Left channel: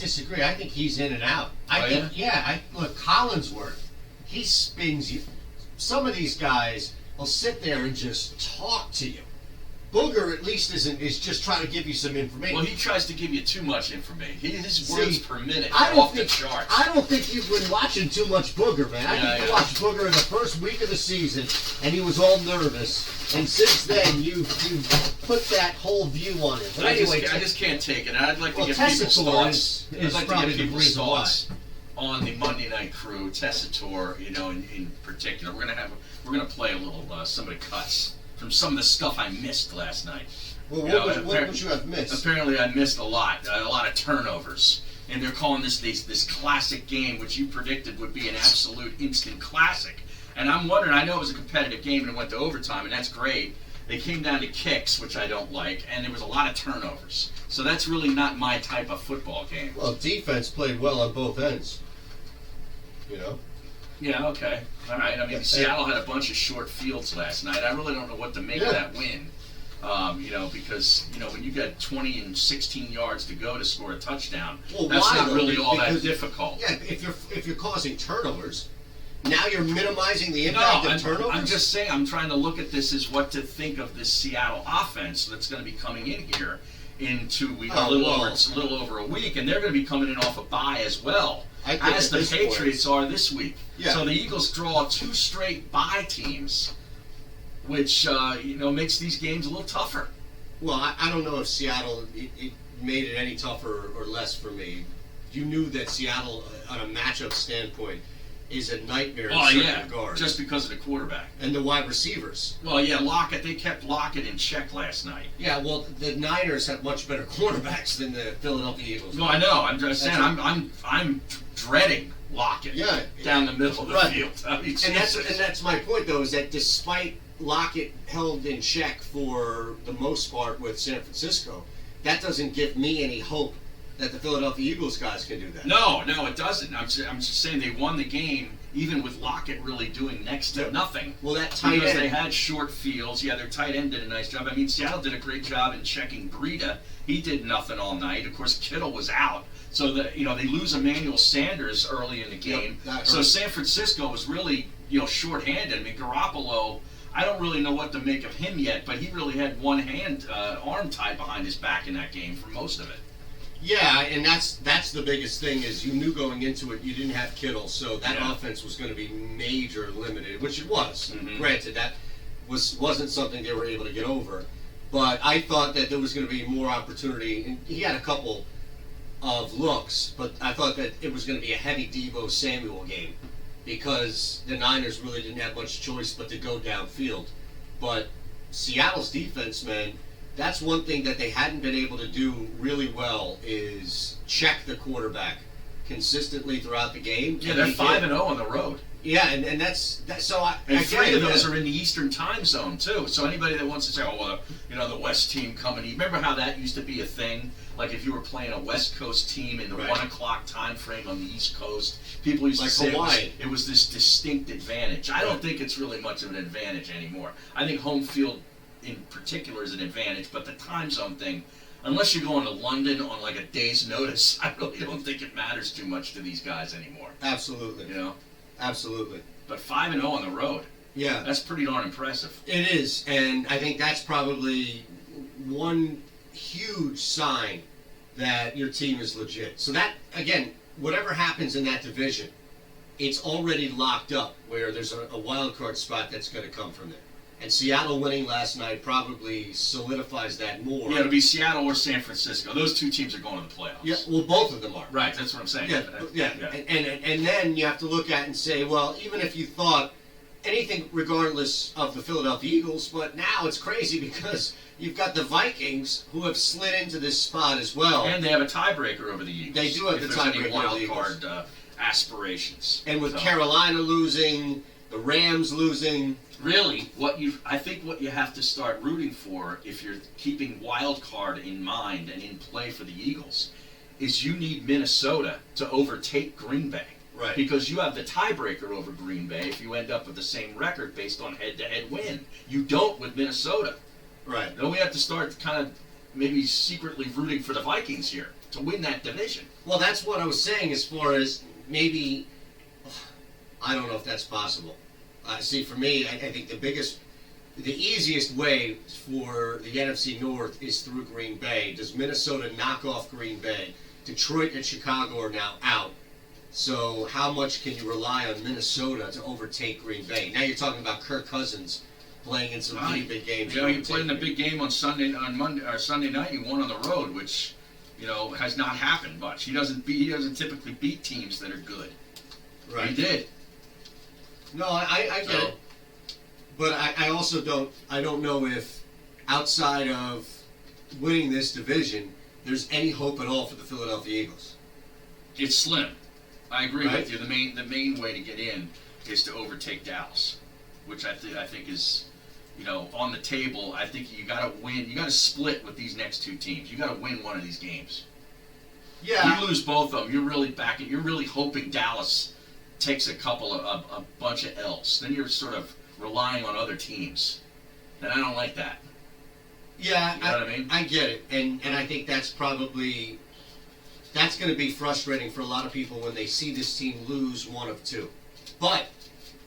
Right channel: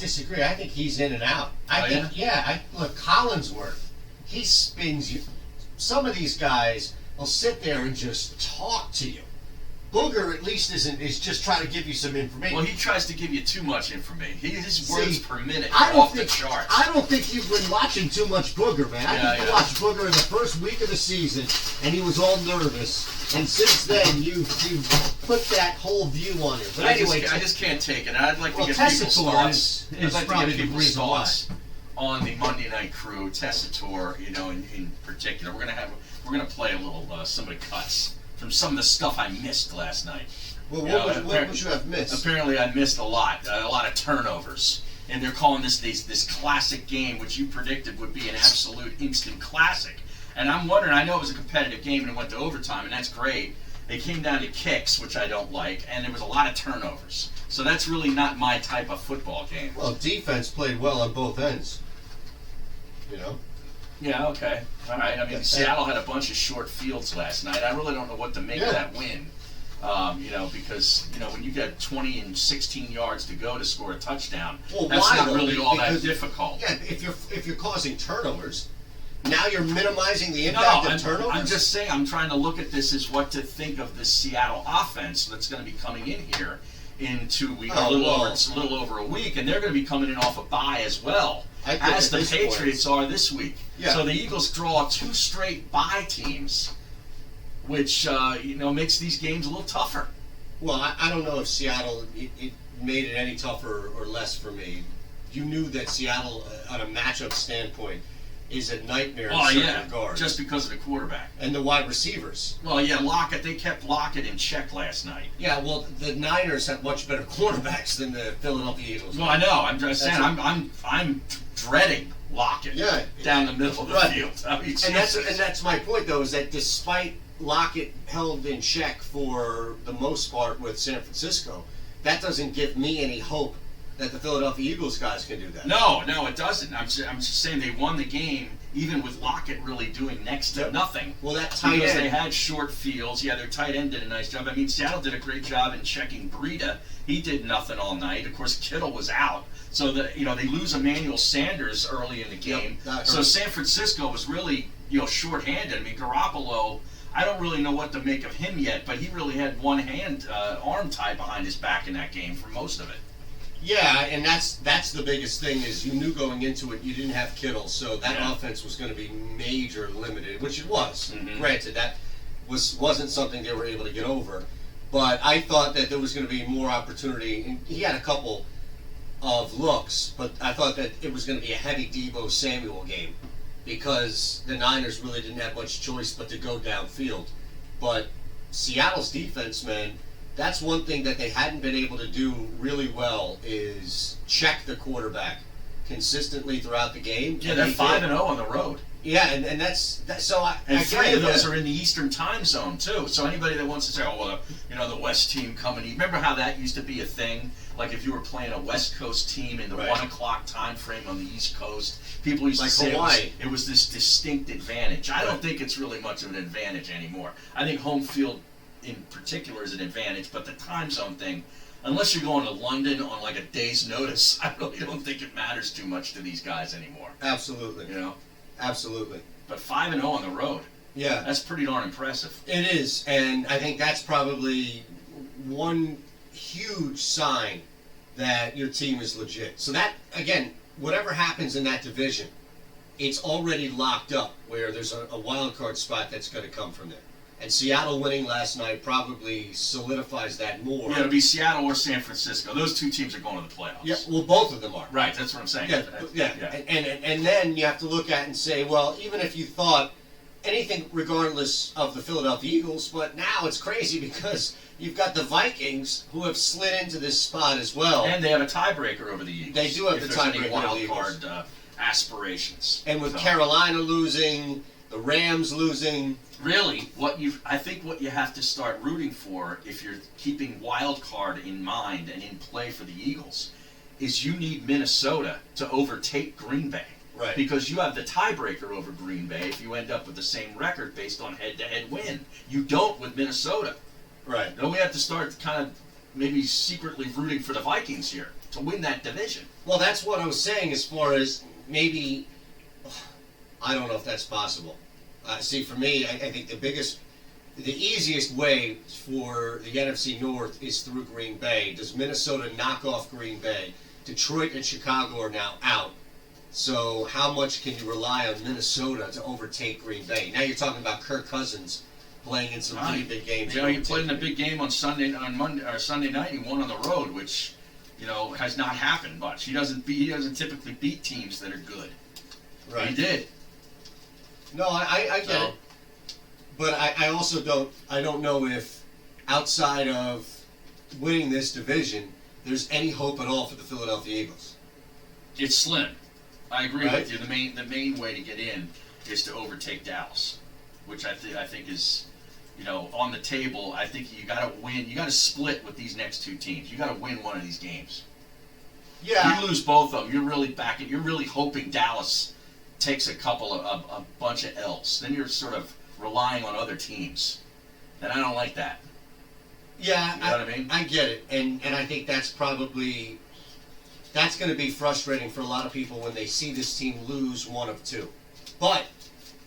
disagree. I think he's in and out. Look, Collinsworth, he spins you. Some of these guys will sit there and just talk to you. Booger at least is just trying to give you some information. Well, he tries to give you too much information. His words per minute are off the charts. I don't think you've been watching too much Booger, man. I think you watched Booger in the first week of the season, and he was all nervous. And since then, you've put that whole view on him. But anyway, I just can't take it. I'd like to get Tessitore people's thoughts. is I'd like probably to get the people's reason thoughts on the Monday Night Crew, Tessitore, in particular. We're gonna play a little some of the cuts from some of the stuff I missed last night. Well, what would you have missed? Apparently, I missed a lot of turnovers, and they're calling this classic game, which you predicted would be an absolute instant classic. And I'm wondering, I know it was a competitive game and it went to overtime, and that's great. They came down to kicks, which I don't like, and there was a lot of turnovers. So that's really not my type of football game. Well, defense played well on both ends. Yeah, okay. All right. I mean, Seattle had a bunch of short fields last night. I really don't know what to make of that win. Because when you got 20 and 16 yards to go to score a touchdown, that's not really all that difficult. Yeah, if you're causing turnovers, now you're minimizing the impact of turnovers. I'm just saying, I'm trying to look at this as what to think of this Seattle offense that's going to be coming in here in 2 weeks, a little over a week, and they're going to be coming in off a bye as well, as the Patriots are this week. Yeah. So the Eagles draw 2 straight bye teams, which makes these games a little tougher. Well, I don't know if Seattle it made it any tougher or less for me. You knew that Seattle, on a matchup standpoint, is a nightmare in certain regards. Just because of the quarterback. And the wide receivers. Well, yeah, Lockett, they kept Lockett in check last night. Yeah, well, the Niners have much better quarterbacks than the Philadelphia Eagles. Well, I know. I'm just saying, I'm dreading Lockett down the middle of the field. I mean, and that's my point, though, is that despite Lockett held in check for the most part with San Francisco, that doesn't give me any hope that the Philadelphia Eagles guys can do that. No, it doesn't. I'm just saying they won the game even with Lockett really doing next to nothing. Well, that tight end. Because they had short fields. Yeah, their tight end did a nice job. I mean, Seattle did a great job in checking Breida. He did nothing all night. Of course, Kittle was out. So they lose Emmanuel Sanders early in the game. So San Francisco was really shorthanded. I mean, Garoppolo, I don't really know what to make of him yet, but he really had one arm tied behind his back in that game for most of it. Yeah, and that's the biggest thing is you knew going into it you didn't have Kittle, so that offense was going to be major limited, which it was. Mm-hmm. Granted, that wasn't something they were able to get over, but I thought that there was going to be more opportunity. And he had a couple of looks, but I thought that it was going to be a heavy Deebo Samuel game because the Niners really didn't have much choice but to go downfield. But Seattle's defense, man, that's one thing that they hadn't been able to do really well is check the quarterback consistently throughout the game. Yeah, they're 5-0 on the road. Yeah, and that's so. And 3 of those are in the Eastern time zone too. So anybody that wants to say, the West team coming. Remember how that used to be a thing? Like if you were playing a West Coast team in the 1 o'clock time frame on the East Coast, people used to say it was this distinct advantage. I don't think it's really much of an advantage anymore. I think home field in particular is an advantage, but the time zone thing, unless you're going to London on like a day's notice, I really don't think it matters too much to these guys anymore. Absolutely. Absolutely. But 5-0 on the road. Yeah. That's pretty darn impressive. It is, and I think that's probably one huge sign that your team is legit. So that, again, whatever happens in that division, it's already locked up where there's a wild card spot that's going to come from there. And Seattle winning last night probably solidifies that more. Yeah, it'll be Seattle or San Francisco. Those two teams are going to the playoffs. Yeah, well, both of them are. Right, that's what I'm saying. Yeah. And then you have to look at it and say, well, even if you thought anything regardless of the Philadelphia Eagles, but now it's crazy because you've got the Vikings who have slid into this spot as well. And they have a tiebreaker over the Eagles. They do have the tiebreaker over the Eagles. Wild card aspirations. And with Carolina losing, the Rams losing. Really, I think what you have to start rooting for, if you're keeping wild card in mind and in play for the Eagles, is you need Minnesota to overtake Green Bay. Right. Because you have the tiebreaker over Green Bay if you end up with the same record based on head-to-head win. You don't with Minnesota. Right. Then we have to start kind of maybe secretly rooting for the Vikings here. to win that division. Well, that's what I was saying as far as maybe, I don't know if that's possible. See, for me, I think the easiest way for the NFC North is through Green Bay. Does Minnesota knock off Green Bay? Detroit and Chicago are now out. So how much can you rely on Minnesota to overtake Green Bay? Now you're talking about Kirk Cousins playing in some pretty big games. You know, he played in a big game on Sunday night. He won on the road, which, you know, has not happened much. He doesn't typically beat teams that are good. Right. He did. No, I get it. But I also don't know if outside of winning this division, there's any hope at all for the Philadelphia Eagles. It's slim. I agree with you. The main way to get in is to overtake Dallas, which I think is, you know, on the table. I think you got to win. You got to split with these next two teams. You got to win one of these games. Yeah. You lose both of them. You're really backing. You're really hoping Dallas takes a bunch of L's. Then you're sort of relying on other teams, and I don't like that. Yeah, you know what I mean? I get it, and I think that's going to be frustrating for a lot of people when they see this team lose one of two. But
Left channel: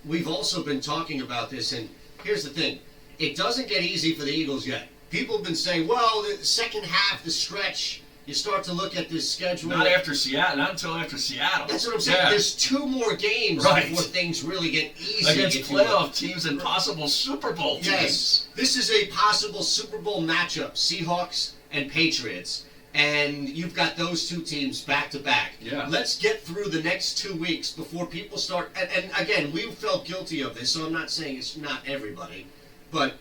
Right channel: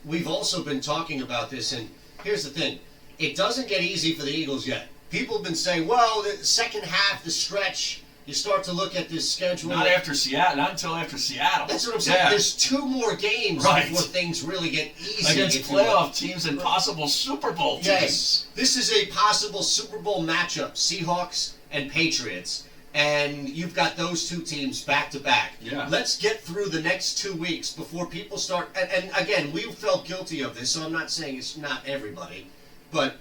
we've also been talking about this, and here's the thing: it doesn't get easy for the Eagles yet. People have been saying, "Well, the second half, the stretch." You start to look at this schedule. Not after Seattle. Not until after Seattle. That's what I'm saying. Yeah. There's two more games before things really get easy. Against playoff teams and possible Super Bowl teams. Yes. This is a possible Super Bowl matchup, Seahawks and Patriots. And you've got those two teams back to back. Yeah. Let's get through the next 2 weeks before people start. And again, we felt guilty of this, so I'm not saying it's not everybody. But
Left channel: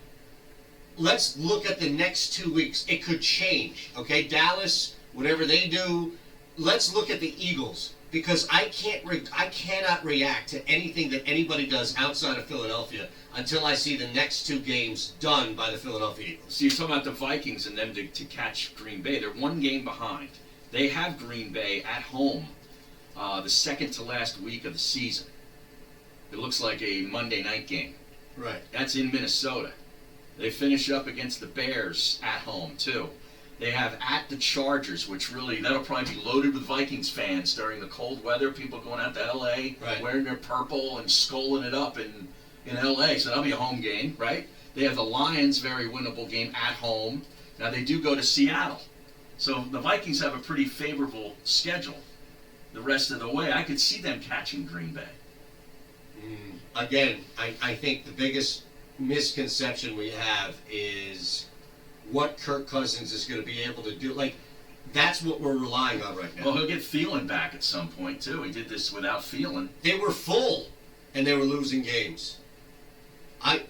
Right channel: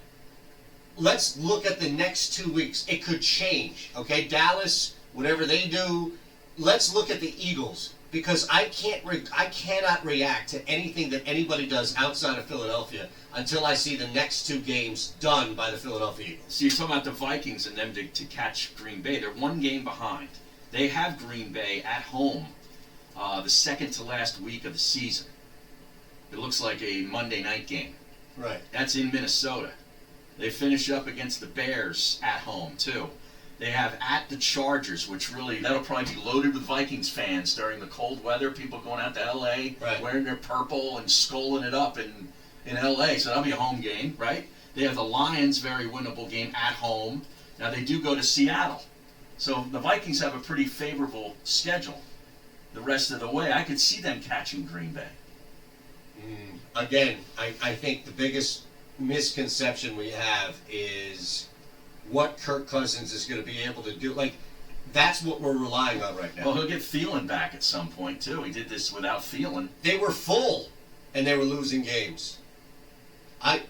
let's look at the next 2 weeks. It could change, okay? Dallas, whatever they do, let's look at the Eagles, because I cannot react to anything that anybody does outside of Philadelphia until I see the next two games done by the Philadelphia Eagles. So you're talking about the Vikings and them to catch Green Bay. They're one game behind. They have Green Bay at home the second to last week of the season. It looks like a Monday night game. Right. That's in Minnesota. They finish up against the Bears at home, too. They have at the Chargers, which really, that'll probably be loaded with Vikings fans during the cold weather. People going out to L.A., right, wearing their purple and sculling it up in L.A., so that'll be a home game, right? They have the Lions, very winnable game at home. Now, they do go to Seattle. So the Vikings have a pretty favorable schedule the rest of the way. I could see them catching Green Bay. Again, I think the biggest misconception we have is what Kirk Cousins is going to be able to do. Like, that's what we're relying on right now. Well, he'll get Thielen back at some point, too. He did this without Thielen. They were full, and they were losing games. I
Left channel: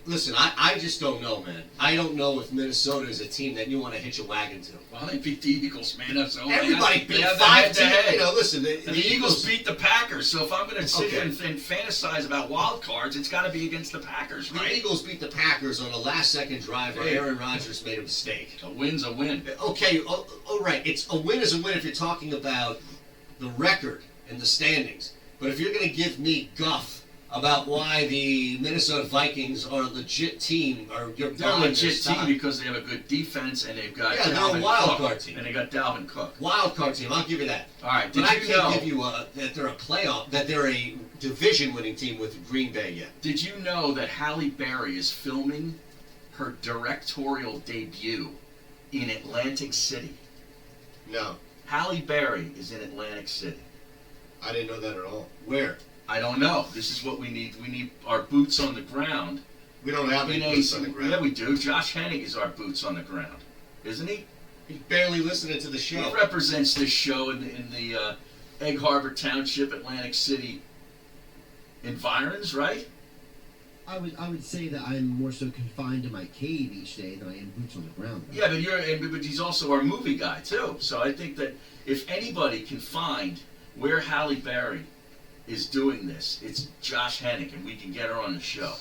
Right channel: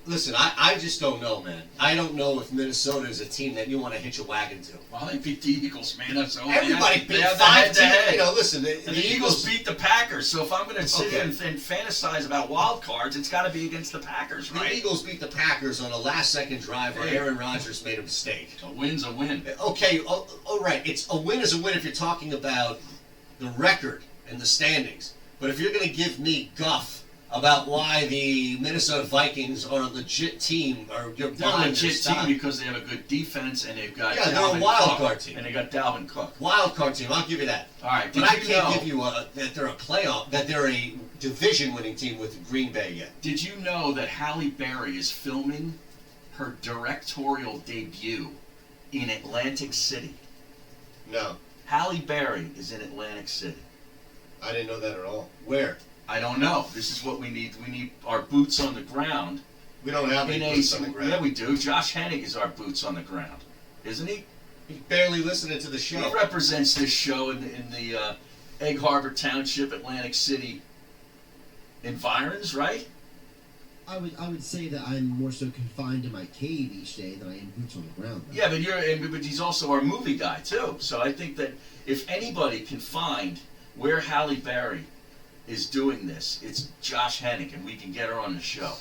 just don't know, man. I don't know if Minnesota is a team that you want to hitch a wagon to. Well, they beat the Eagles, man. That's all. Everybody beat 5 teams. You know, listen, the Eagles beat the Packers. So if I'm going to sit here and fantasize about wild cards, it's got to be against the Packers, right? The Eagles beat the Packers on a last-second drive where Aaron Rodgers made a mistake. A win's a win. Okay, all right. A win is a win if you're talking about the record and the standings. But if you're going to give me guff about why the Minnesota Vikings are a legit team, or you're they're a legit team because they have a good defense and they've got they're a wild card team, and they got Dalvin Cook. Wild card team, I'll give you that. All right, but I can't give you that they're a playoff, that they're a division-winning team with Green Bay yet. Did you know that Halle Berry is filming her directorial debut in Atlantic City? No. Halle Berry is in Atlantic City. I didn't know that at all. Where? I don't know. This is what we need. We need our boots on the ground. We don't have any boots on the ground. Yeah, we do. Josh Hennig is our boots on the ground, isn't he? He's barely listening to the show. He represents this show in the Egg Harbor Township, Atlantic City environs, right? I would say that I'm more so confined in my cave each day than I am boots on the ground. Yeah, but he's also our movie guy too. So I think that if anybody can find where Halle Berry is doing this, it's Josh Hennig, and we can get her on the show.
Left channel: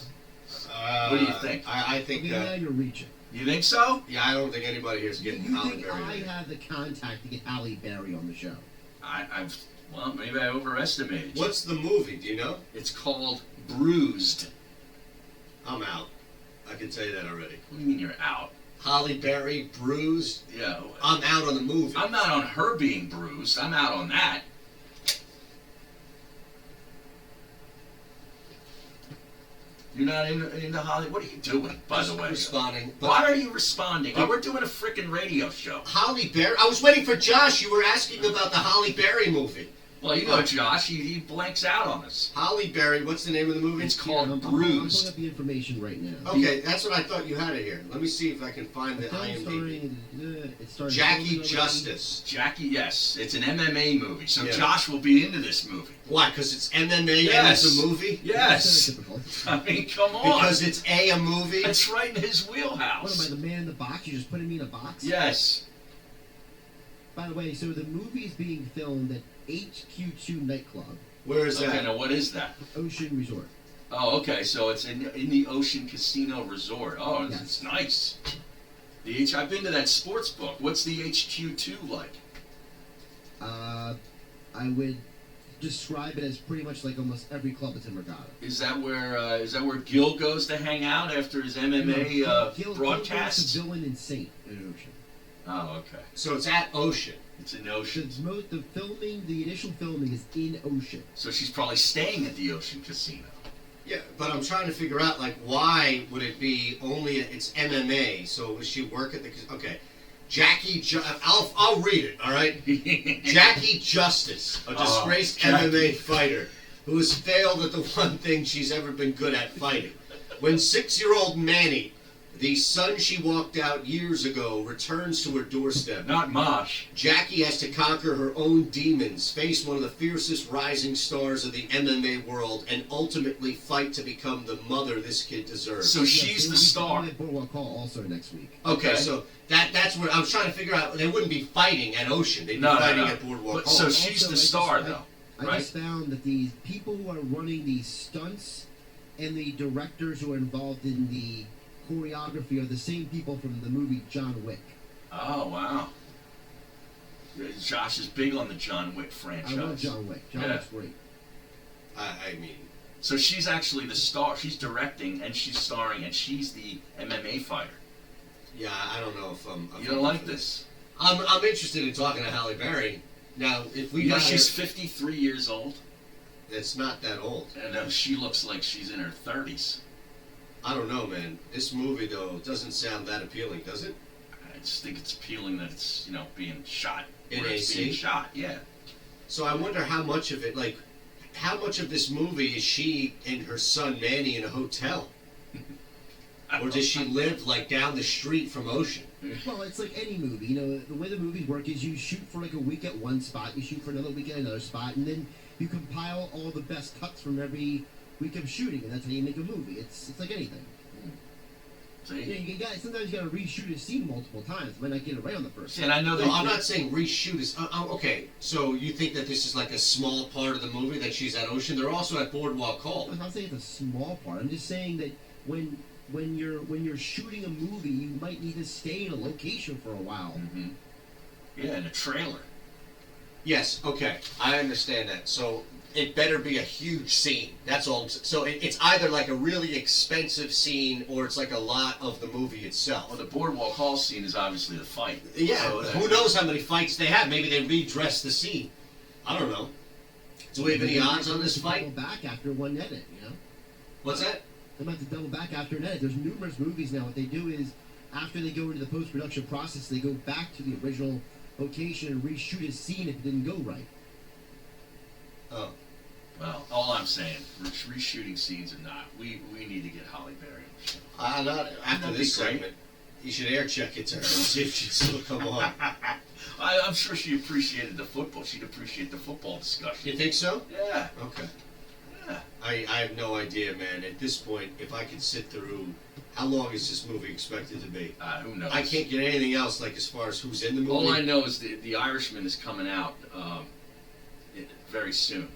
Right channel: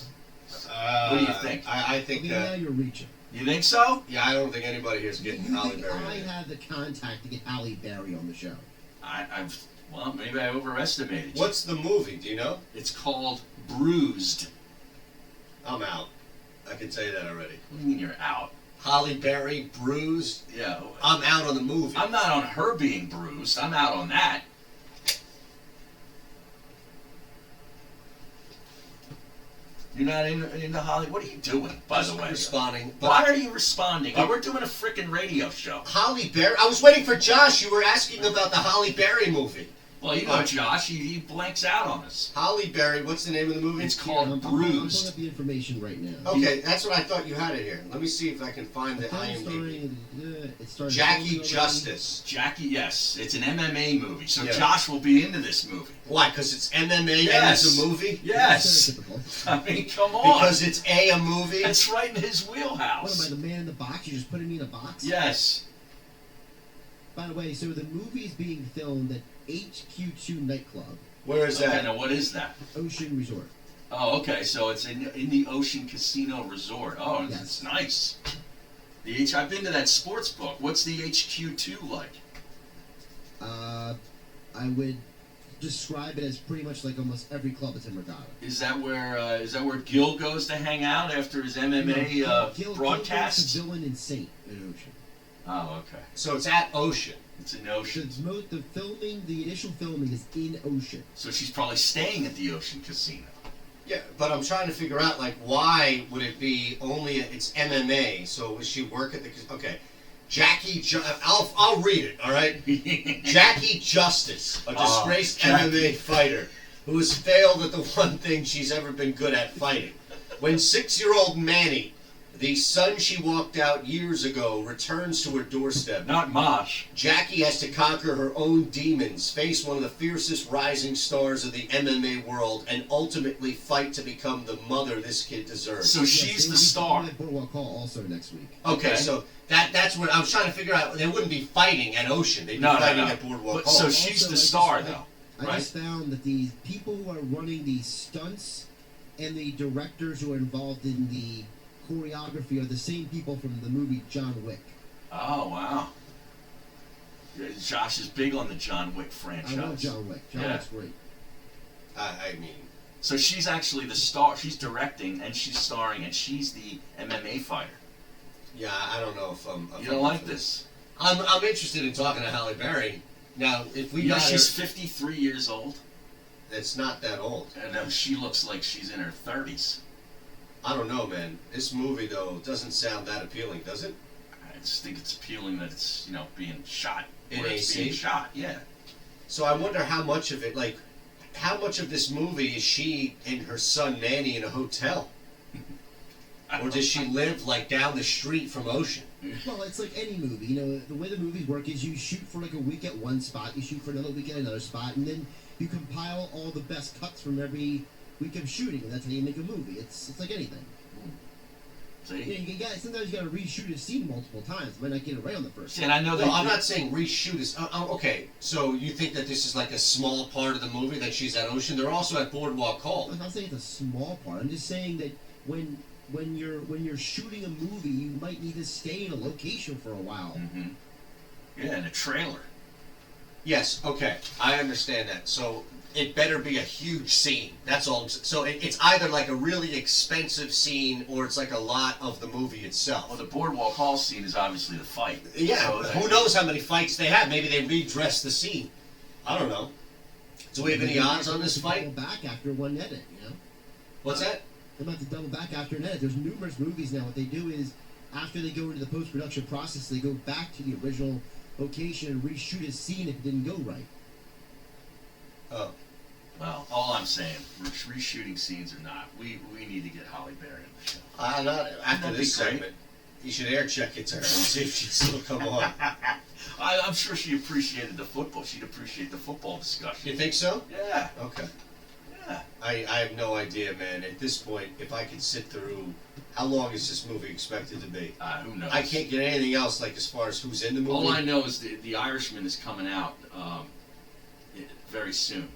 What do you think? I think now you're reaching. You think so? Yeah, I don't think anybody here is getting Halle Berry. I have the contact to get Halle Berry on the show. Well, maybe I overestimated you. What's the movie? Do you know? It's called Bruised. I'm out. I can tell you that already. What do you mean you're out? Holly Berry bruised. Yeah. I'm out on the movie. I'm not on her being bruised. I'm out on that. You're not into Holly. What are you doing, by the way? Responding. Why are you responding? We're doing a freaking radio show. Holly Berry. I was waiting for Josh. You were asking about the Holly Berry movie. Well, you know, Josh, he blanks out on us. Holly Berry. What's the name of the movie? It's called I'm Bruised. pulling up the information right now. Okay, that's what I thought you had it here. Let me see if I can find the IMDb. Jackie Justice. Jackie, yes. It's an MMA movie, so Yeah. Josh will be into this movie. Why? Because it's MMA Yes. and it's a movie? Yes. Typical. I mean, come on. Because it's a movie? It's right in his What am I, wheelhouse. the man in the box? You just putting me in a box? Yes. By the way, so the movie is being filmed at HQ2 nightclub, Where is Okay, that? now what is that? Ocean Resort. Oh, okay, so it's in the Ocean Casino Resort. Oh, Yes. it's nice. I've been to that sports book. What's the HQ2 like? I would describe it as pretty much like almost every club that's in Regatta. Is that where Gil goes to hang out after his MMA Gil broadcasts? Gil villain and Saint at Ocean. Oh, okay. So it's at Ocean. It's in Ocean. The initial filming is in Ocean. So she's probably staying at the Ocean Casino. Yeah, but I'm trying to figure out, like, why would it be only, it's MMA, so would she work at the, okay. I'll read it, all right? Jackie Justice, a disgraced MMA fighter who has failed at the one thing she's ever been good at, fighting. When 6-year-old Manny, the son she walked out years ago, returns to her doorstep, Not Mosh. Jackie has to conquer her own demons, face one of the fiercest rising stars of the MMA world, and ultimately fight to become the mother this kid deserves. So she's the star. At Boardwalk Hall also next week. Okay, Okay. so that's what I was trying to figure out. They wouldn't be fighting at Ocean. They'd be fighting at Boardwalk But, Hall. so she's the star, though, I right? just found that the people who are running these stunts and the directors who are involved in the choreography are the same people from the movie John Wick. Oh, wow. Yeah, Josh is big on the John Wick franchise. I love John Wick. John Yeah. Wick's great. I mean, So she's actually the star. She's directing and she's starring and she's the MMA fighter. yeah, I don't know if I'm. You don't like this? I'm interested in talking to Halle Berry. Now, if we You know, got she's her, 53 years old, it's not that old. and she looks like she's in her 30s. I don't know, man. This movie though doesn't sound that appealing, does it? I just think it's appealing that it's, you know, being shot. In where it's AC? being shot, yeah. So I wonder how much of it, like, how much of this movie is she and her son Manny in a hotel, or does she live like down the street from Ocean? Well, it's like any movie. You know, the way the movies work is you shoot for like a week at one spot, you shoot for another week at another spot, and then you compile all the best cuts from every week of shooting, and that's how you make a movie. It's like anything. See? You know, sometimes you got to reshoot a scene multiple times. Might not get it right on the first. See, and I know No, that. I'm not saying reshoot is. Okay, so you think that this is like a small part of the movie that she's at Ocean? They're also at Boardwalk Hall. I'm not saying it's a small part. I'm just saying that when you're shooting a movie, you might need to stay in a location for a while. Mm-hmm. Yeah, in a trailer. Yes. Okay, I understand that. So it better be a huge scene. That's all. So it's either like a really expensive scene or it's like a lot of the movie Well, itself. the Boardwalk Hall scene is obviously the fight. Yeah. So Who knows how many fights they have? Maybe they redress the scene. I don't know. Do we have any odds on this fight? Double back after one edit, you know. What's that? They might have to double back after an edit. There's numerous movies now. What they do is, after they go into the post-production process, they go back to the original location and reshoot a scene if it didn't go right. Oh. Well, all I'm saying, reshooting scenes or not, we need to get Halle Berry on the show. Not after That'd this be great. segment. You should air check it to her and see if she'd still come on. I'm sure she appreciated the football. She'd appreciate the football discussion. You think so? Yeah. Okay. Yeah. I have no idea, man. At this point, if I could sit through, how long is this movie expected to be? Who knows? I can't get anything else, like as far as who's in the movie. All I know is the Irishman is coming out very soon,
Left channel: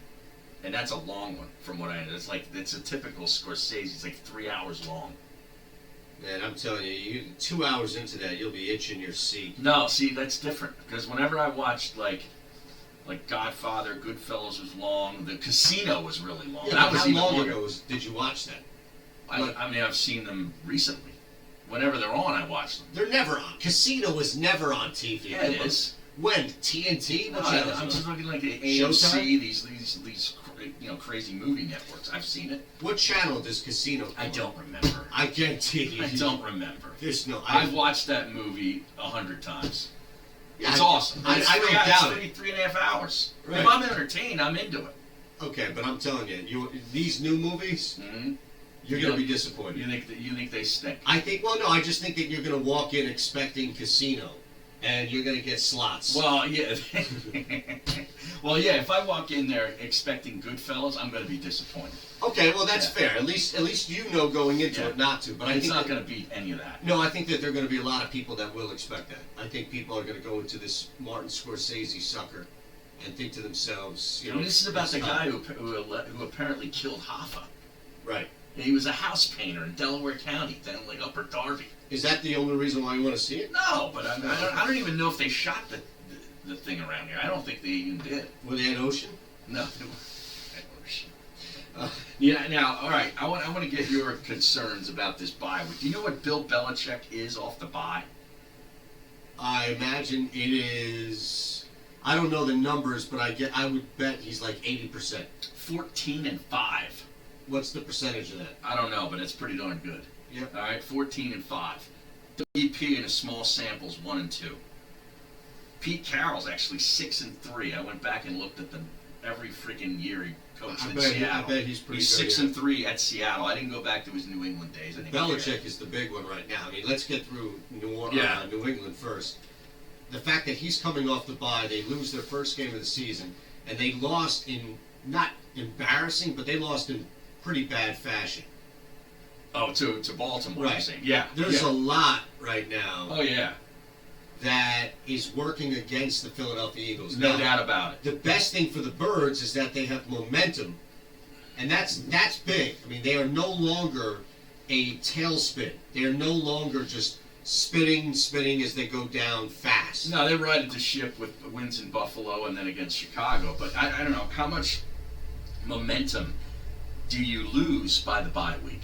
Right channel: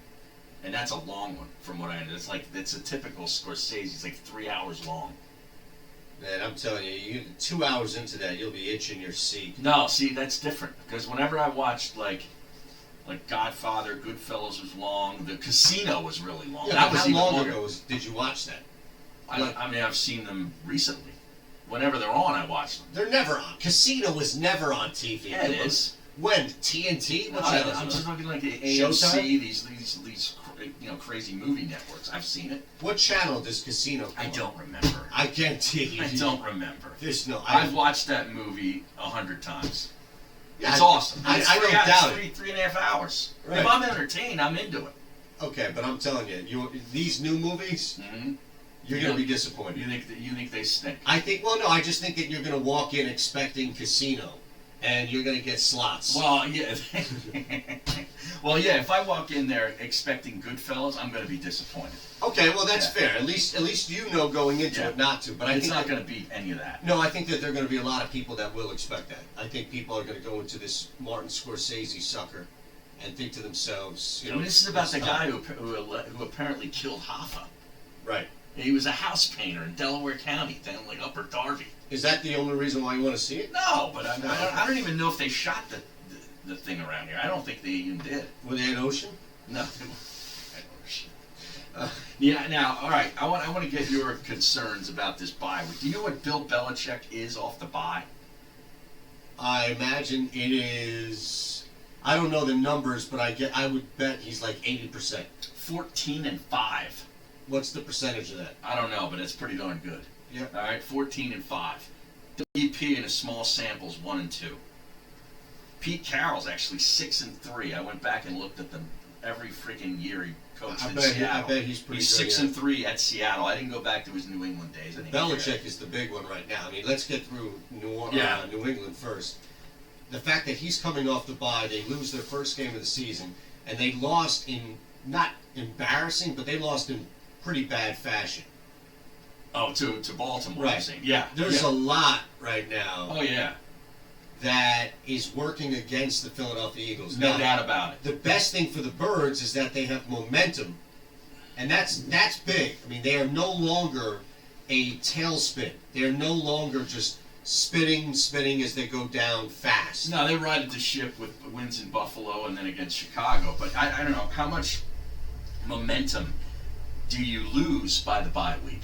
and that's a long one from what I know. It's a typical Scorsese. It's like 3 hours long. Man, I'm telling you, 2 hours into that, you'll be itching your seat. No, see, that's different because whenever I watched like Godfather, Goodfellas was long. The Casino was really long. Yeah, That but was how even long longer. ago did you watch that? I mean, I've seen them recently. Whenever they're on, I watch them. They're never on. Casino was never on TV. Yeah, it is. When? TNT? No, What channel? I'm just looking like the Showtime? AMC, these crazy movie networks. I've seen it. What channel does Casino come I on? don't remember. I guarantee you. I don't remember. There's no. I've watched that movie 100 times. Yeah, It's awesome. I It's don't doubt three, it. 3.5 hours. Right. If I'm entertained, I'm into it. Okay, but I'm telling you, these new movies, Mm-hmm. you're going to be disappointed. You think they stink? I think. Well, no, I just think that you're going to walk in expecting Casino, and you're going to get slots. Well, yeah. Well, yeah. If I walk in there expecting Goodfellas, I'm going to be disappointed. Okay, well that's Yeah. fair. At least you know going into Yeah. it not to. But I It's think not that- going to beat any of that. No, I think that there are going to be a lot of people that will expect that. I think people are going to go into this Martin Scorsese sucker and think to themselves, I mean, this is about it's the not- guy who apparently killed Hoffa. Right. He was a house painter in Delaware County, down like Upper Darby. Is that the only reason why you want to see it? No, but I don't even know if they shot the thing around here. I don't think they even did. Were they at Ocean? No. Yeah. Now, all right. I want to get your concerns about this bye week. Do you know what Bill Belichick is off the bye? I imagine it is. I don't know the numbers, but I would bet he's like 80%. 14-5. What's the percentage of that? I don't know, but it's pretty darn good. Yep. All right, 14-5. WP in a small samples 1-2. Pete Carroll's actually 6-3. I went back and looked at them every freaking year he coached I in bet Seattle. he's pretty He's good. 6-3 at Seattle. I didn't go back to his New England days. I didn't care. Belichick is the big one right now. I mean, let's get through New England first. The fact that he's coming off the bye, they lose their first game of the season, and they lost in not embarrassing, but they lost in pretty bad fashion. Oh, to Baltimore. Right. You're saying. Yeah. There's yeah. a lot right now Oh yeah. that is working against the Philadelphia Eagles. No Now, doubt about it. the best thing for the Birds is that they have momentum, and that's big. I mean, they are no longer a tailspin. They're no longer just spinning as they go down fast. No, they righted the ship with wins in Buffalo and then against Chicago. But I don't know how much momentum do you lose by the bye week.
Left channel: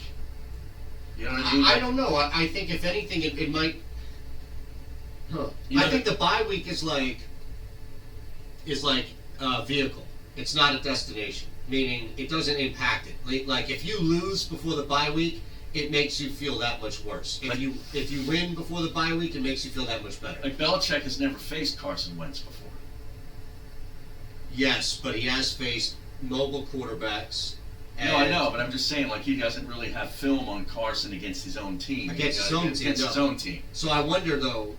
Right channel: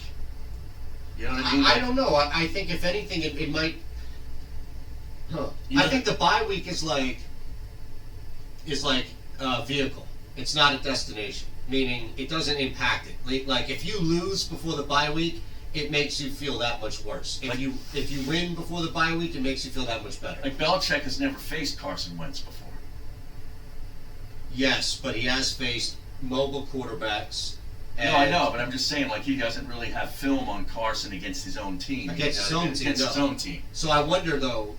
You know what I mean? I don't know. I think if anything, it might. Huh. You know I think the bye week is like a vehicle. It's not a destination. Meaning it doesn't impact it. Like if you lose before the bye week, it makes you feel that much worse. If you win before the bye week, it makes you feel that much better. Like Belichick has never faced Carson Wentz before. Yes, but he has faced mobile quarterbacks. No, I know, but I'm just saying, like, he doesn't really have film on Carson against his own team. Against his own team, Against his no. own team. So I wonder though,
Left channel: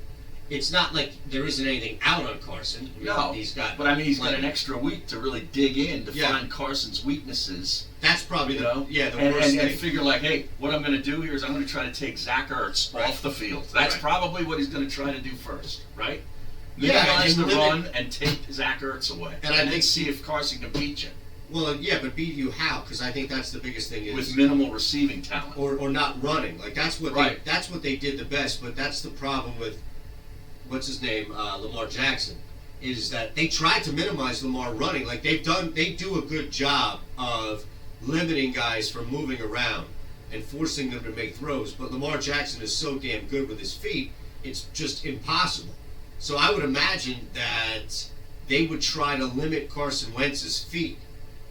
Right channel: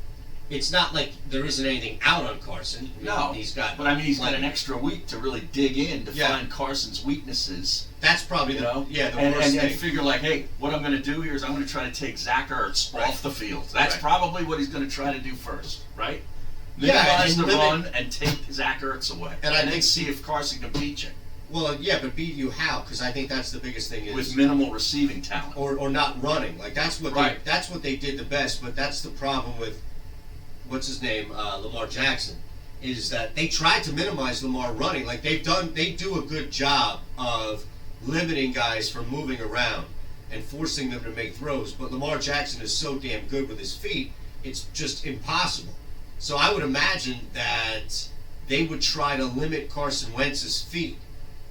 it's not like there isn't anything out on Carson. I mean, No, he's got. but I mean, he's got plenty. an extra week to really dig in to Yeah. find Carson's weaknesses. That's probably You know, the worst and thing. figure like, hey, what I'm going to do here is I'm going to try to take Zach Ertz Right. off the field. That's Right. probably what he's going to try to do first, right? Yeah, Minimize and the limit- run and take Zach Ertz away, And I then think- see if Carson can beat you Well, yeah, but beat you how? Because I think that's the biggest thing is with minimal receiving talent. or not running. Like that's what Right. that's what they did the best. But that's the problem with what's his name, Lamar Jackson, is that they tried to minimize Lamar running. Like they do a good job of limiting guys from moving around and forcing them to make throws. But Lamar Jackson is so damn good with his feet, it's just impossible. So I would imagine that they would try to limit Carson Wentz's feet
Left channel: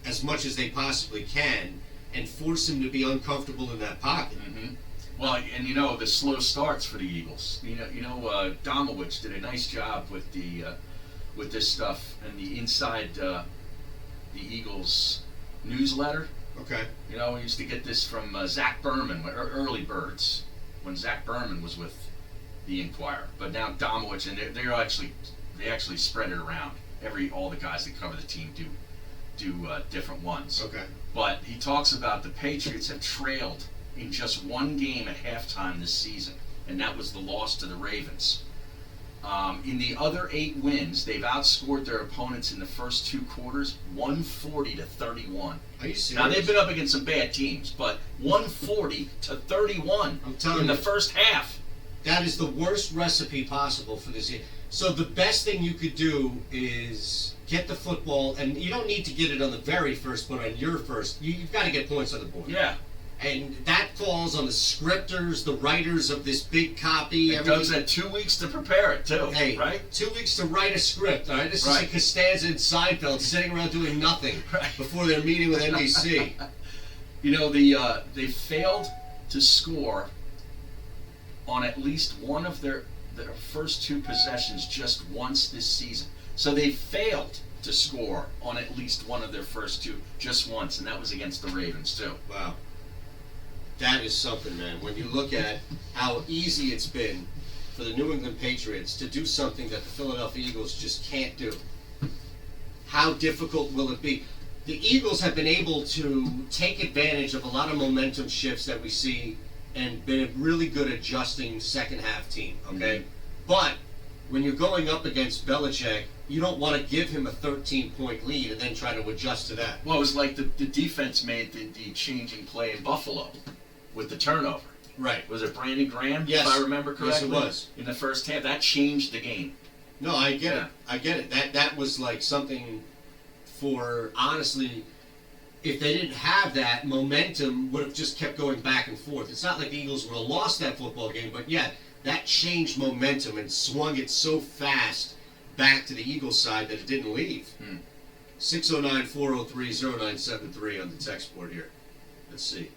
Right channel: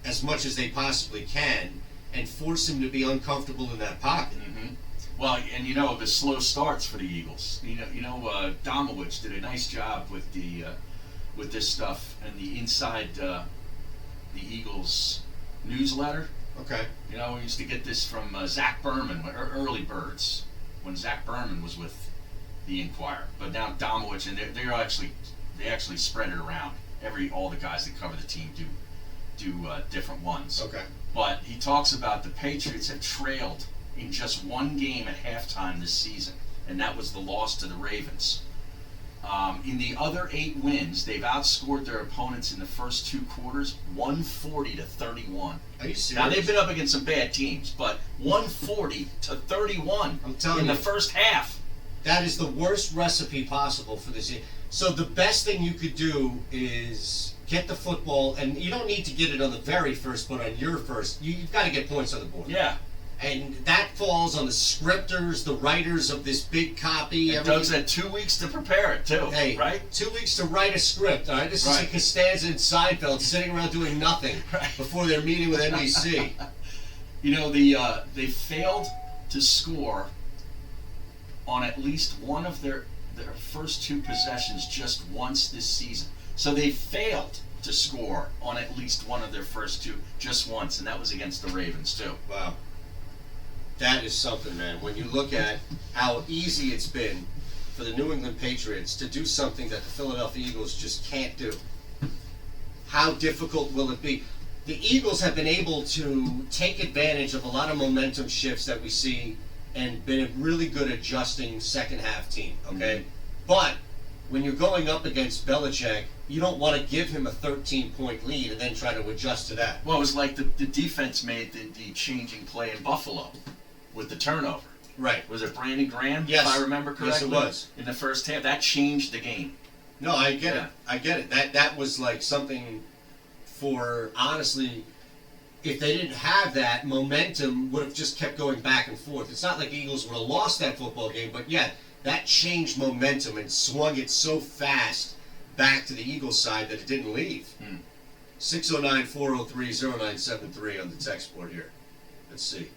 as much as they possibly can and force him to be uncomfortable in that pocket. Mm-hmm. Well, and you know the slow starts for the Eagles. Domowitch did a nice job with this stuff and the inside the Eagles newsletter. Okay. You know, we used to get this from Zach Berman, early birds, when Zach Berman was with the Inquirer. But now Domowitch, and they actually spread it around. All the guys that cover the team do different ones. Okay. But he talks about the Patriots have trailed in just one game at halftime this season, and that was the loss to the Ravens. In the other 8 wins, they've outscored their opponents in the first 2 quarters 140-31. Are you serious? Now they've been up against some bad teams, but 140-31 I'm telling in the you. first half. That is the worst recipe possible for this year. So the best thing you could do is get the football, and you don't need to get it on the very first, but on your first. You've got to get points on the board. Yeah. And that falls on the scripters, the writers of this big copy. And Doug's had 2 weeks to prepare it, too. Hey, right? 2 weeks to write a script, all right? This is like Costanza and Seinfeld sitting around doing nothing before their meeting with NBC. You know, they failed to score on at least one of their first 2 possessions just once this season. So they failed to score on at least one of their first 2 just once, and that was against the Ravens, too. Wow. That is something, man. When you look at how easy it's been for the New England Patriots to do something that the Philadelphia Eagles just can't do, how difficult will it be? The Eagles have been able to take advantage of a lot of momentum shifts that we see and been really good at adjusting second half team, okay? Mm-hmm. But when you're going up against Belichick, you don't want to give him a 13-point lead and then try to adjust to that. Well, it was like the defense made the changing play in Buffalo with the turnover. Right. Was it Brandon Graham, yes. if I remember correctly? Yes, it was. In the first half. That changed the game. No, I get it. I get it. That was like something for, honestly, if they didn't have that, momentum would have just kept going back and forth. It's not like the Eagles would have lost that football game, but yeah, that changed momentum and swung it so fast back to the Eagles side that it didn't leave. 609-403-0973 on the text board here. Let's see.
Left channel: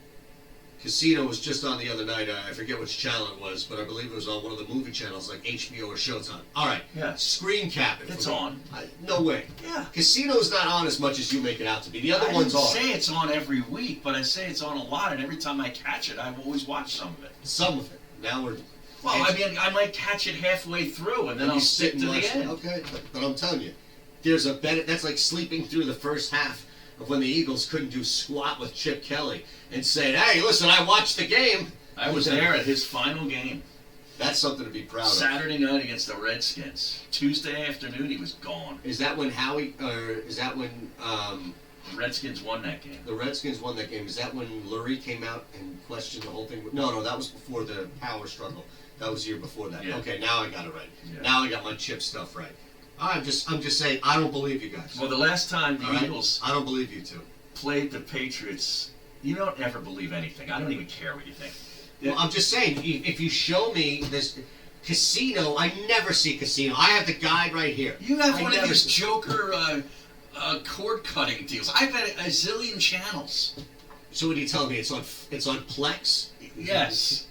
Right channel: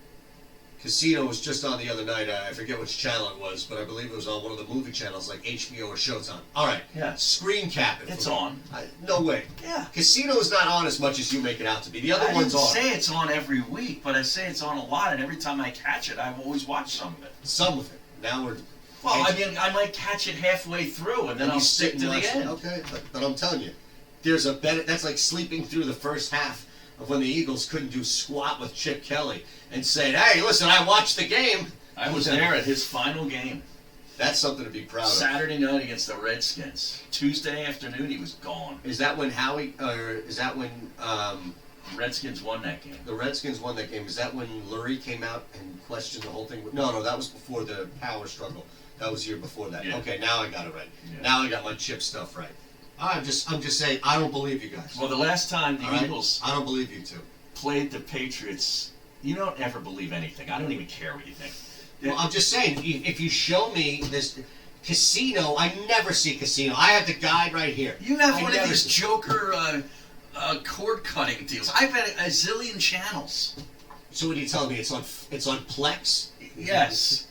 Casino was just on the other night. I forget which channel it was, but I believe it was on one of the movie channels like HBO or Showtime. All right. Yeah. Screen cap it. It's on. No way. Yeah. Casino's not on as much as you make it out to be. The other one's on. I didn't say it's on every week, but I say it's on a lot, and every time I catch it, I've always watched some of it. Some of it. Now we're... Well, I mean, I might catch it halfway through, and then I'll stick to the end. Okay, but I'm telling you, there's a better... That's like sleeping through the first half of when the Eagles couldn't do squat with Chip Kelly and saying, hey, listen, I watched the game. I was there at his final game. That's something to be proud of. Saturday night against the Redskins. Tuesday afternoon, he was gone. Is that when Redskins won that game? The Redskins won that game. Is that when Lurie came out and questioned the whole thing? No, that was before the power struggle. That was the year before that. Yeah. Okay, now I got it right. Yeah. Now I got my Chip stuff right. I'm just saying, I don't believe you guys. Well, the last time the Eagles... I don't believe you two. ...played the Patriots, you don't ever believe anything. I don't even care what you think. Well, I'm just saying, if you show me this Casino, I never see Casino. I have the guide right here. You have one of these Joker cord-cutting deals. I've had a zillion channels. So what are you telling me? It's on Plex? Yes.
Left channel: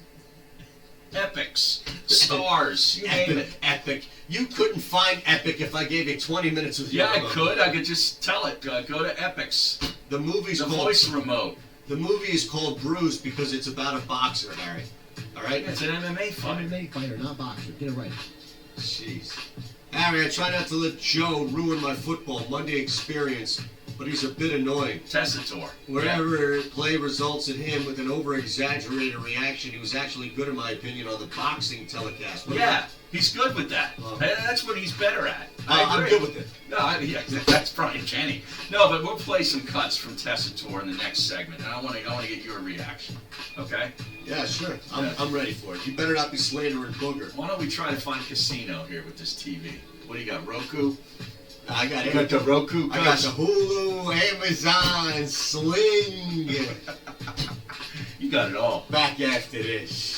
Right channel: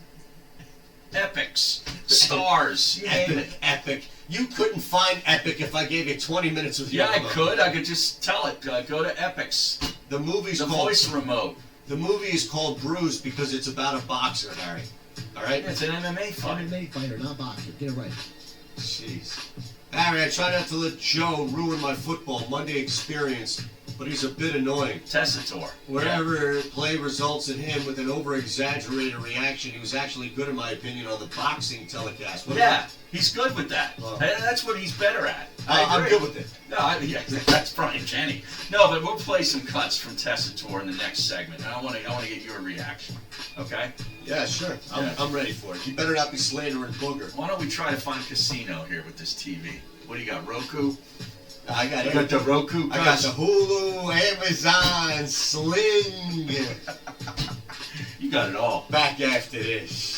Epics. Stars. You name it. Epic. You couldn't find Epic if I gave you 20 minutes of your I could. I could just tell it. Go to Epics. The movie's the voice remote. The movie is called Bruised because it's about a boxer, Harry. All right? It's an MMA fighter. MMA fighter, not boxer. Get it right. Jeez. Harry, I try not to let Joe ruin my football Monday experience, but he's a bit annoying. Tessitore. Wherever play results in him with an over-exaggerated reaction, he was actually good, in my opinion, on the boxing telecast. He's good with that. That's what he's better at. I'm good with it. No, that's Brian Kenny. No, but we'll play some cuts from Tessitore in the next segment, and I want to get your reaction. Okay? Yeah, sure. I'm ready for it. You better not be slandering Booger. Why don't we try to find Casino here with this TV? What do you got, Roku? I got the Roku. I got the Hulu, Amazon, Sling. You got it all. Back after this.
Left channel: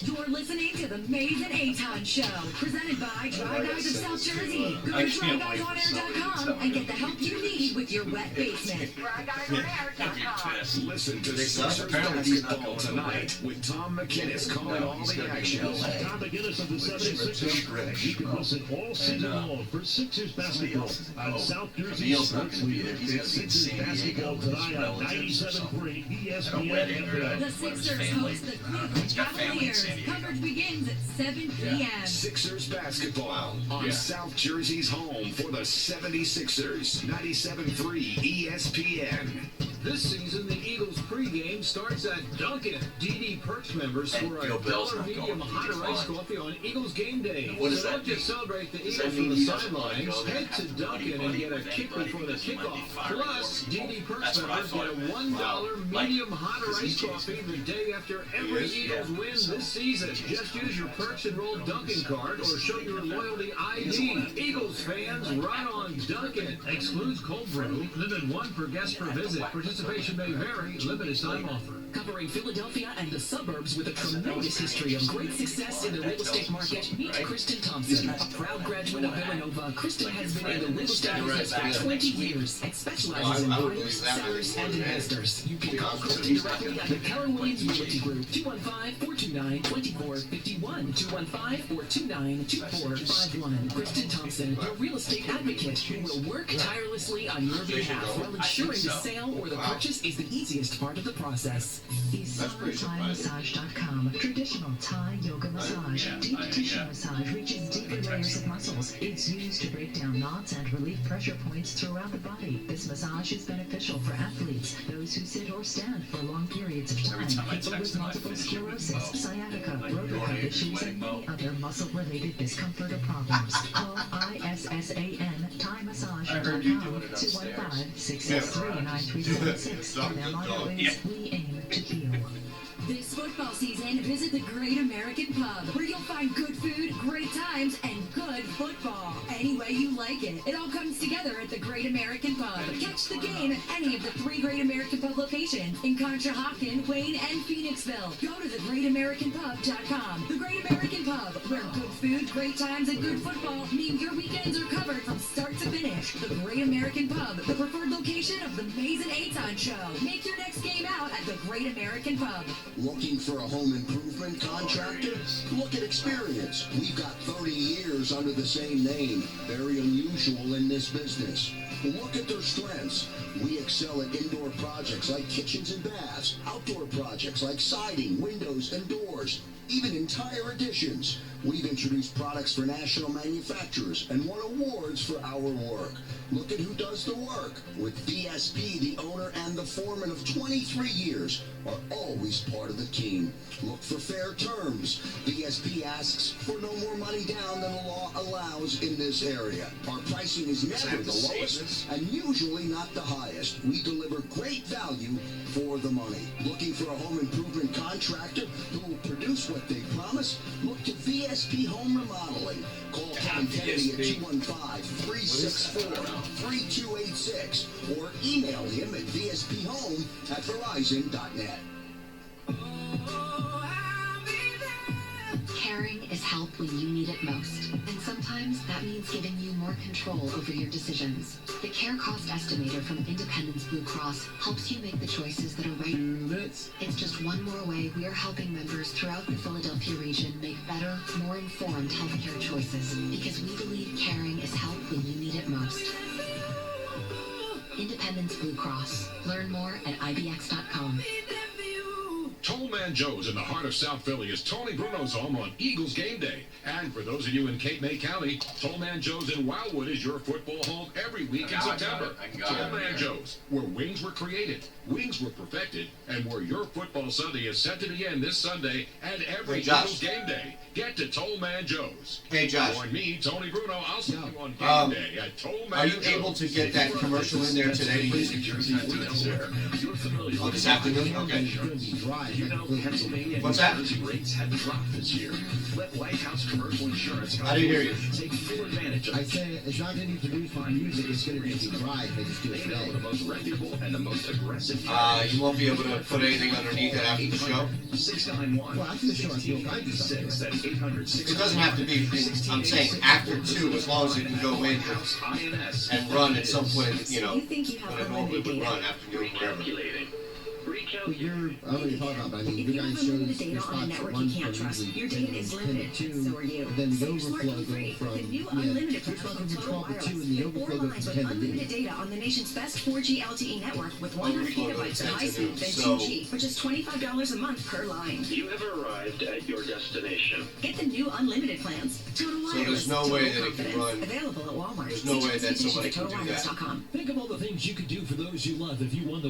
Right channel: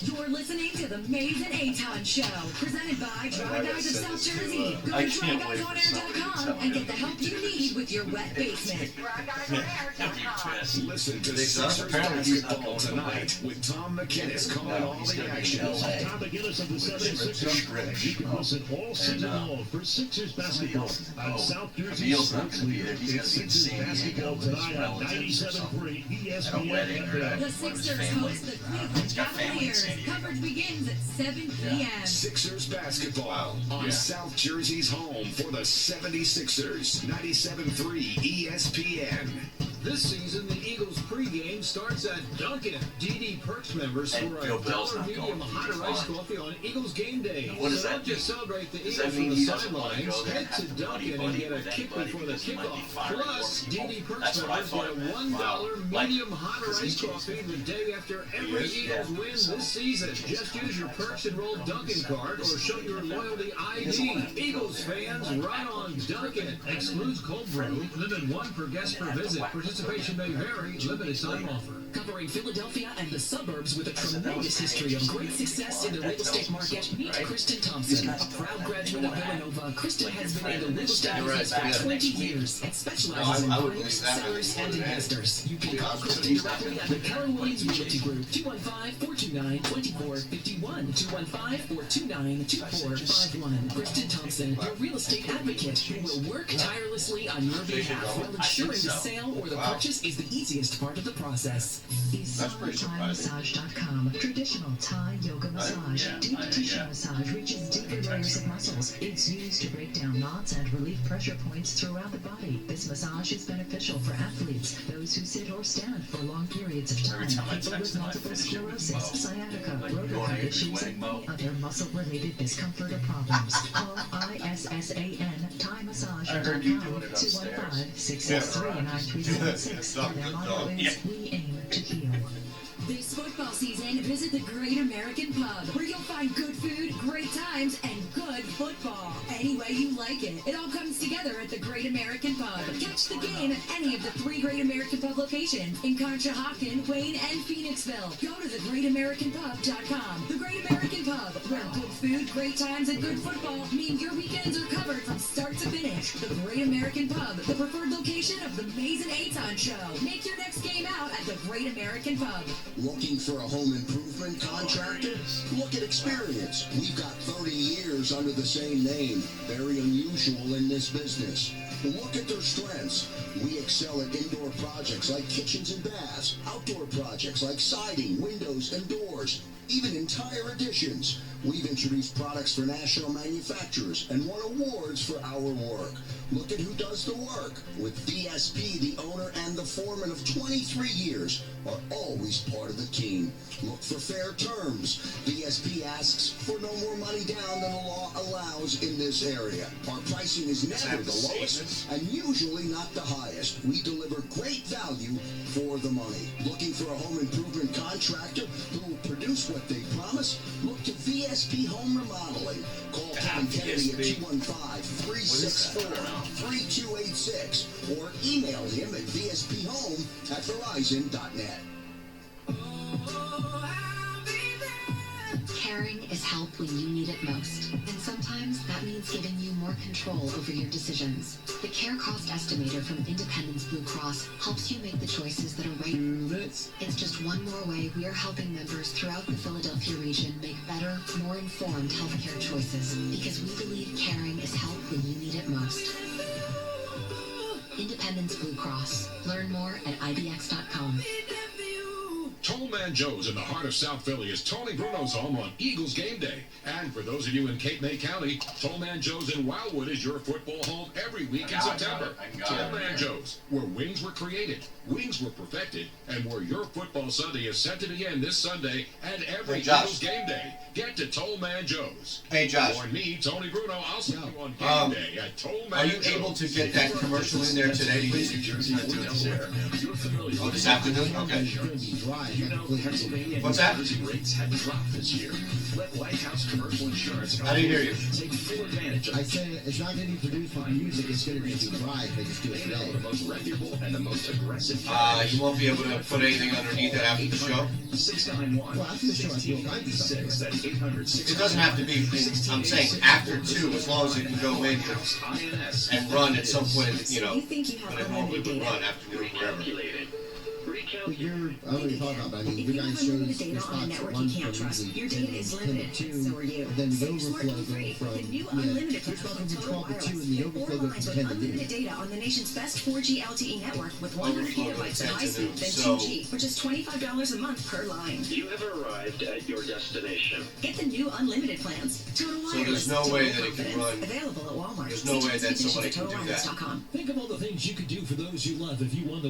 You're listening to the Maze and Aton Show, presented by Dry Guys of South Jersey. Go to dryguysonair.com and get the help you need with your wet basement. Dryguysonair.com. Listen to Sixers Basketball tonight with Tom McInnes calling all the action. Tom McInnes of the 76ers. You can listen all season long for Sixers basketball on South Jersey Sports Leader. It's Sixers basketball tonight on 97.3 ESPN. The Sixers host the Cleveland Cavaliers. Coverage begins at 7 p.m. Sixers basketball on South Jersey's home for the 76ers. 97.3 ESPN. This season, the Eagles pregame starts at Dunkin'. DD Perks members score a $1 medium hot or iced coffee on Eagles game day. What does so that don't just mean? celebrate the Does Eagles that mean from the he doesn't want to sidelines. go there Head and to have Dunkin' and get a kick before the kickoff. Plus, DD Perks members get a $1 medium hot or iced coffee the day after every Eagles win this season. Just use your Perks enrolled Dunkin' card or show your loyalty ID. Eagles fans, run on Dunkin'. Excludes cold brew. Limit 1 per guest per visit. Participation may vary. Limited time offer. Covering Philadelphia and the suburbs with a tremendous history of great success in the real estate market, meet Kristen Thompson. A proud graduate of Villanova, Kristen has been in the real estate business for 20 years and specializes in buyers, sellers, and investors. You can call Kristen directly at the Keller Williams Realty Group, 215-429-2451, 215-429-2451. Kristen Thompson, your real estate advocate who will work tirelessly on your behalf while ensuring the sale or the purchase is the easiest part of the process. ThaiMassage.com. Traditional Thai yoga massage. Deep tissue massage reaches deeper layers of muscles. It's used to break down knots and relieve pressure points throughout the body. This massage is beneficial for athletes, those who sit or stand for long periods of time, people with multiple sclerosis, sciatica, rotator issues, and many other muscle-related discomfort or problems. Call ISSAN ThaiMassage.com 215-663-9376. Their motto is, we aim to heal. This football season, visit the Great American Pub, where you'll find good food, great times, and good football. Any way you like it. It all comes together at the Great American Pub. Catch the game at any of the 3 Great American Pub locations in Conshohocken, Wayne, and Phoenixville. Go to thegreatamericanpub.com. The Great American Pub, where good food, great times, and good football mean your weekends are covered from start to finish. The Great American Pub, the preferred location of the Mays and Aton Show. Make your next game out at the Great American Pub. Looking for a home improvement contractor? Look at experience. We've got 30 years under the same name. Very unusual in this business. Look at their strengths. We excel at indoor projects like kitchens and baths, outdoor projects like siding, windows, and doors, even entire additions. We've introduced products for national manufacturers and won awards for our work. Look at who does the work. With VSP, the owner and the foreman of 23 years are always part of the team. Look for fair terms. VSP asks for no more money down than the law allows in this area. Our pricing is never the lowest and usually not the highest. We deliver great value for the money. Looking for a home improvement contractor who will produce what they promise? Look to VSP Home Remodeling. Call Tom Kennedy at 215-364-3286 or email him at vsphome@verizon.net. Caring is help when you need it most, and sometimes that means giving you more control over your decisions. The Care Cost Estimator from Independence Blue Cross helps you make the choices that are right. It's just one more way we are helping members throughout the Philadelphia region make better, more informed healthcare choices, because we believe caring is help when you need it most. Independence Blue Cross. Learn more at ibx.com. Tollman Joe's in the heart of South Philly is Tony Bruno's home on Eagles game day. And for those of you in Cape May County, Tollman Joe's in Wildwood is your football home every week in September. Tollman Joe's, where wings were created, wings were perfected, and where your football Sunday is set to begin this Sunday and every Eagles game day. Get to Tollman Joe's. Hey, Josh. Join me, Tony Bruno. I'll see you on game day at Tollman Joe's. Are you able to get that commercial in there today? Oh, this afternoon? Okay. What's that? Rates have dropped this year. Let Lighthouse Commercial Insurance. I didn't hear you. Take full advantage of I say it's not going to be produced with music. It's going to be dry if they just do it They know today. the most reputable and the most aggressive. You won't be able to put anything underneath it after the show? 691. Well, after the show, I feel kind of stuff. That's 800. It doesn't have to be, I'm saying after 2, as long as it can go in and run at some point, you know, You think you have when it normally unlimited would data? run, afternoon, wherever. But I don't know what you're talking about, but I mean, If your you guys have shows unlimited your data on a spots at network 1 you can't for trust, usually your data is 10 to limited. 2, So are you. then the Save overflow smart and go free. from, The new yeah, unlimited your plan spots from from Total 12 to 2 Wireless. and the Get 4 overflow goes lines from with 10 to 2. unlimited data on the nation's best 4G LTE network with 100 gigabytes of high speed than So- 2G for just $25 a month per line. You have arrived at your destination. Get the new unlimited plans. Total So Wireless. there's no way Total that it can confidence. run. Available at Walmart. There's no See way that terms and somebody can conditions do at that. totalwireless.com. Think of all the things you could do for those you love if you won the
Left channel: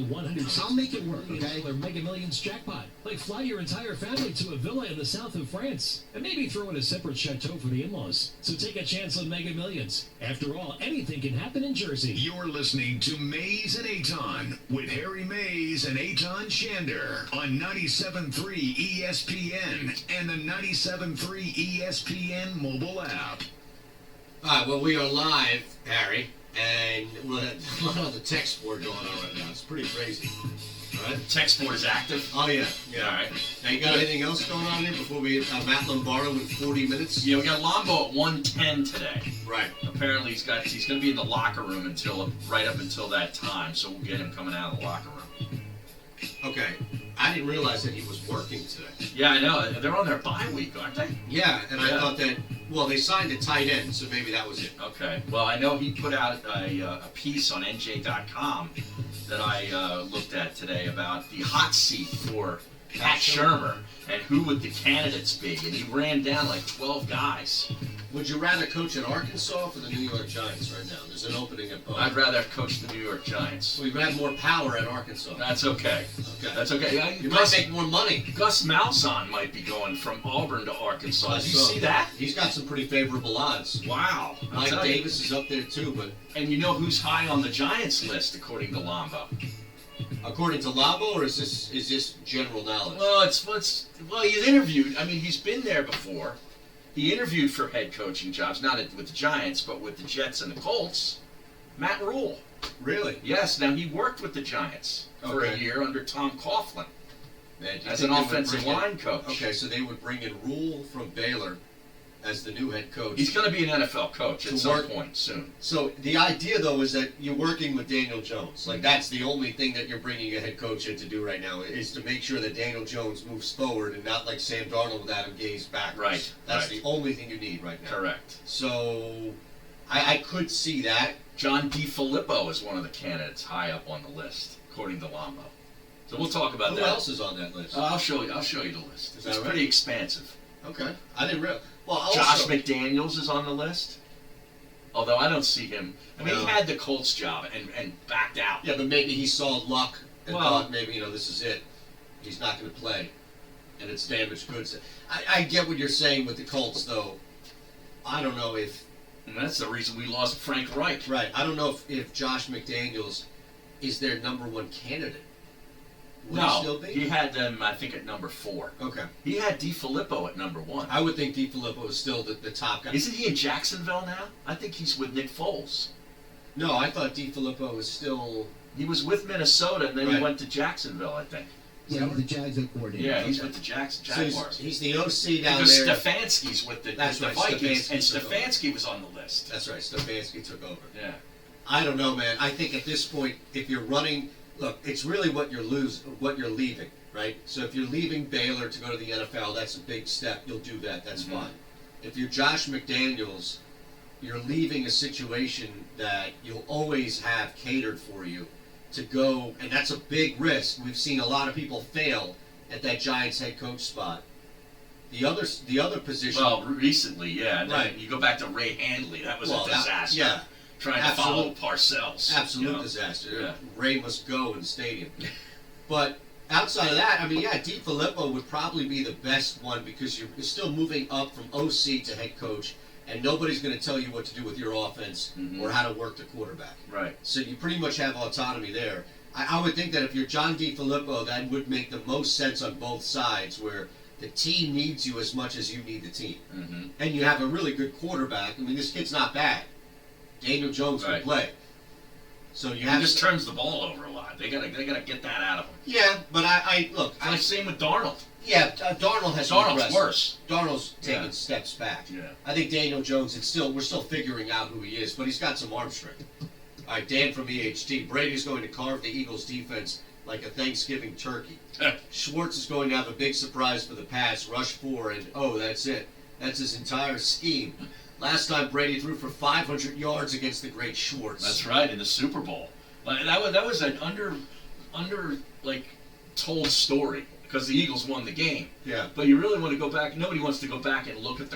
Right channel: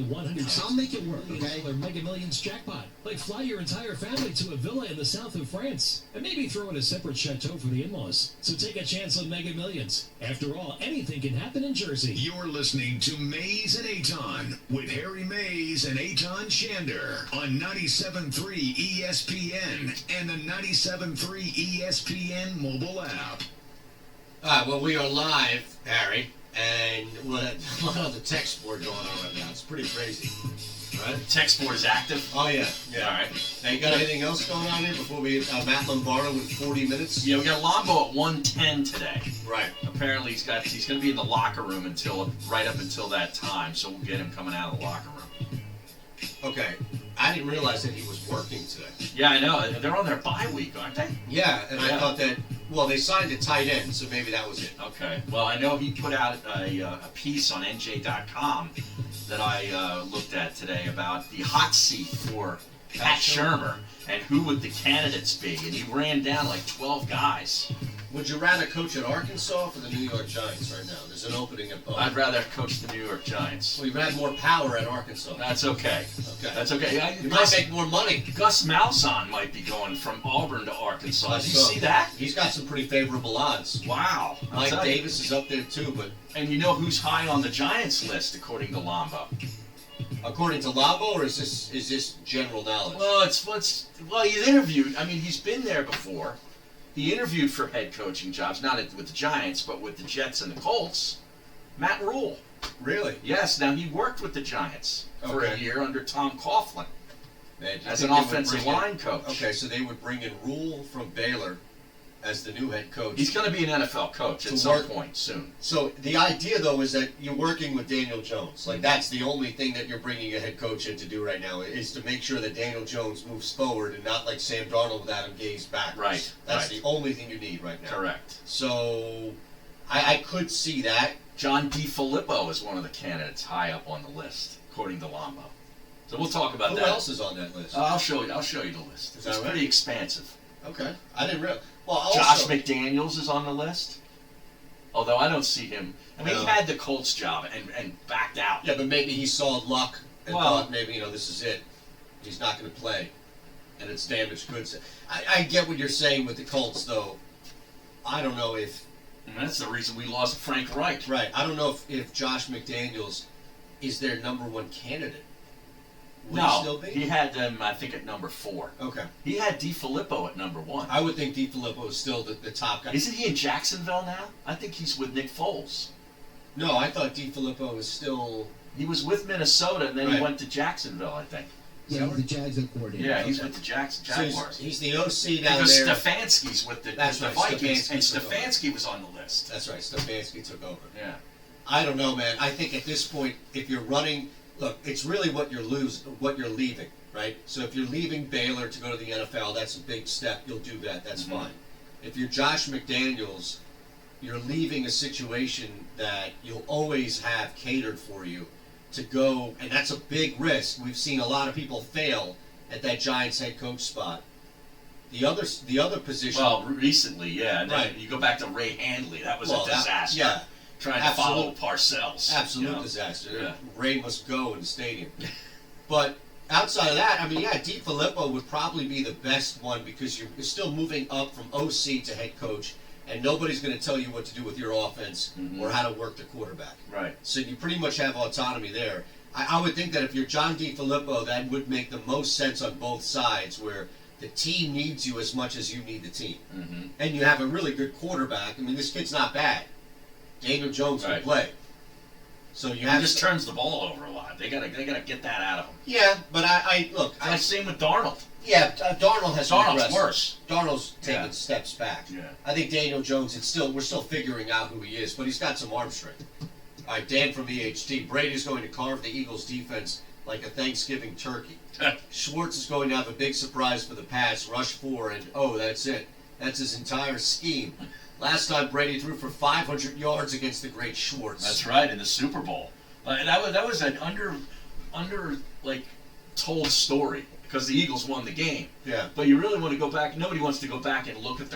I'll make it work, okay? $160 Mega Millions jackpot. Like fly your entire family to a villa in the south of France. And maybe throw in a separate chateau for the in-laws. So take a chance on Mega Millions. After all, anything can happen in Jersey. You're listening to Mays and Aton with Harry Mays and Aton Shander on 97.3 ESPN and the 97.3 ESPN mobile app. All right, well, we are live, Harry, and we'll have a lot of the text board going on right now. It's pretty crazy. All right. Text board is active. Oh yeah. Yeah. All right. Now you got anything else going on here before we Matt Lombardo in 40 minutes? Yeah, we got Lombo at 1:10 today. Right. Apparently he's going to be in the locker room right up until that time, so we'll get him coming out of the locker room. Okay. I didn't realize that he was working today. Yeah, I know. They're on their bye week, aren't they? Yeah, and I thought that, well, they signed a tight end, so maybe that was it. Okay. Well, I know he put out a piece on NJ.com that I looked at today about the hot seat for Pat Shurmur and who would the candidates be, and he ran down like 12 guys. Would you rather coach at Arkansas or the New York Giants right now? There's an opening at both. I'd rather coach the New York Giants. Well, you have more power at Arkansas. That's okay. Okay. That's okay. Yeah, You might make more money. Gus Malzahn might be going from Auburn to Arkansas. Did you So, see that? He's got some pretty favorable odds. Wow. I'll Mike tell you. Davis is up there too, but And you know who's high on the Giants list according to Lombo? according to Labo, or is this general knowledge? Well, he's interviewed. I mean, he's been there before. He interviewed for head coaching jobs, not with the Giants, but with the Jets and the Colts. Matt Rule. Really? Yes. Now he worked with the Giants for a Okay. year under Tom Coughlin Man, do you as think an they would offensive bring in- line coach. Okay, so they would bring in Rule from Baylor as the new head coach. He's going to be an NFL coach To at some work- point soon. So the idea, though, is that you're working with Daniel Jones. Like, that's the only thing that you're bringing a head coach in to do right now, is to make sure that Daniel Jones moves forward and not like Sam Darnold with Adam Gase backwards. Right, That's right. the only thing you need right now. Correct. So I could see that. John DiFilippo is one of the candidates high up on the list, according to Lombo. So we'll talk about Who that. else is on that list? I'll show you the list. Is that It's right? pretty expansive. Okay. I didn't realize. Well, also, Josh McDaniels is on the list. Although I don't see him. I mean, No. he had the Colts job and backed out. Yeah, but maybe he saw luck and Well- thought maybe, this is it. He's not going to play. And it's damaged goods. I get what you're saying with the Colts, though. I don't know if... And that's the reason we lost Frank Reich. Right. I don't know if Josh McDaniels is their number one candidate. Would he still No, be? he had them, I think, at number 4. Okay. He had DiFilippo at number 1. I would think DiFilippo is still the top guy. Isn't he in Jacksonville now? I think he's with Nick Foles. No, I thought DiFilippo was still... He was with Minnesota, and then he Right. went to Jacksonville, I think. Yeah, the Jags are coordinator. Yeah, he's with the Jaguars. So he's the OC down Because there. Stefanski's with the That's right, Vikings, and Stefanski took over. Stefanski was on the list. That's right, Stefanski took over. Yeah. I don't know, man. I think at this point, if you're running... Look, it's really what you're leaving, right? So if you're leaving Baylor to go to the NFL, that's a big step. You'll do that. That's fine. If you're Josh McDaniels, you're leaving a situation that you'll always have catered for you to go, and that's a big risk. We've seen a lot of people fail at that Giants head coach spot. The other position... Well, recently, yeah. And then Right. you go back to Ray Handley. That was Well, a that- disaster. yeah. Trying to follow Parcells. Absolute disaster. Yeah. Ray must go in the stadium. But outside of that, I mean, yeah, DiFilippo would probably be the best one because you're still moving up from OC to head coach, and nobody's going to tell you what to do with your offense or how to work the quarterback. Right. So you pretty much have autonomy there. I would think that if you're John DiFilippo, that would make the most sense on both sides, where the team needs you as much as you need the team. Mm-hmm. And you have a really good quarterback. I mean, this kid's not bad. Daniel Jones can Right. play. So you He have just to, turns the ball over a lot. They gotta get that out of him. yeah, but I look. It's like same with Darnold. Darnold has Darnold's regressed. worse. Darnold's taking Yeah. steps back. Yeah. I think Daniel Jones. We're still figuring out who he is, but he's got some arm strength. All right, Dan from EHT. Brady's going to carve the Eagles' defense like a Thanksgiving turkey. Schwartz is going to have a big surprise for the pass, rush 4, and that's it. That's his entire scheme. Last time Brady threw for 500 yards against the great Schwartz. That's right, in the Super Bowl. That was an told story because the Eagles won the game. Yeah. But you really want to go back. Nobody wants to go back and look at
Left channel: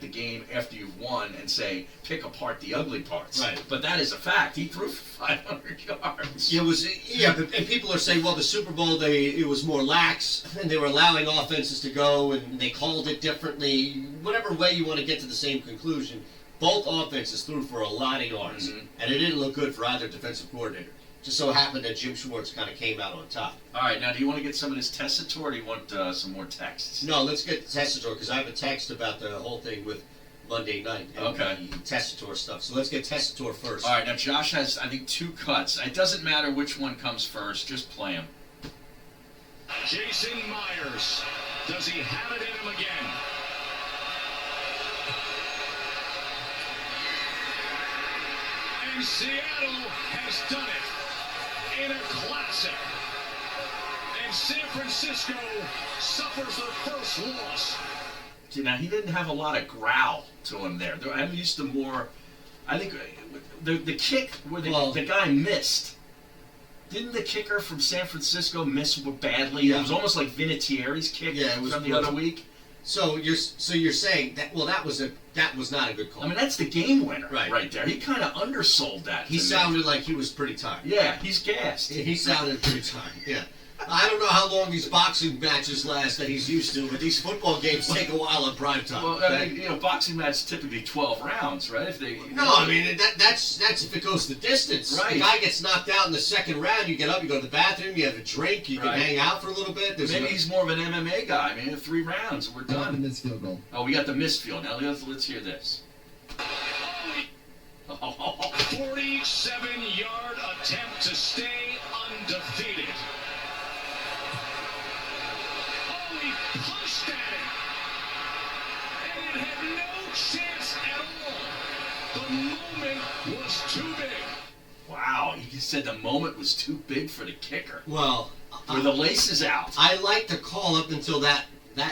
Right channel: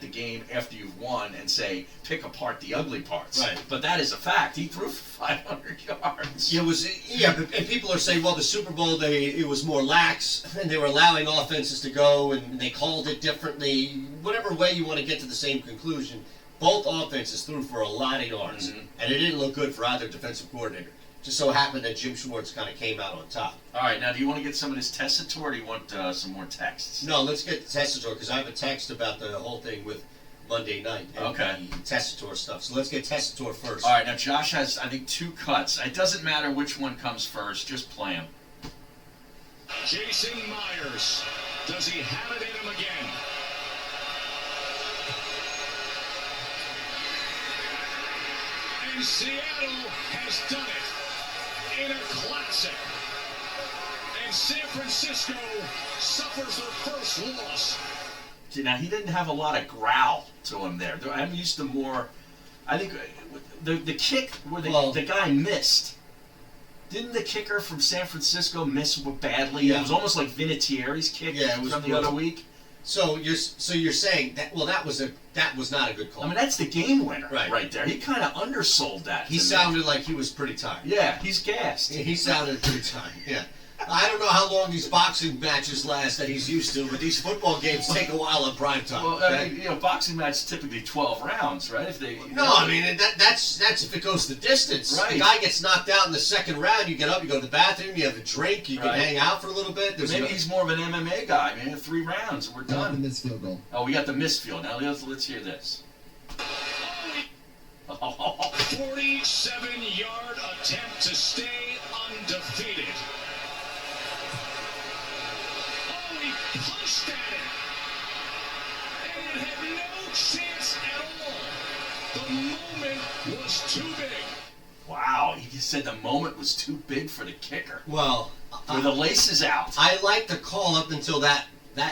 the game after you've won and say pick apart the ugly parts. Right. But that is a fact. He threw for 500 yards. It was, and people are saying, well, the Super Bowl, it was more lax, and they were allowing offenses to go, and they called it differently. Whatever way you want to get to the same conclusion, both offenses threw for a lot of yards, and it didn't look good for either defensive coordinator. Just so happened that Jim Schwartz kind of came out on top. All right, now do you want to get some of this Testator, or do you want some more texts? No, let's get Testator, because I have a text about the whole thing with Monday night. And Okay. the Tessitore stuff. So let's get Tessitore first. All right, now Josh has, I think, 2 cuts. It doesn't matter which one comes first. Just play them. Jason Myers. Does he have it in him again? And Seattle has done it in a classic. And San Francisco suffers their first loss. See, now he didn't have a lot of growl to him there. I'm used to more. I think the kick where the guy missed. Didn't the kicker from San Francisco miss badly? Yeah. It was almost like Vinatieri's kick from the other week. So you're saying that that was not a good call. I mean, that's the game winner right there. He kind of undersold that. He sounded like he was pretty tired. Yeah, he's gassed. He sounded pretty tired. Yeah. I don't know how long these boxing matches last that he's used to, but these football games take a while in prime time. Well, I mean, boxing matches typically 12 rounds, right? I mean that's if it goes the distance. Right. The guy gets knocked out in the second round. You get up, you go to the bathroom, you have a drink, you can hang out for a little bit. Maybe he's more of an MMA guy. Maybe 3 rounds, we're done. In this field goal. Oh, we got the missed field. Now let's hear this. 47-yard attempt to stay undefeated. He punched at it, and it had no chance at all. The moment was too big. Wow, he said the moment was too big for the kicker. Well, with the laces out. I liked the call up until that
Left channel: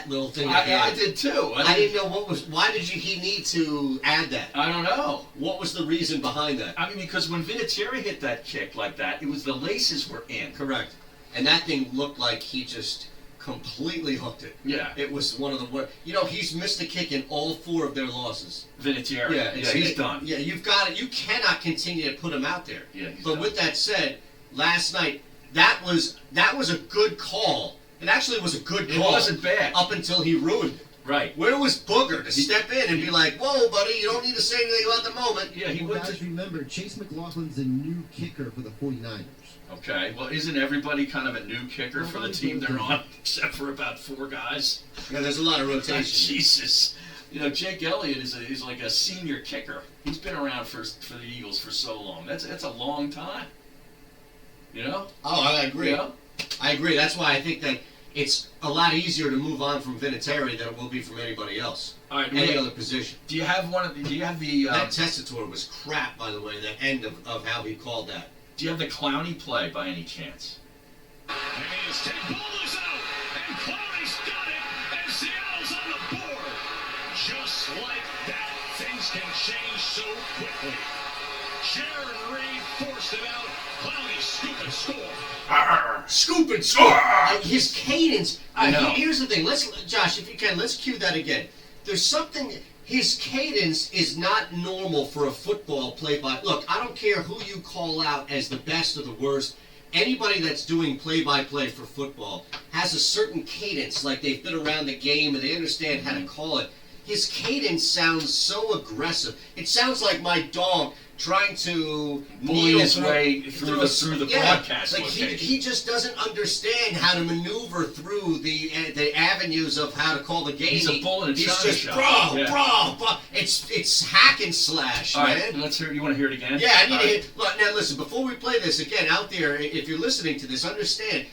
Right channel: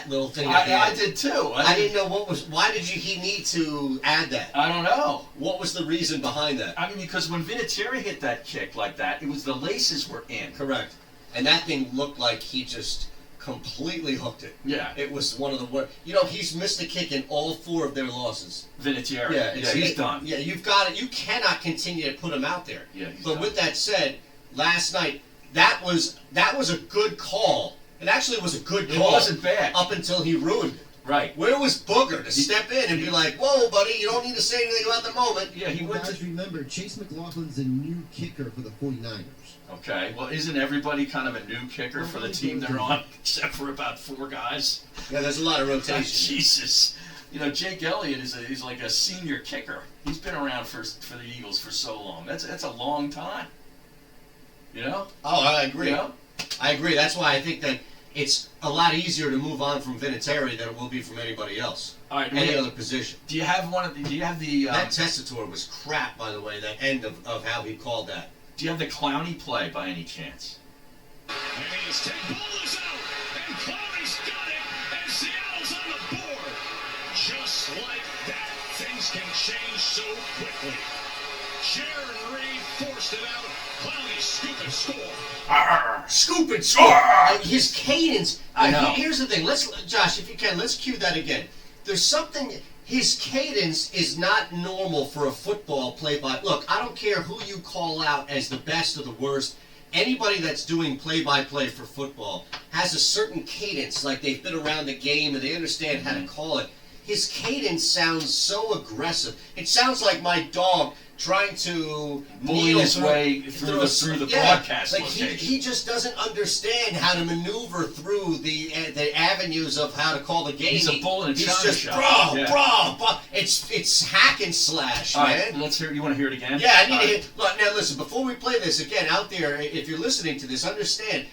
little thing. I did too. I didn't know why did he need to add that? I don't know. What was the reason behind that? I mean, because when Vinatieri hit that kick like that, it was the laces were in. Correct. And that thing looked like he just completely hooked it. Yeah. It was one of the worst. He's missed a kick in all 4 of their losses. Vinatieri. Yeah, he's done. Yeah, you've got it. You cannot continue to put him out there. Yeah, but done. With that said, last night that was a good call. It actually was a good call. It wasn't bad up until he ruined it. Right. Where was Booger to step in and be like, "Whoa, buddy, you don't need to say anything about the moment." Yeah, he went guys, remember, Chase McLaughlin's the new kicker for the 49ers. Okay, well, isn't everybody kind of a new kicker for the team they're on, except for about 4 guys? Yeah, there's a lot of rotation. Jesus. Jake Elliott is like a senior kicker. He's been around for the Eagles for so long. That's a long time. Oh, I agree. Yeah? I agree. That's why I think that it's a lot easier to move on from Vinatieri than it will be from anybody else. All right, any other position. Do you have the... that Tessitore was crap, by the way, that end of how he called that. Do you have the Clowney play by any chance? And his take ball is out, and Clowney's got it, and Seattle's on the board. Just like that, things can change so quickly. Sharon Reed forced it out. Clowney scoop and score. Scoop and score. His cadence. I know. Here's the thing. Josh, if you can, let's cue that again. There's something. His cadence is not normal for a football play-by. Look, I don't care who you call out as the best or the worst. Anybody that's doing play-by-play for football has a certain cadence, like they've been around the game and they understand how to call it. His cadence sounds so aggressive. It sounds like my dog trying to bully his way through the broadcast location. He just doesn't understand how to maneuver through the avenues of how to call the game. He's a bull in a china just shop. bro. It's hack and slash, all man. Right, let's hear. You want to hear it again? Yeah, I need to hear. Look, now listen. Before we play this again, out there, if you're listening to this, understand.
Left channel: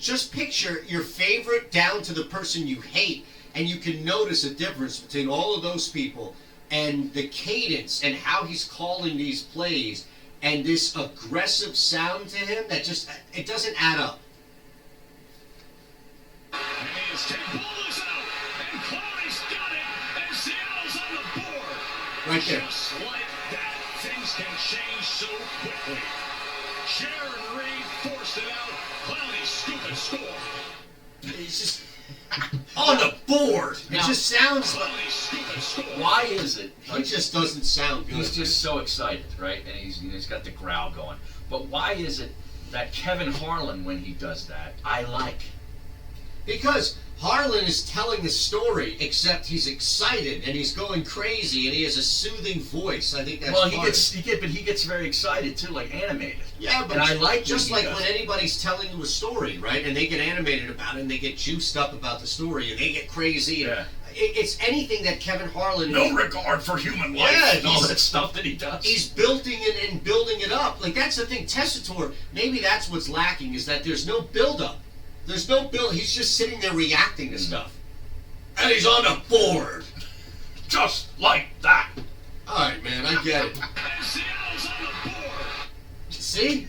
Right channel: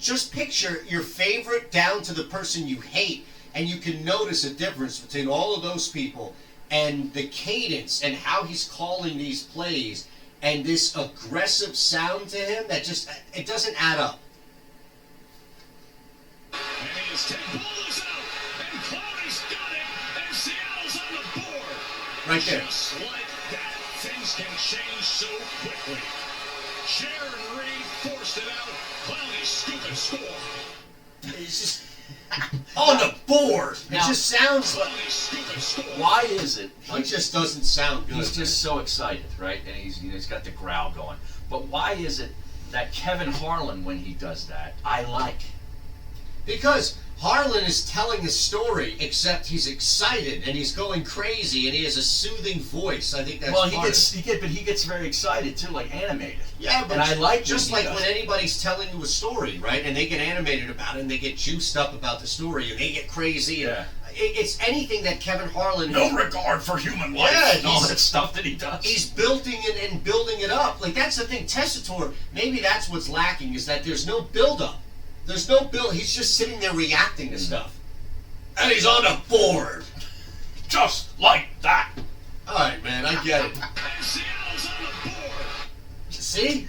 Just picture your favorite down to the person you hate, and you can notice a difference between all of those people. And the cadence and how he's calling these plays and this aggressive sound to him that just, it doesn't add up. And his take ball is out, and Clowney's got it, and Seattle's on the board. Right there. Just like that, things can change so quickly. Sharon Reed forced it out. Clowney scoop and score. It's just on the board. It just sounds like. Why is it? He just doesn't sound good. He's just so excited, right? And he's got the growl going. But why is it that Kevin Harlan, when he does that, I like? Because Harlan is telling a story, except he's excited and he's going crazy and he has a soothing voice. I think that's he gets very excited too, like animated. Yeah, but and I like just like when anybody's telling you a story, right? And they get animated about it and they get juiced up about the story and they get crazy. Yeah. it's anything that Kevin Harlan. No regard for human life. Yeah, and all that stuff that he does. He's building it and building it up. Like, that's the thing. Tessitore, maybe that's what's lacking, is that there's no build-up. There's no build. He's just sitting there reacting to stuff. And he's on the board. Just like that. All right, man, I get it. See?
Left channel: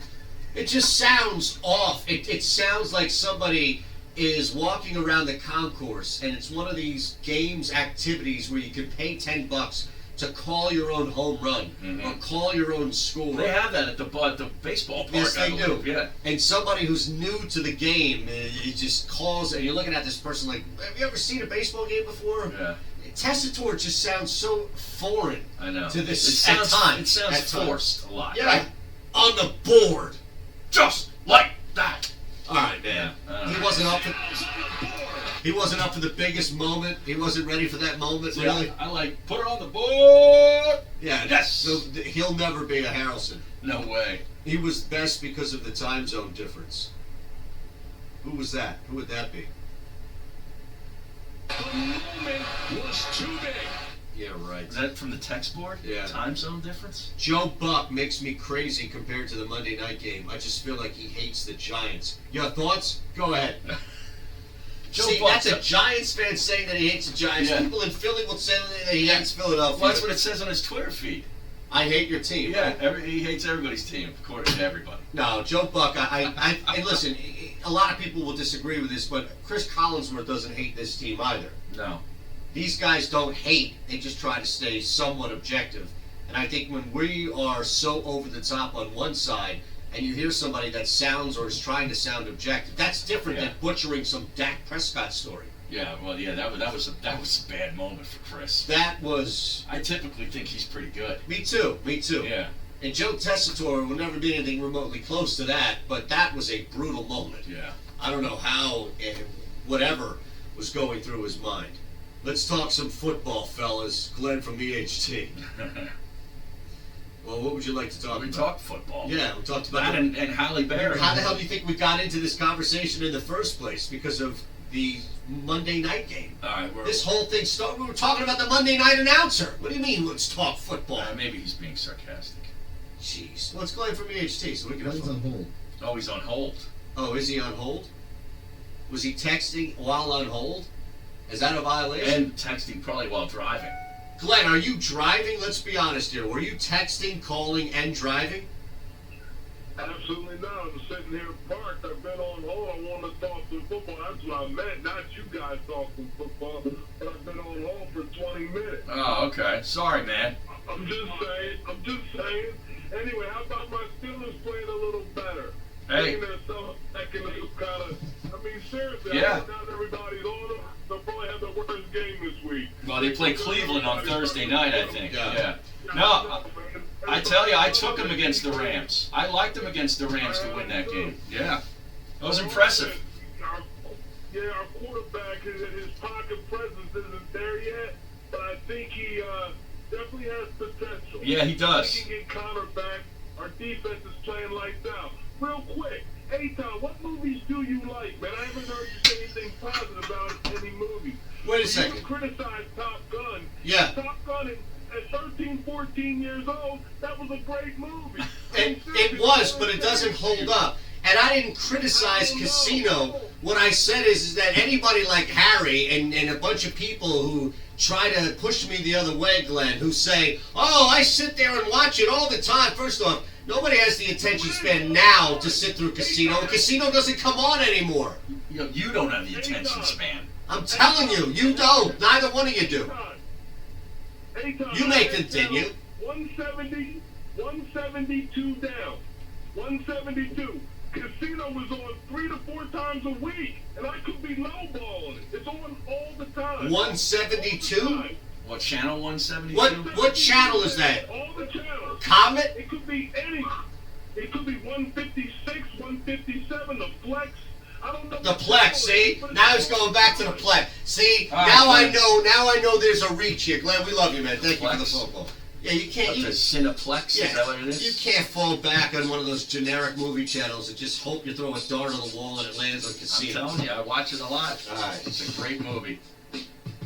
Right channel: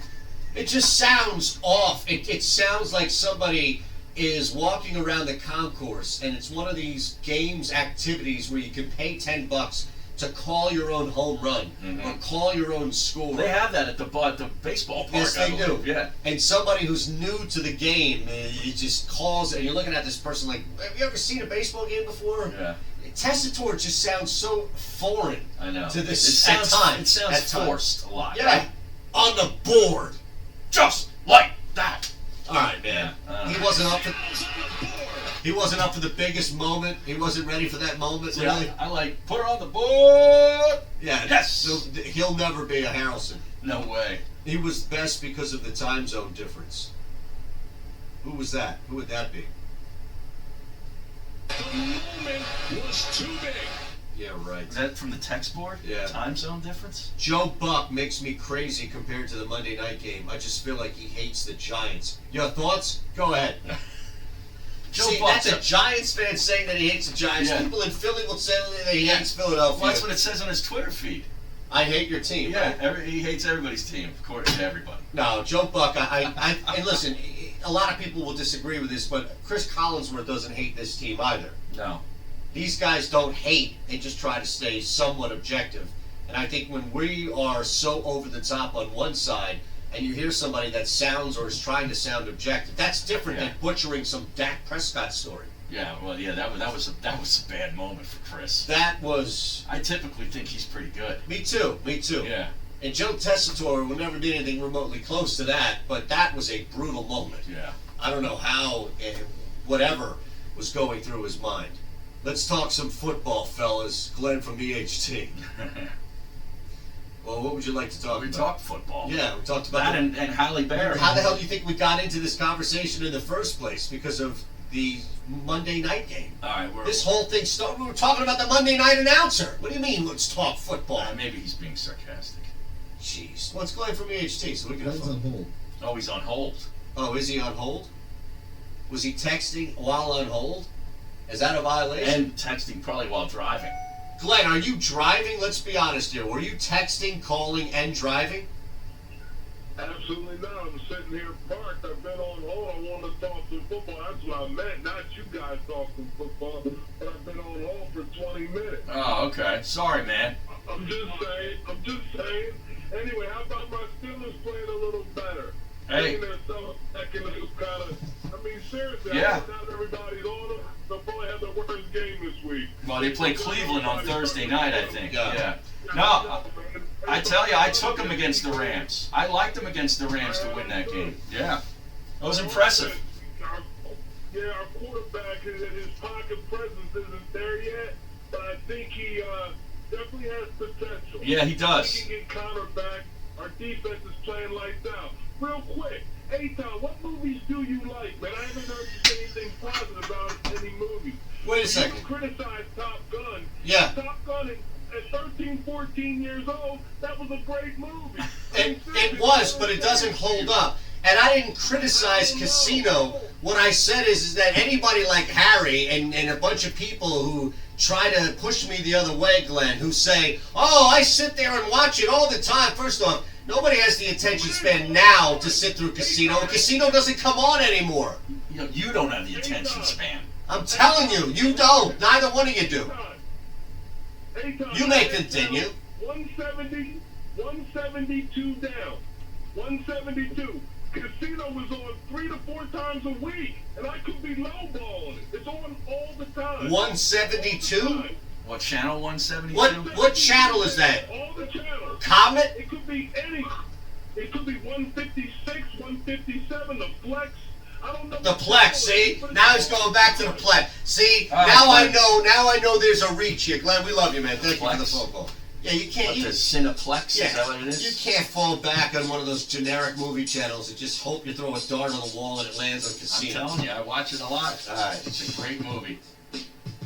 It just sounds off. It sounds like somebody is walking around the concourse, and it's one of these games activities where you can pay $10 to call your own home run or call your own score. They have that at the baseball park. Yes, they do. Yeah. And somebody who's new to the game, he just calls, and you're looking at this person like, have you ever seen a baseball game before? Yeah. Tessitore just sounds so foreign. I know. To this It sounds, at times. It sounds forced a lot. Yeah. Right? On the board. Just like that. All right, man. He wasn't up for. He wasn't up for the biggest moment. He wasn't ready for that moment. See, really. I like put it on the board. Yeah. Yes. So he'll never be a Harrelson. No way. He was best because of the time zone difference. Who was that? Who would that be? The moment was too big. Yeah, right. Is that from the text board? Yeah. Time zone difference? Joe Buck makes me crazy compared to the Monday night game. I just feel like he hates the Giants. Your thoughts? Go ahead. See, that's a Giants fan saying that he hates the Giants. Yeah. People in Philly will say that he hates Philadelphia. Well, that's what it says on his Twitter feed. I hate your team. Yeah, right? he hates everybody's team, according to everybody. No, Joe Buck, and listen, a lot of people will disagree with this, but Chris Collinsworth doesn't hate this team either. No. These guys don't hate, they just try to stay somewhat objective. And I think when we are so over the top on one side, and you hear somebody that sounds or is trying to sound objective, that's different than butchering some Dak Prescott story. Yeah, well, yeah, that was a bad moment for Chris. That was. I typically think he's pretty good. Me too. Yeah. And Joe Tessitore will never be anything remotely close to that, but that was a brutal moment. Yeah. I don't know how and whatever was going through his mind. Let's talk some football, fellas. Glenn from EHT. Well, what would you like to talk about? We talked football. Yeah, we talked about that and Halle Berry. How the hell do you think we got into this conversation in the first place? Because of the Monday night game. All right, this whole thing started. We were talking about the Monday night announcer. What do you mean? Let's talk football. Maybe he's being sarcastic. Jeez. Well, it's Glenn from EHT, so we can. Glenn's on hold. Oh, he's on hold. Oh, is he on hold? Was he texting while on hold? Is that a violation? And texting probably while driving. Glenn, are you driving? Let's be honest here. Were you texting, calling, and driving? Absolutely not. I'm sitting here parked. I've been on hold. I want to talk some football. That's what I meant. Not you guys talking football, but I've been on hold for 20 minutes. Oh, okay. Sorry, man. I'm just saying. Anyway, how about my Steelers playing a little better? Hey. I mean, seriously, yeah. Not everybody's on them. They'll probably have the worst game this week. Well, they play Cleveland on Thursday night, I think. Yeah. No, I tell you, I took them against the Rams. I liked them against the Rams to win that game. Yeah. That was impressive. Yeah, our quarterback, his pocket presence isn't there yet, but I think he definitely has potential. Yeah, he does. He can get Connor back. Our defense is playing lights out. Real quick, Tom, what movies do you like, man? I haven't heard you say anything positive about any movies. Wait a second. You criticize Top Gun. Yeah. Top Gun at 13, 14 years old, that was a great movie. It was, but it doesn't hold up. And I didn't criticize Casino. What I said is that anybody like Harry and a bunch of people who try to push me the other way, Glenn, who say, oh, I sit there and watch it all the time. First off, nobody has the attention span now to sit through Casino. Casino doesn't come on anymore. You don't have the attention span. I'm telling you, you don't. Neither one of you do. You may continue. 170, 172 down. 172. Casino was on 3 to 4 times a week, and I could be lowballing it. It's on all the time. 172? What channel? 172? What channel is that? All the channels. Comet? It could be any. It could be 156, 157, the Flex. I don't know. The Plex, see? Now he's going back to the Plex. See? Right, now I know there's a reach here. Glenn, we love you, man. Thank you for the phone call. Yeah, you can't. The Cineplex? Yeah, is that what it is? You can't fall back on one of those generic movie channels and just hope you throw a dart on the wall and it lands on Casino. I'm telling you, I watch it a lot. All right. It's a great movie.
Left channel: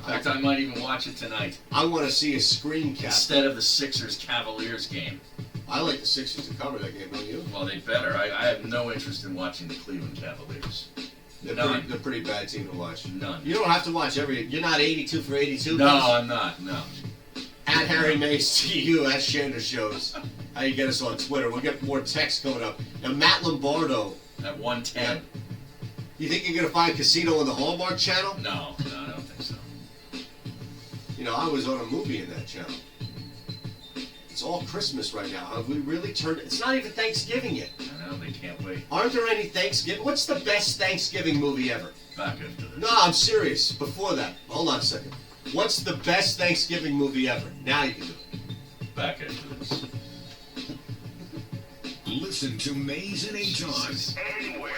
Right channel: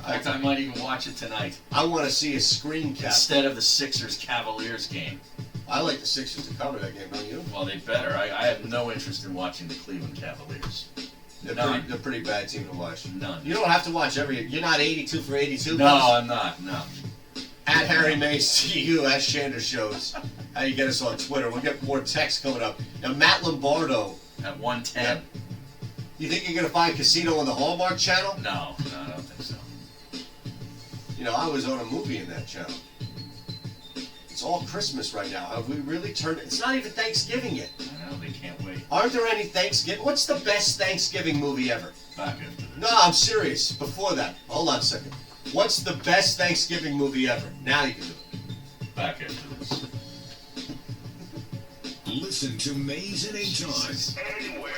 fact, I might even watch it tonight. I want to see a screen cap instead of the Sixers-Cavaliers game. I like the Sixers to cover that game, don't you? Well, they better. I have no interest in watching the Cleveland Cavaliers. They're a pretty bad team to watch. None. You don't have to watch You're not 82 for 82. No, I'm not. No. At Harry Mays TU, as Shander shows. How you get us on Twitter. We'll get more texts coming up. Now, Matt Lombardo. At 110. You think you're going to find Casino on the Hallmark Channel? No, I don't think so. You know, I was on a movie in that channel. It's all Christmas right now. Have we really turned it? It's not even Thanksgiving yet. I know, they can't wait. Aren't there any Thanksgiving? What's the best Thanksgiving movie ever? Back after this. No, I'm serious. Before that. Hold on a second. What's the best Thanksgiving movie ever? Now you can do it. Back after this. Listen to Mays and Aton anywhere.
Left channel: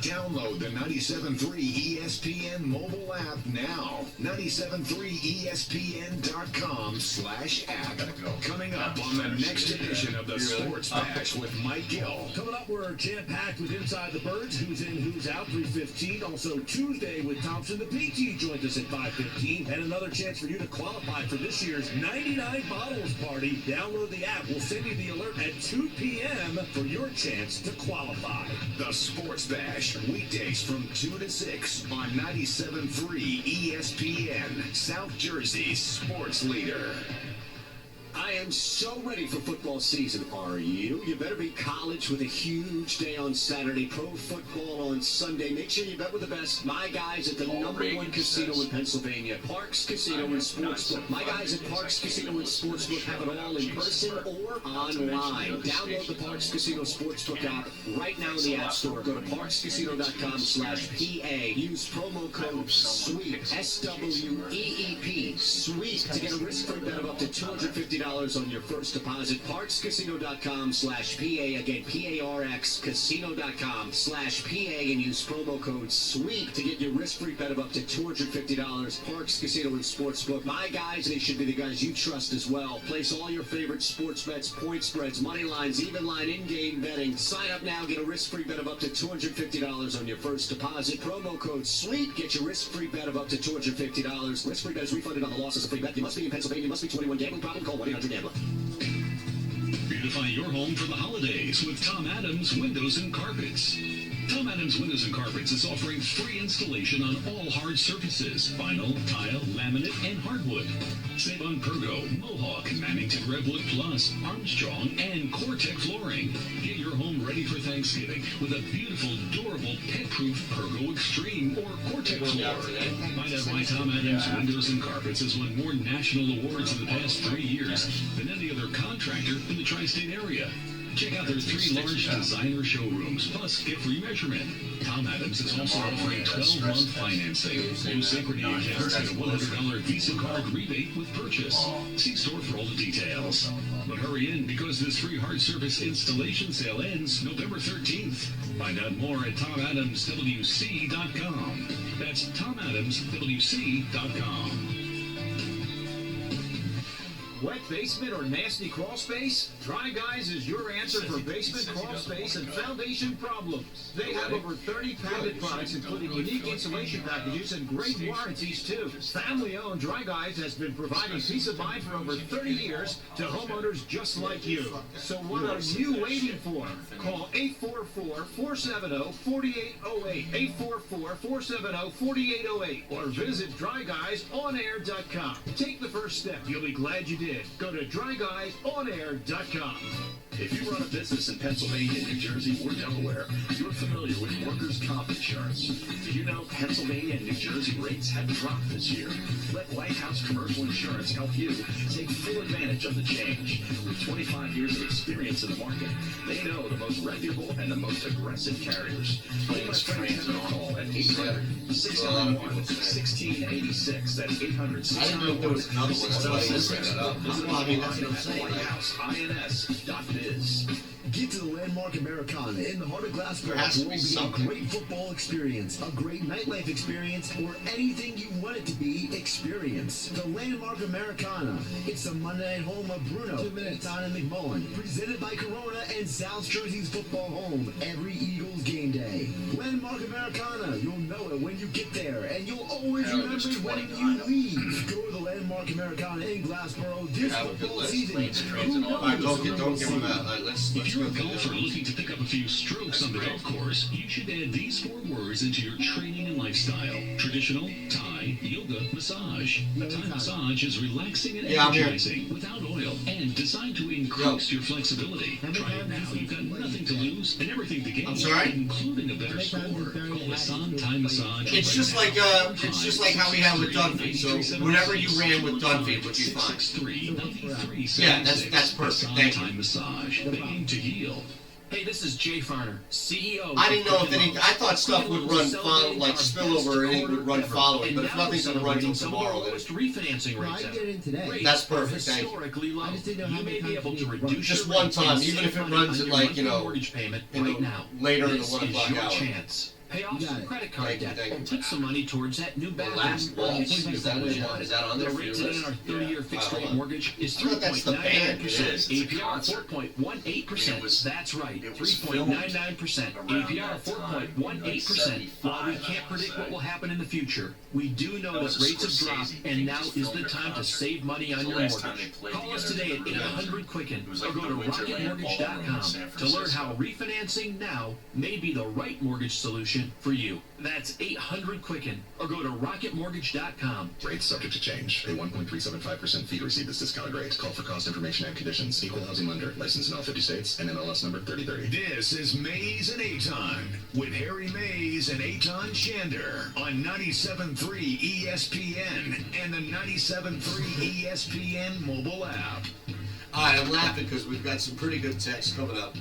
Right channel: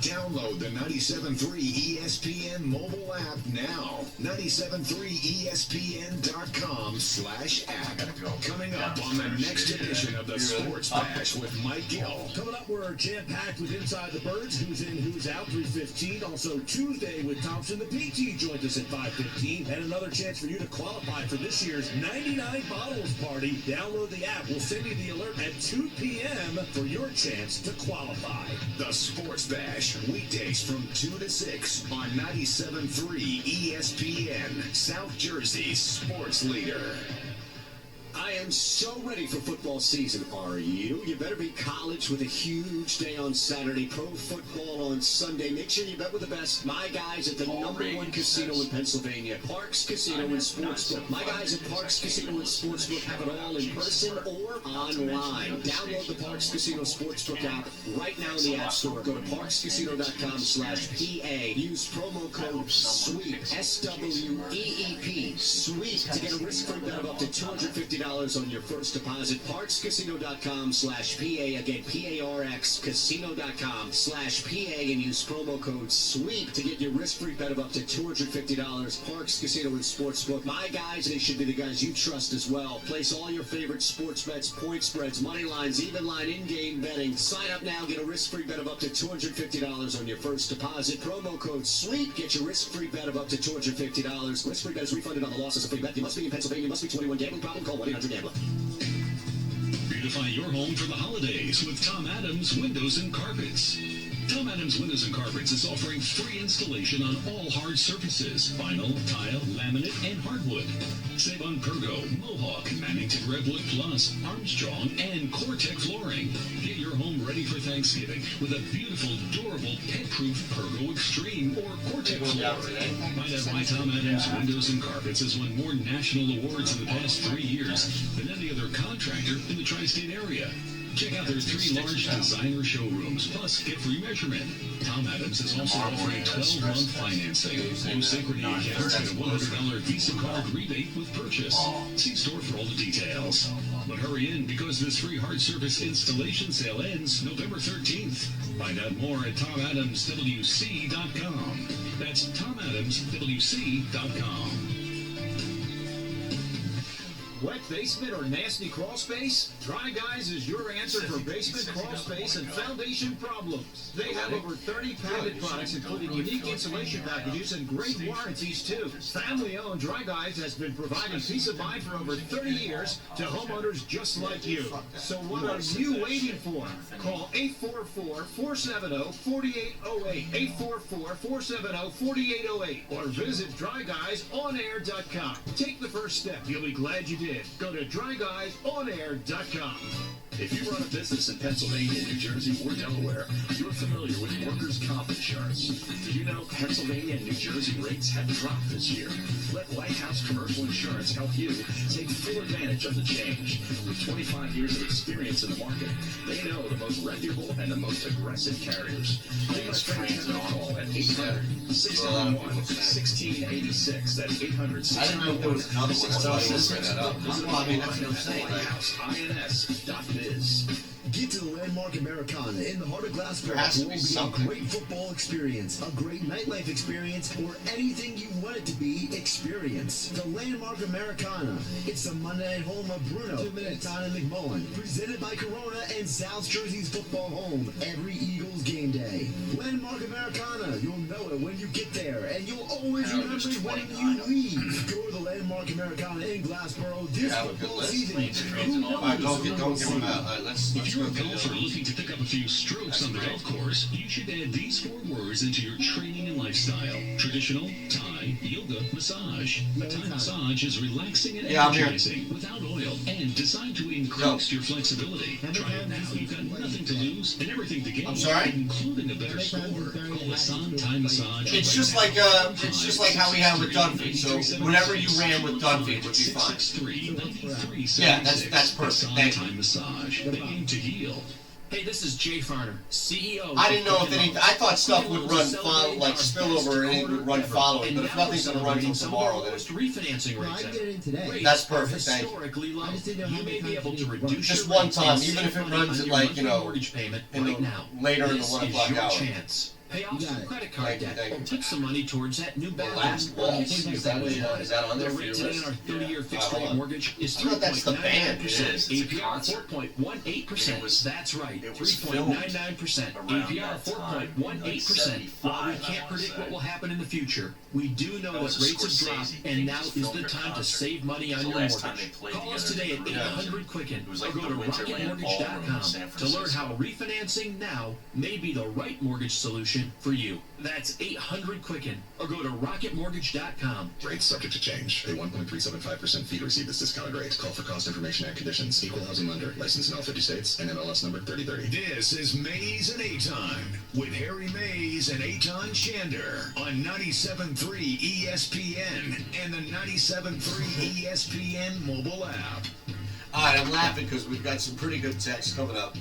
Download the 97.3 ESPN mobile app now. 97.3ESPN.com/app. Coming up on the next edition of the Sports Bash with Mike Gill. Coming up, we're jam-packed with Inside the Birds, Who's In, Who's Out, 3:15. Also Tuesday with Thompson the PT joins us at 5:15. And another chance for you to qualify for this year's 99 Bottles Party. Download the app. We'll send you the alert at 2 p.m. for your chance to qualify. The Sports Bash, weekdays from 2 to 6 on 97.3 ESPN, South Jersey's sports leader. I am so ready for football season, are you? You better be college with a huge day on Saturday, pro football on Sunday. Make sure you bet with the best. My guys at the #1 casino in Pennsylvania, Parks Casino and Sportsbook. My guys at Parks Casino and Sportsbook have it all in person or online. Download the Parks Casino Sportsbook app right now in the App Store. Go to parkscasino.com/PA. Use promo code SWEEP, SWEEP, SWEEP, to get a risk-free bet of up to $250 on your first deposit. Parkscasino.com/PA. Again, PARX, casino.com/PA, and use promo code SWEEP to get your risk-free bet of up to $250. Parks Casino and Sportsbook. My guys, they should be the guys you trust as well. Place all your favorite sports bets, point spreads, money lines, even line, in-game betting. Sign up now, get a risk-free bet of up to $250 on your first deposit. Promo code SWEEP. Get your risk-free bet of up to $250. Risk-free bet is refunded on the loss as a free bet. You must be in Pennsylvania. You must be 21. Gambling problem? Call 1-800-GAMBLER. Beautify your home for the holidays with Tom Adams Windows and Carpets. Tom Adams Windows and Carpets is offering free installation on all hard surfaces: vinyl, tile, laminate, and hardwood. Save on Pergo, Mohawk, Mannington Redwood Plus, Armstrong, and Cortec flooring. Get your home ready for Thanksgiving with a beautiful, durable, pet-proof Pergo Extreme or Cortec floor. Find out why Tom Adams Windows and Carpets has won more national awards in the past 3 years than any other contractor in the tri-state area. Check out their 3 large designer showrooms, plus get free measurement. Tom Adams is also offering 12-month financing, no security accounts, and a $100 Visa card rebate with purchase. See store for all the details. But hurry in, because this free hard surface installation sale ends November 13th. Find out more at TomAdamsWC.com. That's TomAdamsWC.com. Wet basement or nasty crawl space? Dry Guys is your answer for basement, crawl space, and foundation problems. They have over 30 patented products, including unique insulation packages and great warranties, too. Family-owned Dry Guys has been providing peace of mind for over 30 years to homeowners just like you. So what are you waiting for? Call 844-470-4808, 844-470-4808, or visit DryGuysOnAir.com. Take the first step. You'll be glad you did. Go to DryGuysOnAir.com. If you run a business in Pennsylvania, New Jersey, or Delaware, you're familiar with workers' comp insurance. Did you know Pennsylvania and New Jersey rates have dropped this year? Let Lighthouse Commercial Insurance help you take full advantage of the change. With 25 years of experience in the market, they know the most reputable and the most aggressive carriers. Give us a call at 800-691-1686. That's 800-691-1686. Visit Well, I mean, that's online what I'm at saying. lighthouse.ins.biz. Get to the Landmark Americana in the heart of Glassboro. There has to It be will be something. a great football experience, a great nightlife experience, or anything you want it to be experience. The Landmark Americana. It's the Monday night home of Bruno, Don and McMullen. Presented by Corona and South Jersey's football home every Eagles game day. Landmark Americana. You'll know it when you get there, and you'll always remember it when you leave. Go to the Landmark Americana in Glassboro this Have a good football list. season. Who knows? All right, don't give them out. All right, let's If you're go a through golfer this. looking to pick up a few strokes on the golf course, you should add these 4 words into your training and lifestyle. Traditional, Thai, yoga, massage. A Thai massage is relaxing and Yeah, I'm here. energizing without oil and designed to increase your flexibility. Try it now. You've got nothing to lose and everything to gain. I'm sorry? Including a better score. Call Hassan Thai Massage. It's just like how we had with Dunphy. So whatever you ran with Dunphy would be fine. Yeah, that's perfect. Thank you. Thai Massage. Beginning to heal. Hey, this is Jay Farner, CEO. I didn't know if any. I thought stuff would run like spillover and it would run following. But if nothing's gonna run until tomorrow, then refinancing Well, I rates. did it in today. that's perfect. Thank you. Historically low. I just didn't know You how may many be able times to you need reduce Just your one rates time, and even save if it money runs on at your like, monthly you know, mortgage payment in right the- now. later in the This 1 is o'clock your hour. chance. Pay off You got some it. credit card Thank you, debt thank or you. put some money towards that new bathroom. Last waltz. Is that on there The for your rate today list? on our 30-year fixed Hold rate on. mortgage is I thought that's the band. 3.99%. It is. It's a APR concert. 4.18%. It was- That's right. it was 3.99%. around APR that time, 4.18%. While we 75, can't I predict wanna what say. will happen in the future, we do know That was that a rates have dropped, Scorsese and thing, now just is filmed the their time to concert. save money on The your last time mortgage. they played Call us together today in at the room. 800-QUICKEN It was or like go the to Winterland Ballroom in RocketMortgage.com San to learn how Francisco. refinancing now may be the right mortgage solution for you. That's 800-QUICKEN or go to RocketMortgage.com. Rates subject to change. Pay 1.375% fee to receive this discounted rate. Call for cost information and conditions. Equal housing lender. Licensed in all 50 states and NMLS number 3030. This is Mays and Aton with Harry Mays and Aton Shander on 97.3 ESPN and the 97.3 ESPN mobile app. All right, I'm laughing because we've got some pretty good texts coming up.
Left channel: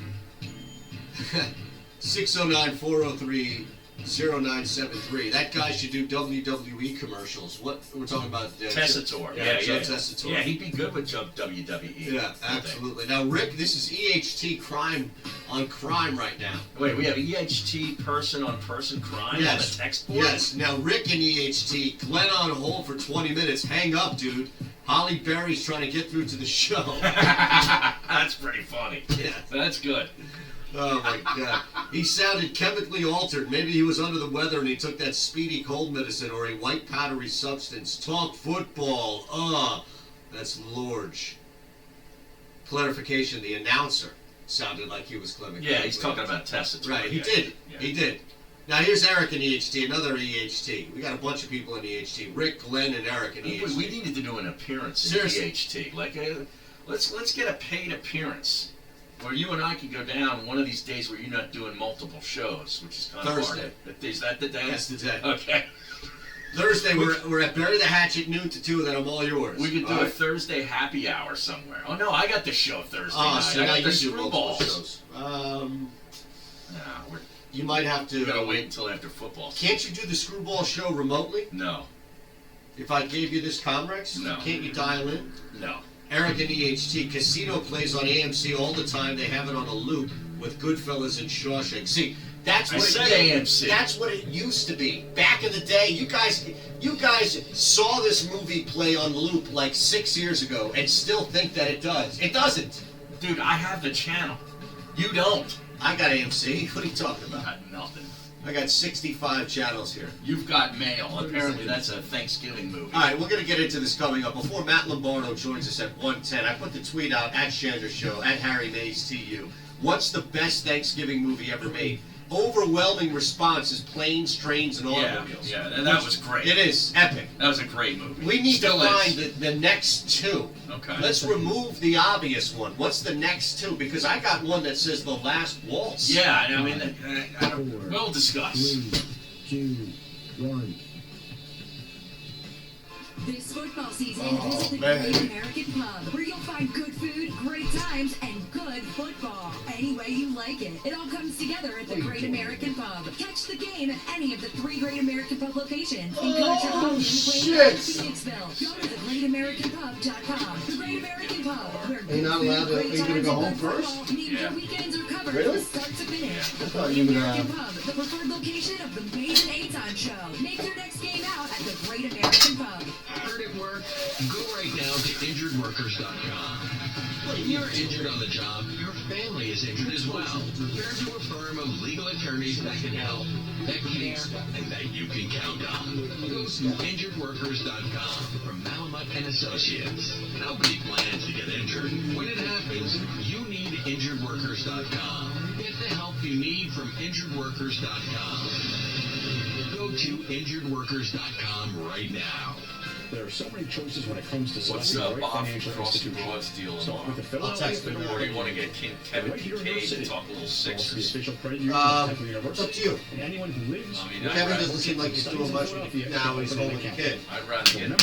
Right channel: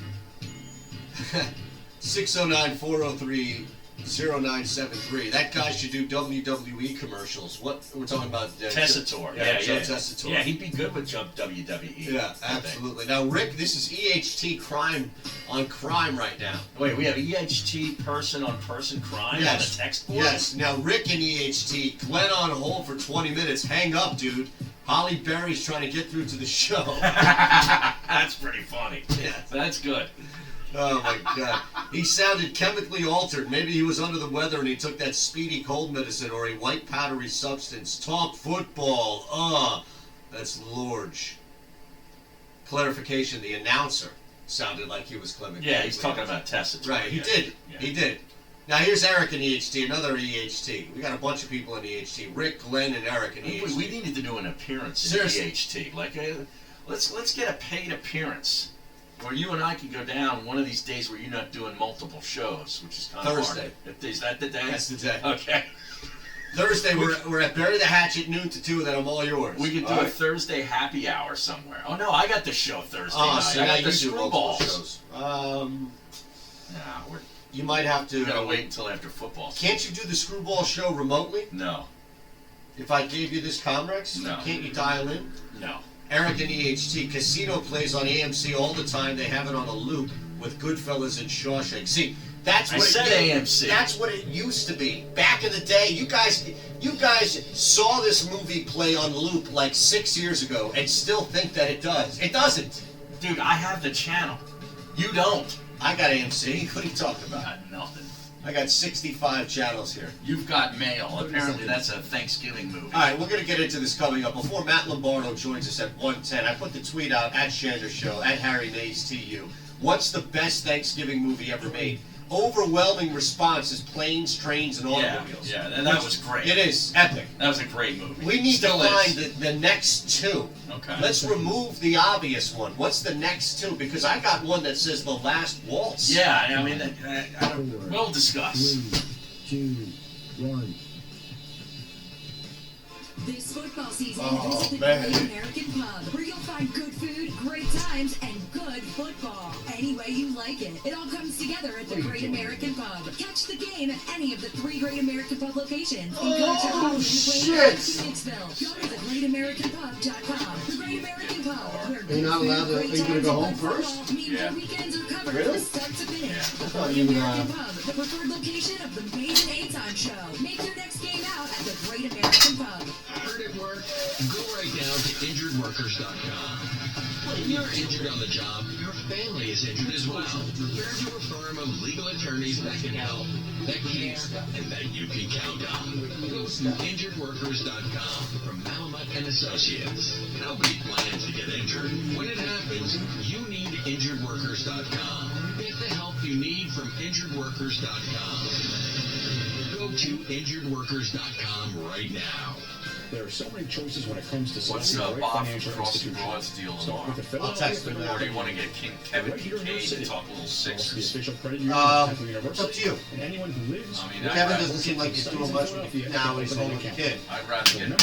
609-403-0973. That guy should do WWE commercials. What we're talking about? Tessitore. Joe Tessitore. Yeah, he'd be good with WWE. Yeah, absolutely. Now, Rick, this is EHT crime on crime right now. Wait, we have EHT person on person crime on the text board? Yes. Now, Rick and EHT, Glenn on hold for 20 minutes. Hang up, dude. Holly Berry's trying to get through to the show. That's pretty funny. Yeah. That's good. Oh my God. He sounded chemically altered. Maybe he was under the weather and he took that speedy cold medicine or a white powdery substance. Talk football. That's Lorge. Clarification, the announcer sounded like he was Clement. Yeah, he's talking about Tessitore. Right, he did. Yeah. He did. Now here's Eric in EHT, another EHT. We got a bunch of people in EHT. Rick, Glenn, and Eric in EHT. We needed to do an appearance in Seriously. EHT. Like, let's get a paid appearance where you and I can go down one of these days where you're not doing multiple shows, which is kind of Thursday. hard. Is that the day? That's the day. Okay. Thursday, we're at Bury the Hatchet, noon to 2, then I'm all yours. We could do All a right? Thursday happy hour somewhere. Oh no, I got the show Thursday Oh, night. so I now got the you do multiple screwballs. shows. No, You might have to. we gotta wait until after football. Can't you do the screwball show remotely? No, If I gave you this Comrex? No. Can't you dial in? no. Eric and EHT. Casino plays on AMC all the time. They have it on a loop with Goodfellas and Shawshank. See, that's I what said it, AMC. That's what it used to be. Back in the day, you guys saw this movie play on loop like 6 years ago and still think that it does. It doesn't. Dude, I have the channel. You don't. I got AMC. What are you talking about? Got nothing. I got 65 channels here. You've got mail. Apparently, that's a Thanksgiving movie. All right, we're going to get into this coming up. Before Matt Lombardo joins us at 1:10, I put the tweet out at Shander Show, at Harry Mays TU. What's the best Thanksgiving movie ever made? Overwhelming response is Planes, Trains, and Automobiles. Yeah, and that was great. It is epic. That was a great movie. We need Still to find is. the next two. Okay. Let's remove the obvious one. What's the next two? Because I got one that says The Last Waltz. Yeah, I mean, we'll discuss. 3, 2, 1. This football season, visit the Great American Pub, where you'll find good food, great times, and good football. Any way you like it. It all comes together at the Great American Pub. Catch the game at any of the 3 Great American Pub locations in Connection, Phoenixville. Go to thegreatamericanpub.com. The Great American Pub, where Are you not allowed to? Are you going to go home first? Media weekends are covered Really? from start to finish. I The thought Great you would, American Pub, the preferred location of the Maiden A-Time Show. Make your next game out at the Great American Pub. Heard it work? Go right now to injuredworkers.com. When you're injured on the job, your family is injured as well. Turn to a firm of legal attorneys that can help, that care, and that you can count on. Go to injuredworkers.com from Malamut and Associates. Nobody plans to get injured. When it happens, you need injuredworkers.com. Get the help you need from injuredworkers.com. Go to injuredworkers.com right now. There are so many choices when it comes to What's selecting the right Bob financial Frosty institution. Broad's deal Start with the tomorrow? Philadelphia Or do you want to get Kevin right here in your Kincaid city. to talk a little Also the Sixers? official credit union of Temple University. It's up to you. And anyone who lives. I mean, Kevin doesn't seem like he's doing much now. He's home with the kid. I'd rather get And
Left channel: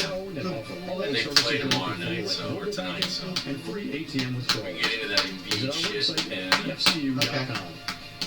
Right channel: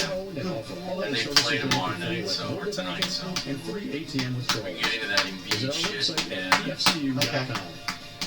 they play tomorrow night, so or tonight, so and free ATM withdrawals. we get into that Embiid shit, and FCU.com.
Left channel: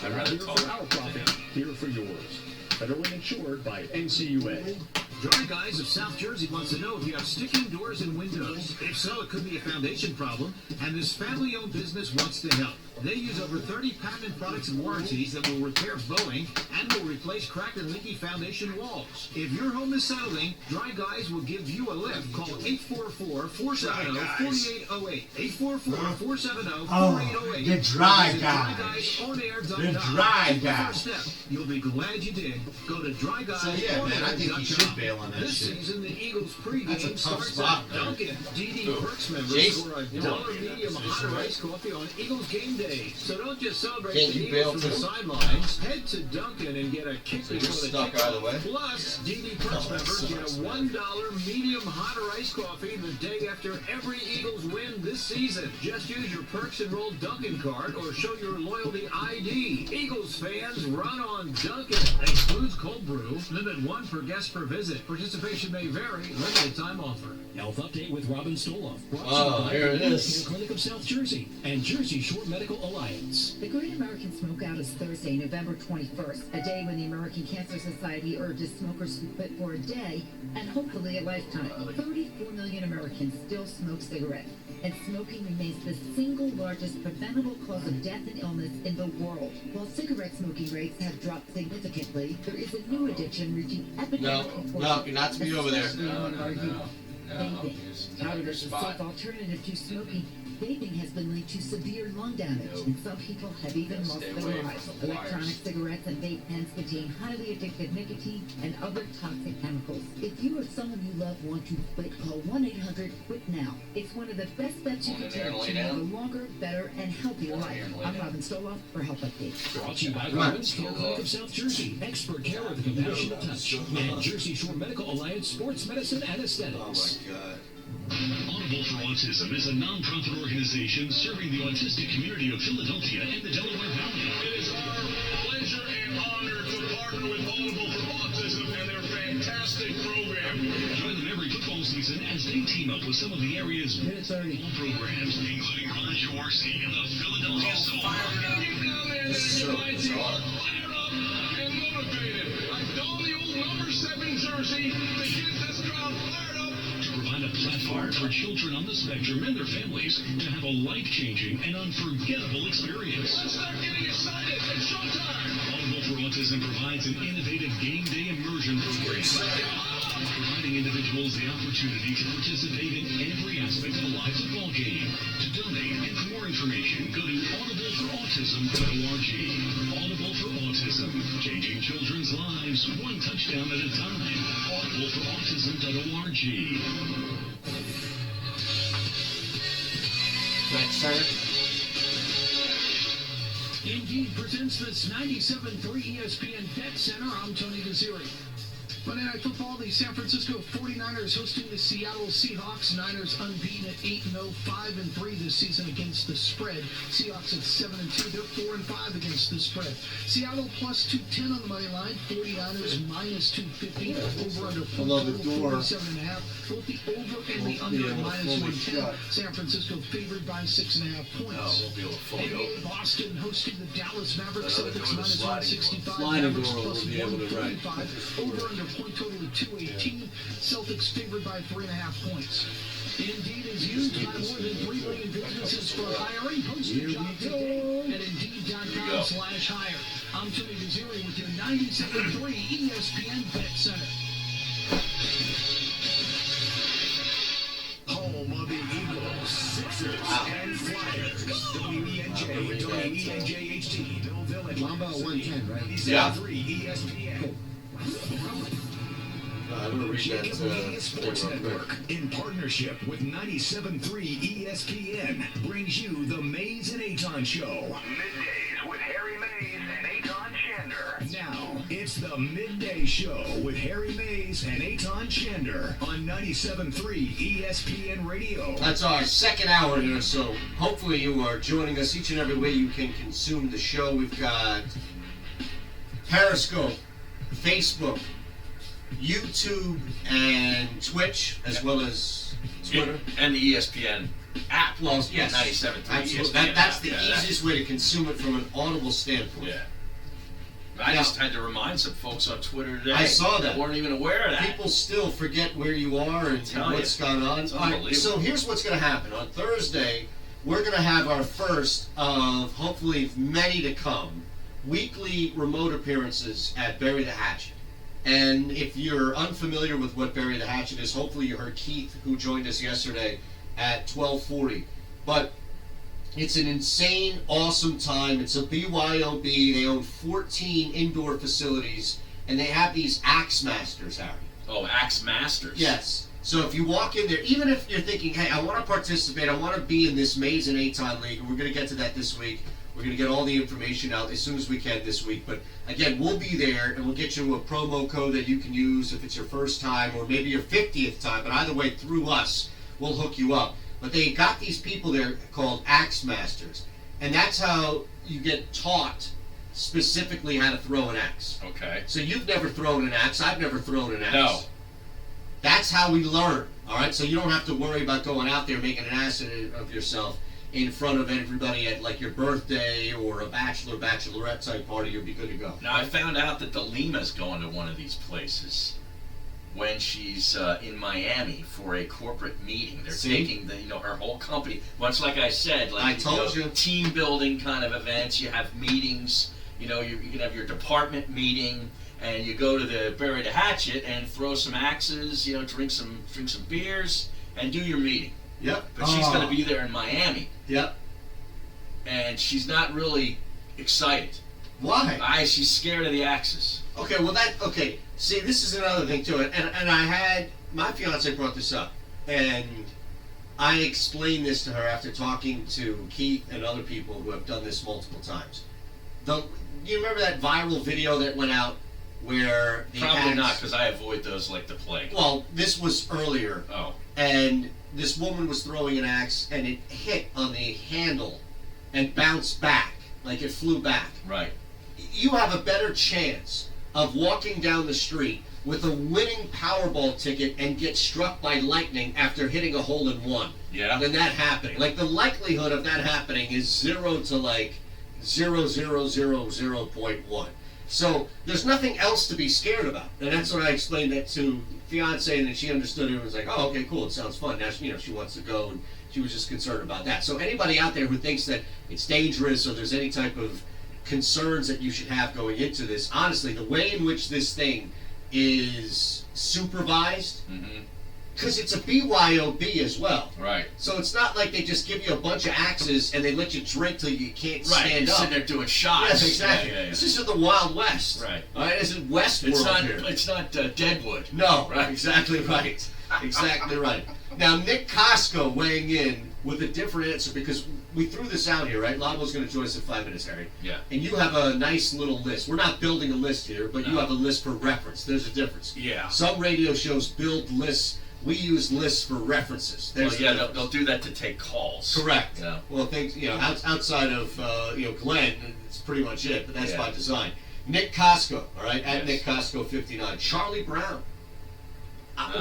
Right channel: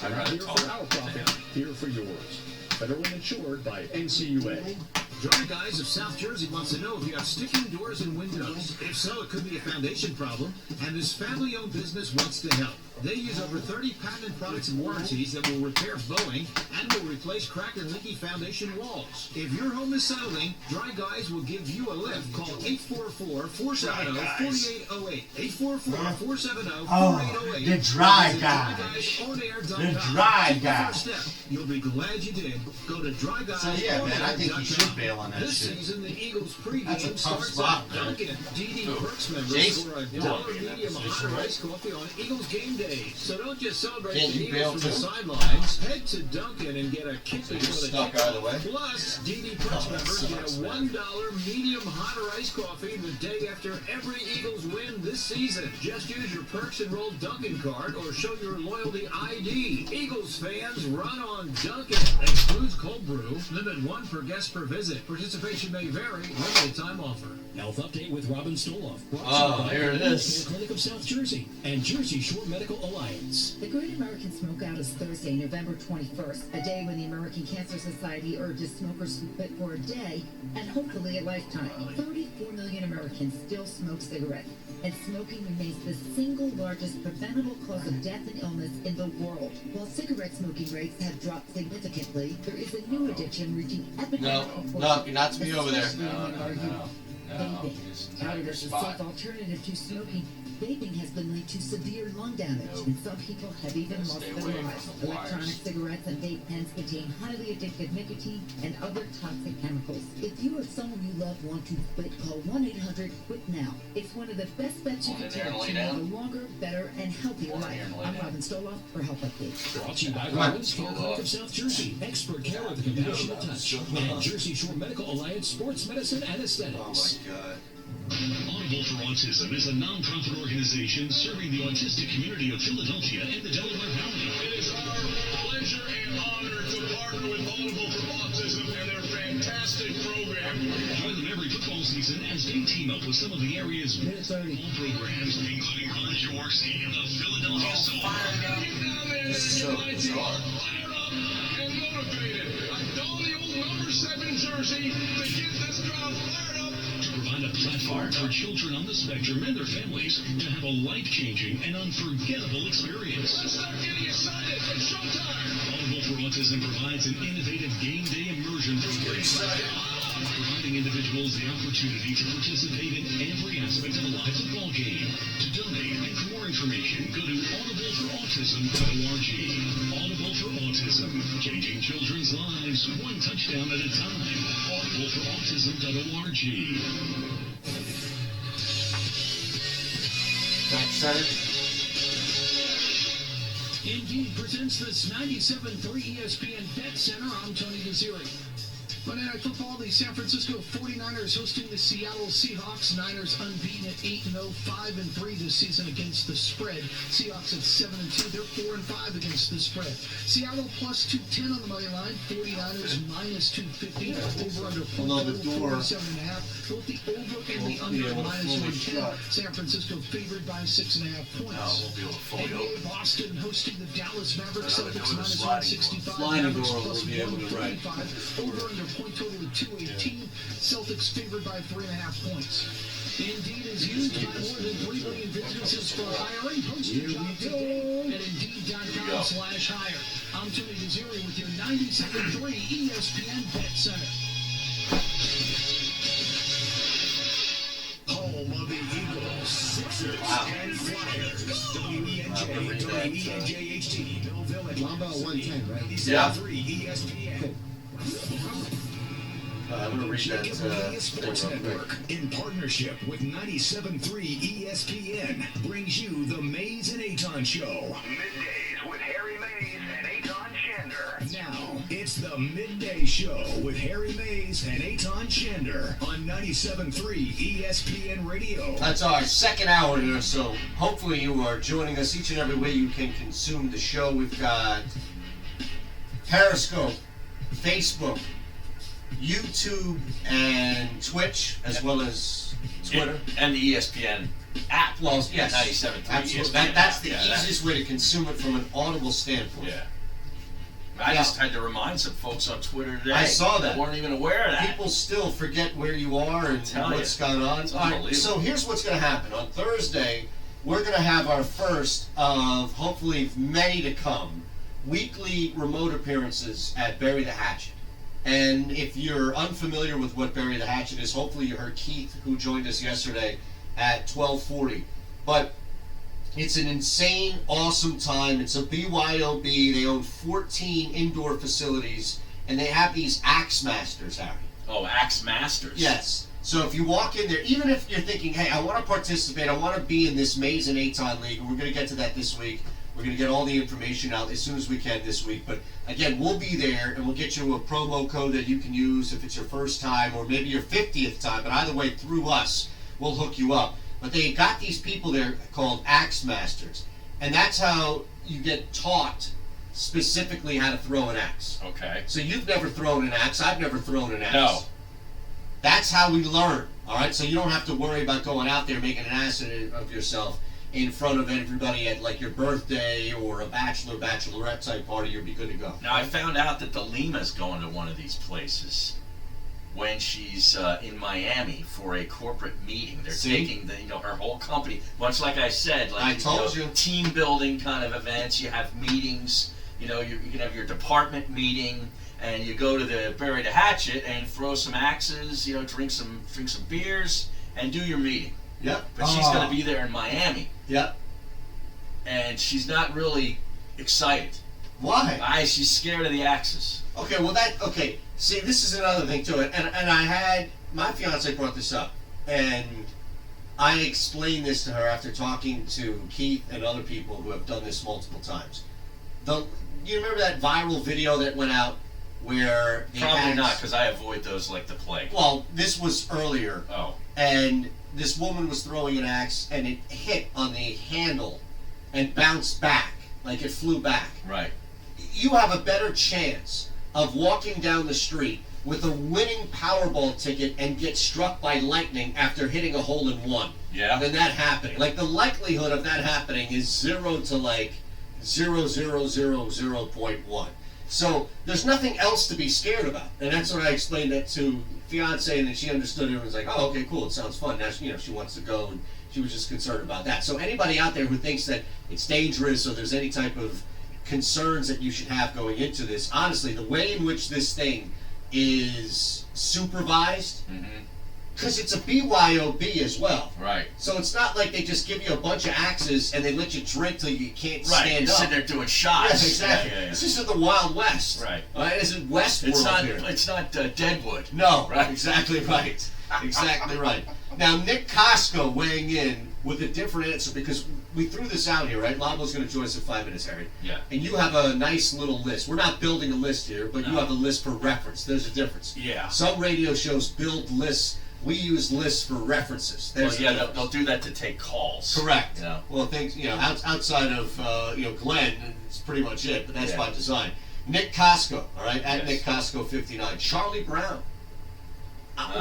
I'd rather Here talk for our profit, here for yours. Federally insured by NCUA. Dry Guys of South Jersey wants to know if you have sticking doors and windows. If so, it could be a foundation problem, and this family-owned business wants to help. They use over 30 patented products and warranties that will repair bowing and will replace cracked and leaky foundation walls. If your home is settling, Dry Guys will give you a lift. Call 844-470-4808. 844-470-4808. The Dry Visit Guys. DryGuysOnAir.com. The Dry Take the Guys. first step. You'll be glad you did. Go to DryGuys. So yeah, man, I think you should bail on that This shit. season, the Eagles pregame That's a tough starts spot, at man. Dunkin'. DD Who? Perks members Jason? score a You $1 don't do that medium position, hot right? iced coffee on Eagles game day. So don't just celebrate Can't the you bail Eagles from the too? sidelines. Head to Dunkin' and get a kick So you're before the stuck kickoff. either way? Plus, DD Perks members get a $1 medium hot or iced coffee the day after every Eagles win this season. Just use your Perks Enrolled Dunkin' card or show your loyalty ID. Eagles fans, run on Dunkin'. Excludes cold brew. Limit 1 per guest per visit. Participation may vary. Limited time offer. Health update with Robin Stoloff. Oh, here it is. Clinic of South Jersey and Jersey Shore Medical Alliance. The Great American Smokeout is Thursday, November 21st, a day when the American Cancer Society urges smokers to quit for a day and hopefully a lifetime. 34 million Americans still smoke cigarettes, and smoking remains the single largest preventable cause of death and illness in the world. While cigarette smoking rates have dropped significantly, there is a new addiction reaching epidemic No, you're not to be over there. especially among our youth. Vaping. Just Touted your as a spot. safe alternative to smoking, vaping has been linked to severe lung damage, and some people have even lost Stay their away lives. from the Electronic wires. cigarettes and vape pens contain highly addictive nicotine and other toxic chemicals. If you or someone you love want to quit, call 1-800-QUIT-NOW. It's one of the best steps you Want can in there take and lay to live a down? longer, better, and healthier Want in life. there and lay I'm down? Robin Stoloff for Health Update. Brought to you by Come on. Robin's Care Clinic of South Jersey. Expert care with a compassionate touch. And Jersey Shore Medical Alliance Sports Medicine and Oh Aesthetics. my God. Audible for Autism is a non-profit organization serving the autistic community of Philadelphia and the Delaware Valley. It is our pleasure and honor to partner with Audible for Autism and their fantastic program. Join them every football season as they team up with some of the area's best football programs, including Run Shorsey and the Philadelphia Soul. This is so bizarre. Fired up and motivated. I don the old number 7 jersey to get this crowd fired up. To provide a platform for children on the spectrum and their families to have a life-changing and unforgettable experience. Let's start getting excited. It's showtime. Audible for Autism provides an innovative game day immersion program, providing individuals the opportunity to participate in every aspect of a live football game. To donate and for more information, go to audibleforautism.org. Audible for Autism, changing children's lives one touchdown at a time. Audibleforautism.org. Right, center. Indeed presents this 97.3 ESPN Bet Center. I'm Tony Desiri. Monday Night Football, the San Francisco 49ers hosting the Seattle Seahawks. Niners unbeaten at 8-0, 5-3 this season against the spread. Seahawks at 7-2, they're 4-5 against the spread. Seattle plus 210 on the money line, 49ers minus 250. Over under total 47.5. Both the over and the under minus 110. San Francisco favored by 6.5 points. No, we'll be able to fully go. Boston hosting the Dallas Mavericks. Celtics minus 165. Sliding Mavericks door plus will be able to write. 145. Over under point total of 218. Celtics favored by 3.5 points. Indeed is used by more than 3 million businesses for hiring. Post your job today at Indeed.com/hire. I'm Tony Desiri with your 97.3 ESPN Bet Center. Home of the Eagles, Sixers, and Flyers. WENJ, WENJHT, Millville, and Lambeau 110, right? 97.3 ESPN. I'm going to read that. Jacob Media Sports Network, in partnership with 97.3 ESPN, brings you the Mays and Aton Show. Middays with Harry Mays and Aton Shander. Now, it's the Midday Show with Harry Mays and Aton Shander on 97.3 ESPN Radio. That's our second hour here, so hopefully you are joining us each and every way you can consume the show. We've got Periscope, Facebook, YouTube, and Twitch, as well as Twitter. And the ESPN app. Well, yes. 97.3 Absolutely. ESPN That's the app. easiest way to consume it from an audible standpoint. Yeah. I just had to remind some folks on Twitter today. I saw that. Weren't even aware of that. People still forget where you are and what's going on. It's All right, unbelievable. so here's what's going to happen. On Thursday, we're going to have our first of hopefully many to come weekly remote appearances at Bury the Hatchet. And if you're unfamiliar with what Bury the Hatchet is, hopefully you heard Keith, who joined us yesterday at 12:40. But it's an insane, awesome time. It's a BYOB. They own 14 indoor facilities, and they have these Axe Masters, Harry. Oh, Axe Masters. Yes. So if you walk in there, even if you're thinking, hey, I want to participate, I want to be in this Mays and Aton League, and we're going to get to that this week. We're going to get all the information out as soon as we can this week. But again, we'll be there, and we'll get you a promo code that you can use if it's your first time or maybe your 50th time. But either way, through us, we'll hook you up. But they got these people there called Axe Masters. And that's how you get taught specifically how to throw an axe. Okay. So you've never thrown an axe. I've never thrown an axe. No. That's how we learn. All right? So you don't have to worry about going out there making an ass of yourself in front of everybody at like your birthday or a bachelorette type party. You'll be good to go. Now, I found out that the Lima's going to one of these places when she's in Miami for a corporate meeting. They're taking her whole company, much like I said, like I told you. Team building kind of events. You have meetings. You can have your department meeting, and you go to the Bury the Hatchet and throw some axes. Drink some beers and do your meeting. Yep. But she's going to be there in Miami. Yep. And she's not really excited. Why? She's scared of the axes. Okay, see, this is another thing to it. And I had, my fiance brought this up. And I explained this to her after talking to Keith and other people who have done this multiple times. You remember that viral video that went out where the Probably axe, not, because I avoid those like the plague. Well, this was earlier. Oh. And this woman was throwing an axe, and it hit on the handle and bounced back, like it flew back. Right. You have a better chance of walking down the street with a winning Powerball ticket and get struck by lightning after hitting a hole in one. Yeah. Than that happening. Like, the likelihood of that happening is 0 to like 0.1. So there's nothing else to be scared about, and that's what I explained that to fiance, and then she understood it and was like, "Oh, okay, cool. It sounds fun." Now, she wants to go, and she was just concerned about that. So anybody out there who thinks that it's dangerous or there's any type of concerns that you should have going into this, honestly, the way in which this thing is supervised, because it's a BYOB as well. Right. So it's not like they just give you a bunch of axes and they let you drink till you can't Right. stand You're up. sitting there doing shots. Yes, exactly. Yeah. This is the Wild West. Right. All right, this is Westworld here. It's not Deadwood. No, Right. exactly right. Exactly right. Now, Nick Costco weighing in with a different answer because we threw this out here, right? Labo's going to join us in 5 minutes, Harry. Yeah. And you have a nice little list. We're not building a list here, but you have a list for reference. There's a difference. Yeah. Some radio shows build lists. We use lists for references. Well, yeah, they'll do that to take calls. Correct. Yeah. Well, things outside of Glenn, it's pretty much it. But that's by design. Nick Costco, all right, at Nick Costco 59. Charlie Brown.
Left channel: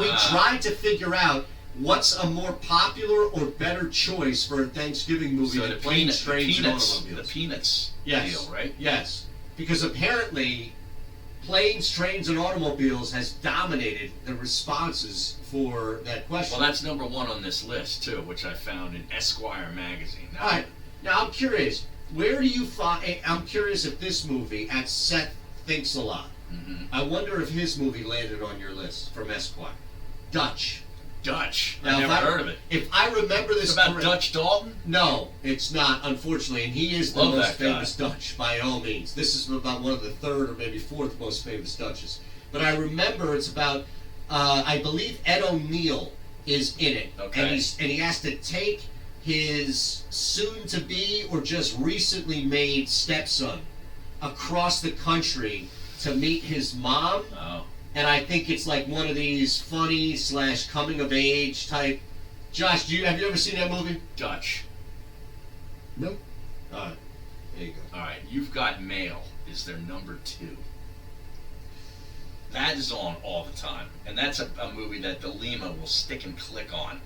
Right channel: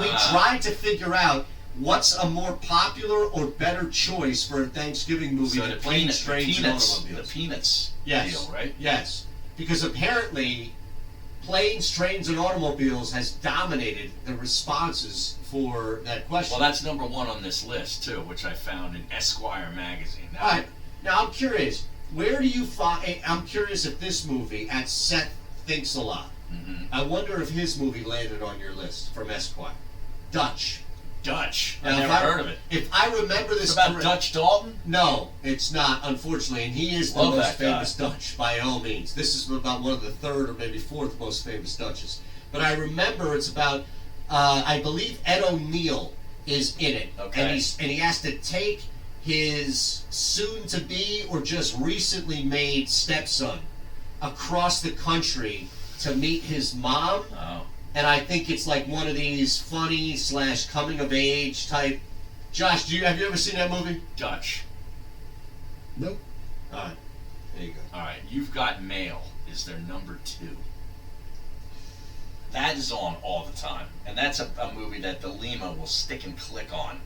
We tried to figure out what's a more popular or better choice for a Thanksgiving movie than Planes, Trains, and Automobiles. The Peanuts Yes. deal, right? Yes. Because apparently, Planes, Trains, and Automobiles has dominated the responses for that question. Well, that's number 1 on this list, too, which I found in Esquire magazine. All right. Now, I'm curious. Where do you find... I'm curious if this movie, at Seth Thinks a Lot, I wonder if his movie landed on your list from Esquire. Dutch. I never heard of it. If I remember this It's about Dutch Dalton? No, it's not, unfortunately. And he is the Love most that guy. famous Dutch, by all means. This is about one of the 3rd or maybe 4th most famous Dutches. But I remember it's about, I believe Ed O'Neill is in it. Okay. And he has to take his soon-to-be or just recently made stepson across the country to meet his mom. Oh. And I think it's like one of these funny / coming of age type. Josh, have you ever seen that movie? Dutch. Nope. All right, there you go. All right, You've Got Mail is their number 2. That is on all the time, and that's a movie that the Lima will stick and click on.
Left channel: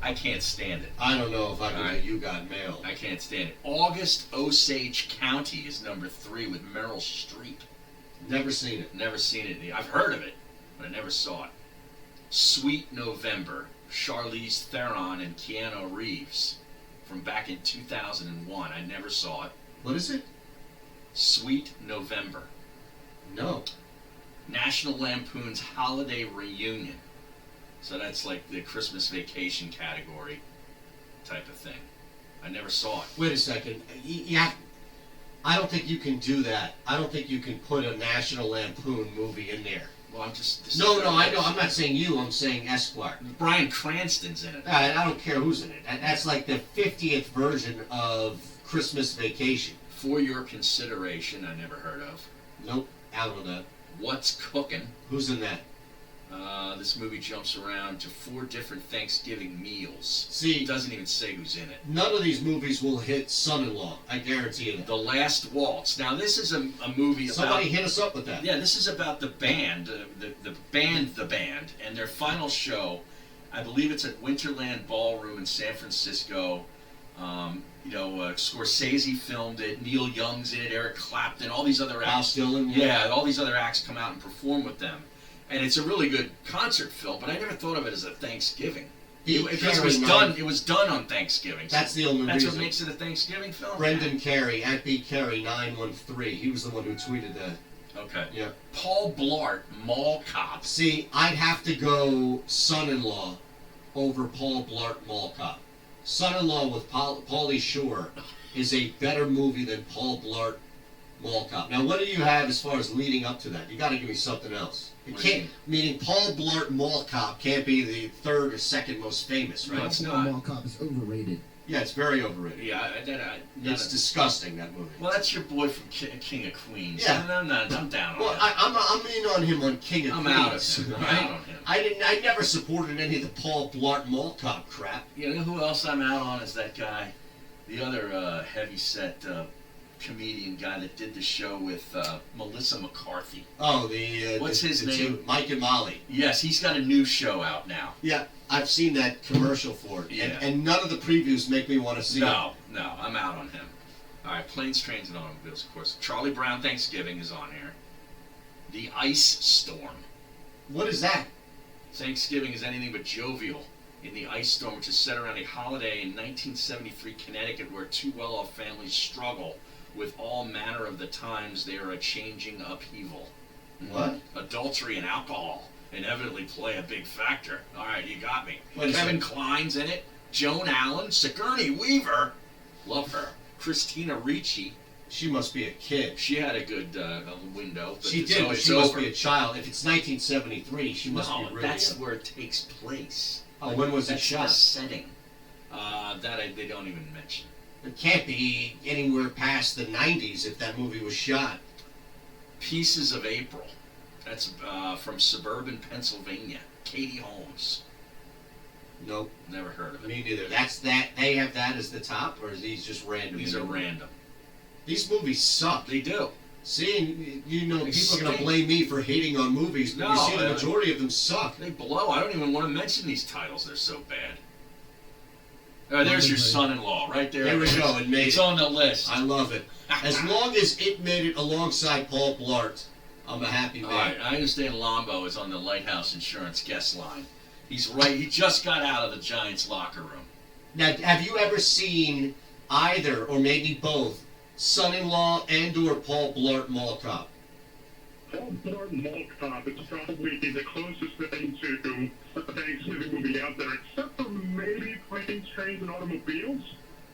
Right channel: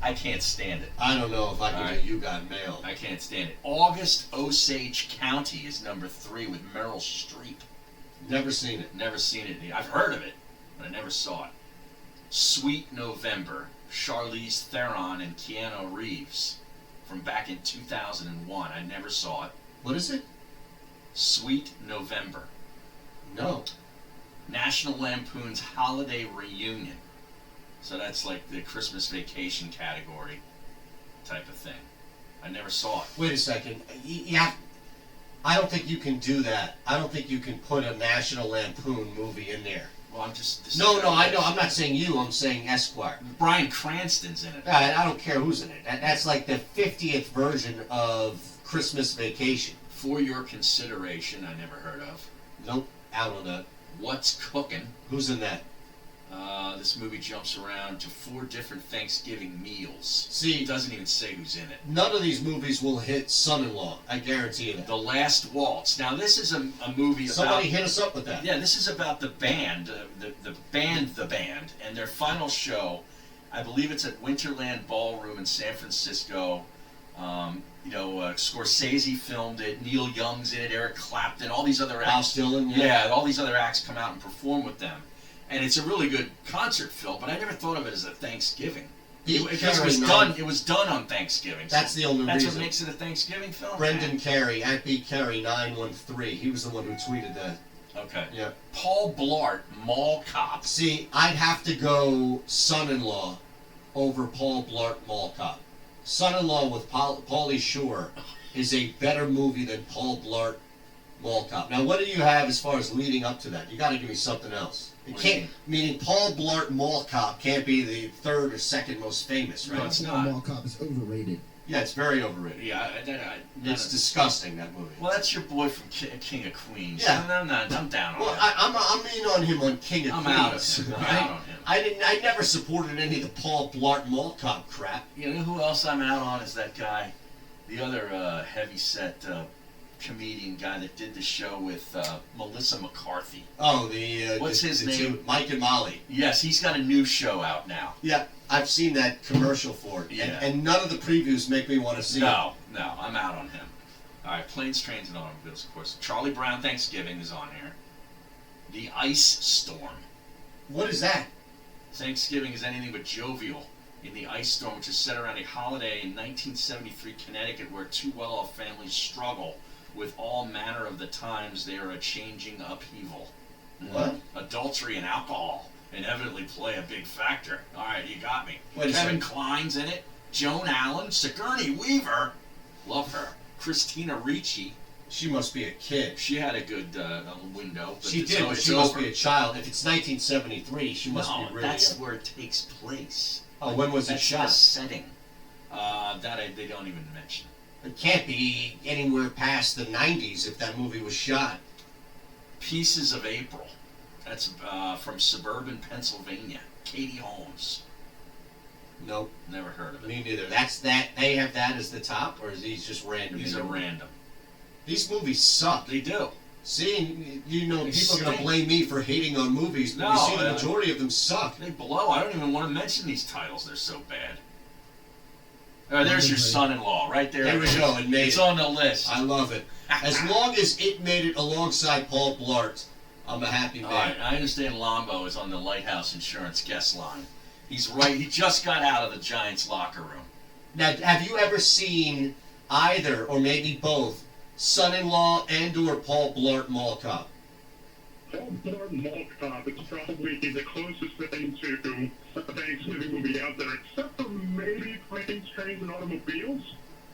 I can't stand it. I don't know if I can do You Got Mail. I can't stand it. August Osage County is number 3 with Meryl Streep. Never seen it. Never seen it. I've heard of it, but I never saw it. Sweet November, Charlize Theron and Keanu Reeves, from back in 2001. I never saw it. What is it? Sweet November. No. National Lampoon's Holiday Reunion. So that's like the Christmas Vacation category type of thing. I never saw it. Wait a second. I don't think you can do that. I don't think you can put a National Lampoon movie in there. Well, I'm just... No, I know. I'm not saying you. I'm saying Esquire. Bryan Cranston's in it. I don't care who's in it. That's like the 50th version of Christmas Vacation. For Your Consideration, I never heard of. Nope. Out on that. What's Cooking? Who's in that? This movie jumps around to 4 different Thanksgiving meals. See, it doesn't even say who's in it. None of these movies will hit Son-in-Law. I guarantee you that. The Last Waltz. Now, this is a movie about... Somebody hit us up with that. Yeah, this is about the band, the band, and their final show. I believe it's at Winterland Ballroom in San Francisco. Scorsese filmed it. Neil Young's in it. Eric Clapton. All these other acts. Bob Dylan. Yeah, all these other acts come out and perform with them. And it's a really good concert film, but I never thought of it as a Thanksgiving. Because it was done on Thanksgiving. That's the only reason. That's what makes it a Thanksgiving film? Brendan Carey, at BCarey913. He was the one who tweeted that. Okay. Yeah. Paul Blart, Mall Cop. See, I'd have to go Son-in-Law over Paul Blart, Mall Cop. Son-in-Law with Pauly Shore is a better movie than Paul Blart, Mall Cop. Now, what do you have as far as leading up to that? You got to give me something else. It can't, meaning Paul Blart Mall Cop can't be the 3rd or 2nd most famous, right? No, it's not. Mall Cop is overrated. Yeah, it's very overrated. Yeah, it's disgusting, that movie. Well, that's your boy from King of Queens. Yeah. I'm down on Well, that. I'm in on him on King of I'm Queens. out of him. I'm out on him. I never supported any of the Paul Blart Mall Cop crap. You know who else I'm out on is that guy, the other heavy-set comedian guy that did the show with Melissa McCarthy. Oh, what's his name? Mike and Molly. Yes, he's got a new show out now. Yeah, I've seen that commercial for it. Yeah. And none of the previews make me want to see it. No, I'm out on him. All right, Planes, Trains, and Automobiles, of course. Charlie Brown Thanksgiving is on here. The Ice Storm. What is that? Thanksgiving is anything but jovial. In the Ice Storm, which is set around a holiday in 1973 Connecticut where 2 well-off families struggle with all manner of the times they are a changing upheaval. What? Adultery and alcohol. inevitably play a big factor. All right, you got me. Wait a Kevin second. Kline's in it. Joan Allen, Sigourney Weaver, love her. Christina Ricci. She must be a kid. She had a good window. But She did, but she must be a child. If it's 1973, she must be really that's young. where it takes place. Oh, when was it That's shot? the setting. They don't even mention. It can't be anywhere past the 90s if that movie was shot. Pieces of April. That's from suburban Pennsylvania. Katie Holmes. Nope. Never heard of it. Me neither. They have that as the top, or is these just random? These are random. These movies suck. They do. See, people are going to stink. blame me for hating on movies, but No, you see the majority of them suck. They blow. I don't even want to mention these titles. They're so bad. There's your son-in-law right there. There we go. It made It's it. on the list. I love it. As long as it made it alongside Paul Blart, I'm a happy man. All right, I understand Lombo is on the Lighthouse Insurance guest line. He's right. He just got out of the Giants locker room. Now, have you ever seen either, or maybe both, Son-in-Law and/or Paul Blart Mall Cop? Paul Blart Mall Cop is probably the closest thing to a Thanksgiving movie out there, except for maybe Planes, Trains, and Automobiles.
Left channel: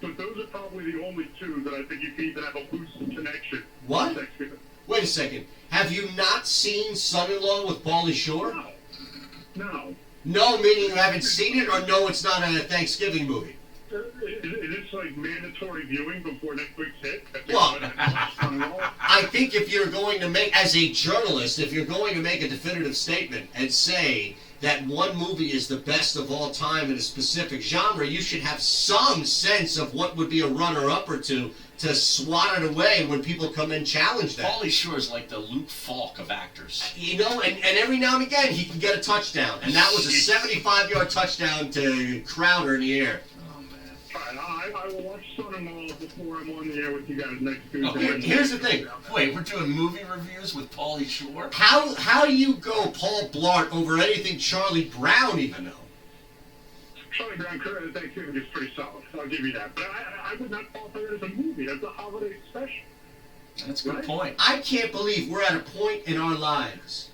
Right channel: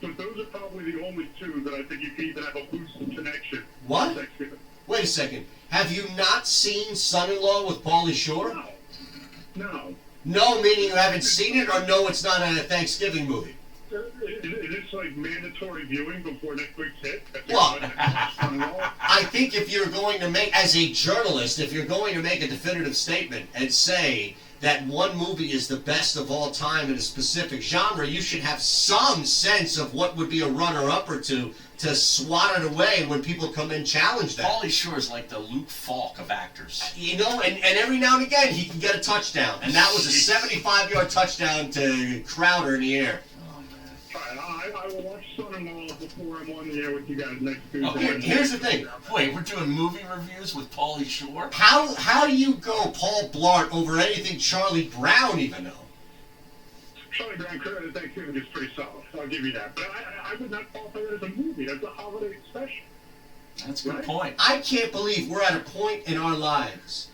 But those are probably the only two that I think you can even have a loose connection. What? to Thanksgiving. Wait a second. Have you not seen Son-in-Law with Pauly Shore? No. No, meaning you haven't seen it, or no, it's not a Thanksgiving movie? It's like mandatory viewing before Netflix hit. Well, I think if you're going to make, as a journalist, if you're going to make a definitive statement and say that one movie is the best of all time in a specific genre, you should have some sense of what would be a runner-up or two to swat it away when people come and challenge that. Pauly Shore is like the Luke Falk of actors. You know, and every now and again he can get a touchdown. And that was a 75-yard touchdown to Crowder in the air. I will watch Son-in-Law before I'm on the air with you guys next Tuesday. Oh, here's the thing. Wait, we're doing movie reviews with Pauly Shore? How do you go Paul Blart over anything Charlie Brown even know? Charlie Brown Curtis Thanksgiving is pretty solid. I'll give you that. But I would not qualify that as a movie. That's a holiday special. That's a good point. I can't believe we're at a point in our lives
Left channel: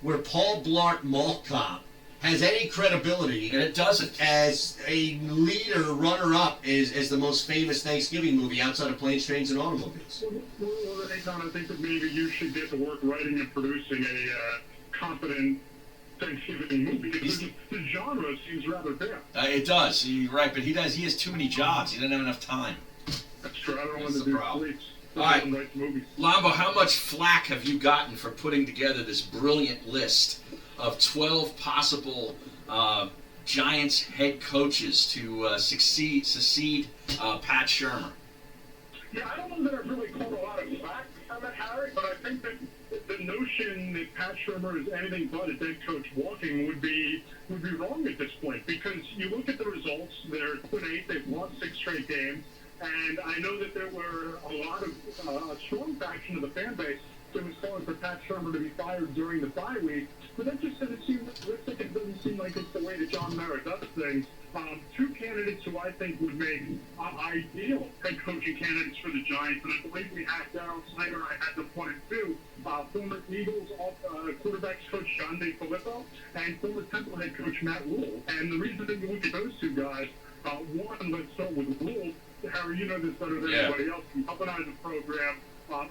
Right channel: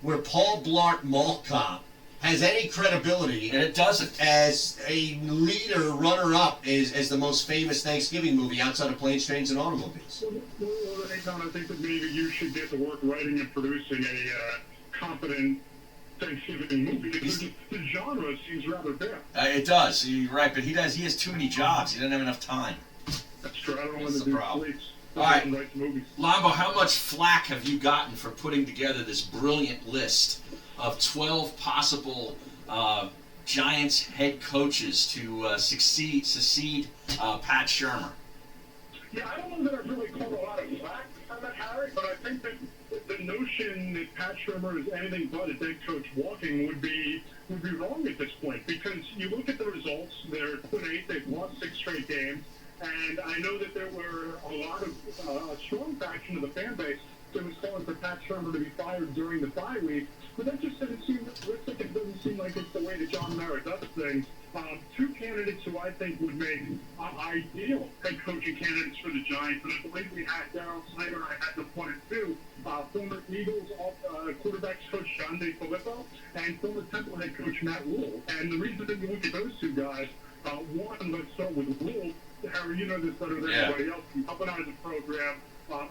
where Paul Blart Mall Cop has any credibility, and it doesn't, as a leader runner-up as the most famous Thanksgiving movie outside of Planes, Trains, and Automobiles. Well, Don, I think that maybe you should get to work writing and producing a competent Thanksgiving movie. Because the genre seems rather bare. It does. You're right, but he has too many jobs. He doesn't have enough time. That's true. I don't That's want the to do problem. sleeps. All right, Movies. Lambo, how much flack have you gotten for putting together this brilliant list of 12 possible Giants head coaches to succeed Pat Shurmur? Yeah, I don't know that I've really caught a lot of flack on that, Harry, but I think that the notion that Pat Shurmur is anything but a dead coach walking would be wrong at this point, because you look at the results, they're 2-8, they've lost 6 straight games, and I know that there were a lot of a strong faction of the fan base that was calling for Pat Shurmur to be fired during the bye week, but that just doesn't seem realistic. It doesn't seem like it's the way that John Mara does things. 2 candidates who I think would make ideal head coaching candidates for the Giants, and I believe we had Darryl Snyder, I had the 1 and 2, former Eagles quarterbacks coach John DeFilippo, and former Temple head coach Matt Rule. And the reason that you look at those 2 guys, one, let's start with Rule. Harry, you know this better than anybody else. He galvanized the program.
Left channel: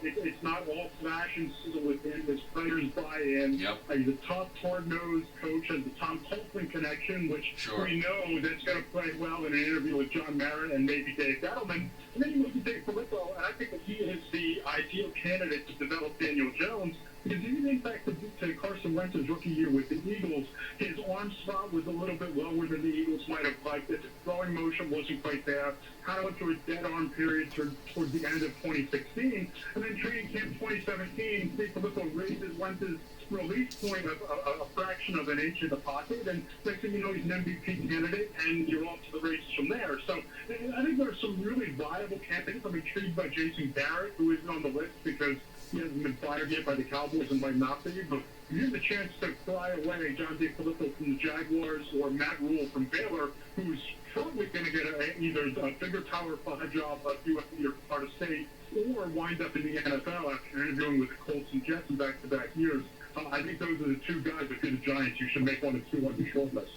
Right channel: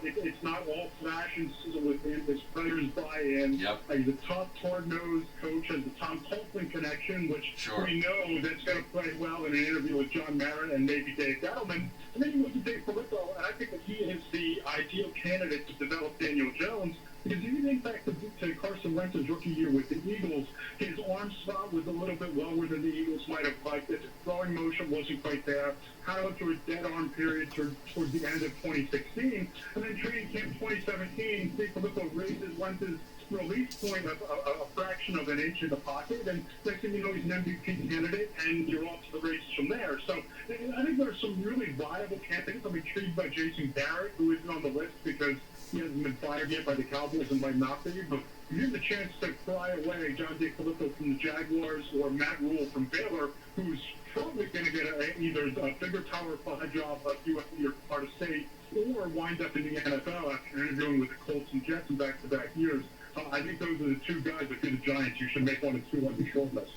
It's not all flash and sizzle with him. His players buy in. Yep. He's a tough, hard-nosed coach, has the Tom Coughlin connection, which we know that's going to play well in an interview with John Mara and maybe Dave Gettleman. And then you look at Dave Filippo, and I think that he is the ideal candidate to develop Daniel Jones. Because if you think back to Carson Wentz's rookie year with the Eagles, his arm slot was a little bit lower than the Eagles might have liked. His throwing motion wasn't quite there. Kind of went through a dead arm period towards the end of 2016. And then training camp 2017, Dave Filippo raises Wentz's release point a fraction of an inch in the pocket, and next thing you know, he's an MVP candidate, and you're off to the races from there. So I think there's some really viable candidates. I'm intrigued by Jason Garrett, who isn't on the list because he hasn't been fired yet by the Cowboys and might not be. But if you have the chance to fly away John DeFilippo from the Jaguars or Matt Rule from Baylor, who's probably going to get either a bigger Power 5 job like USC or Florida State, or wind up in the NFL after interviewing with the Colts and Jets in back-to-back years. I think those are the two guys. If you're the Giants, you should make 1 and 2 on your short list.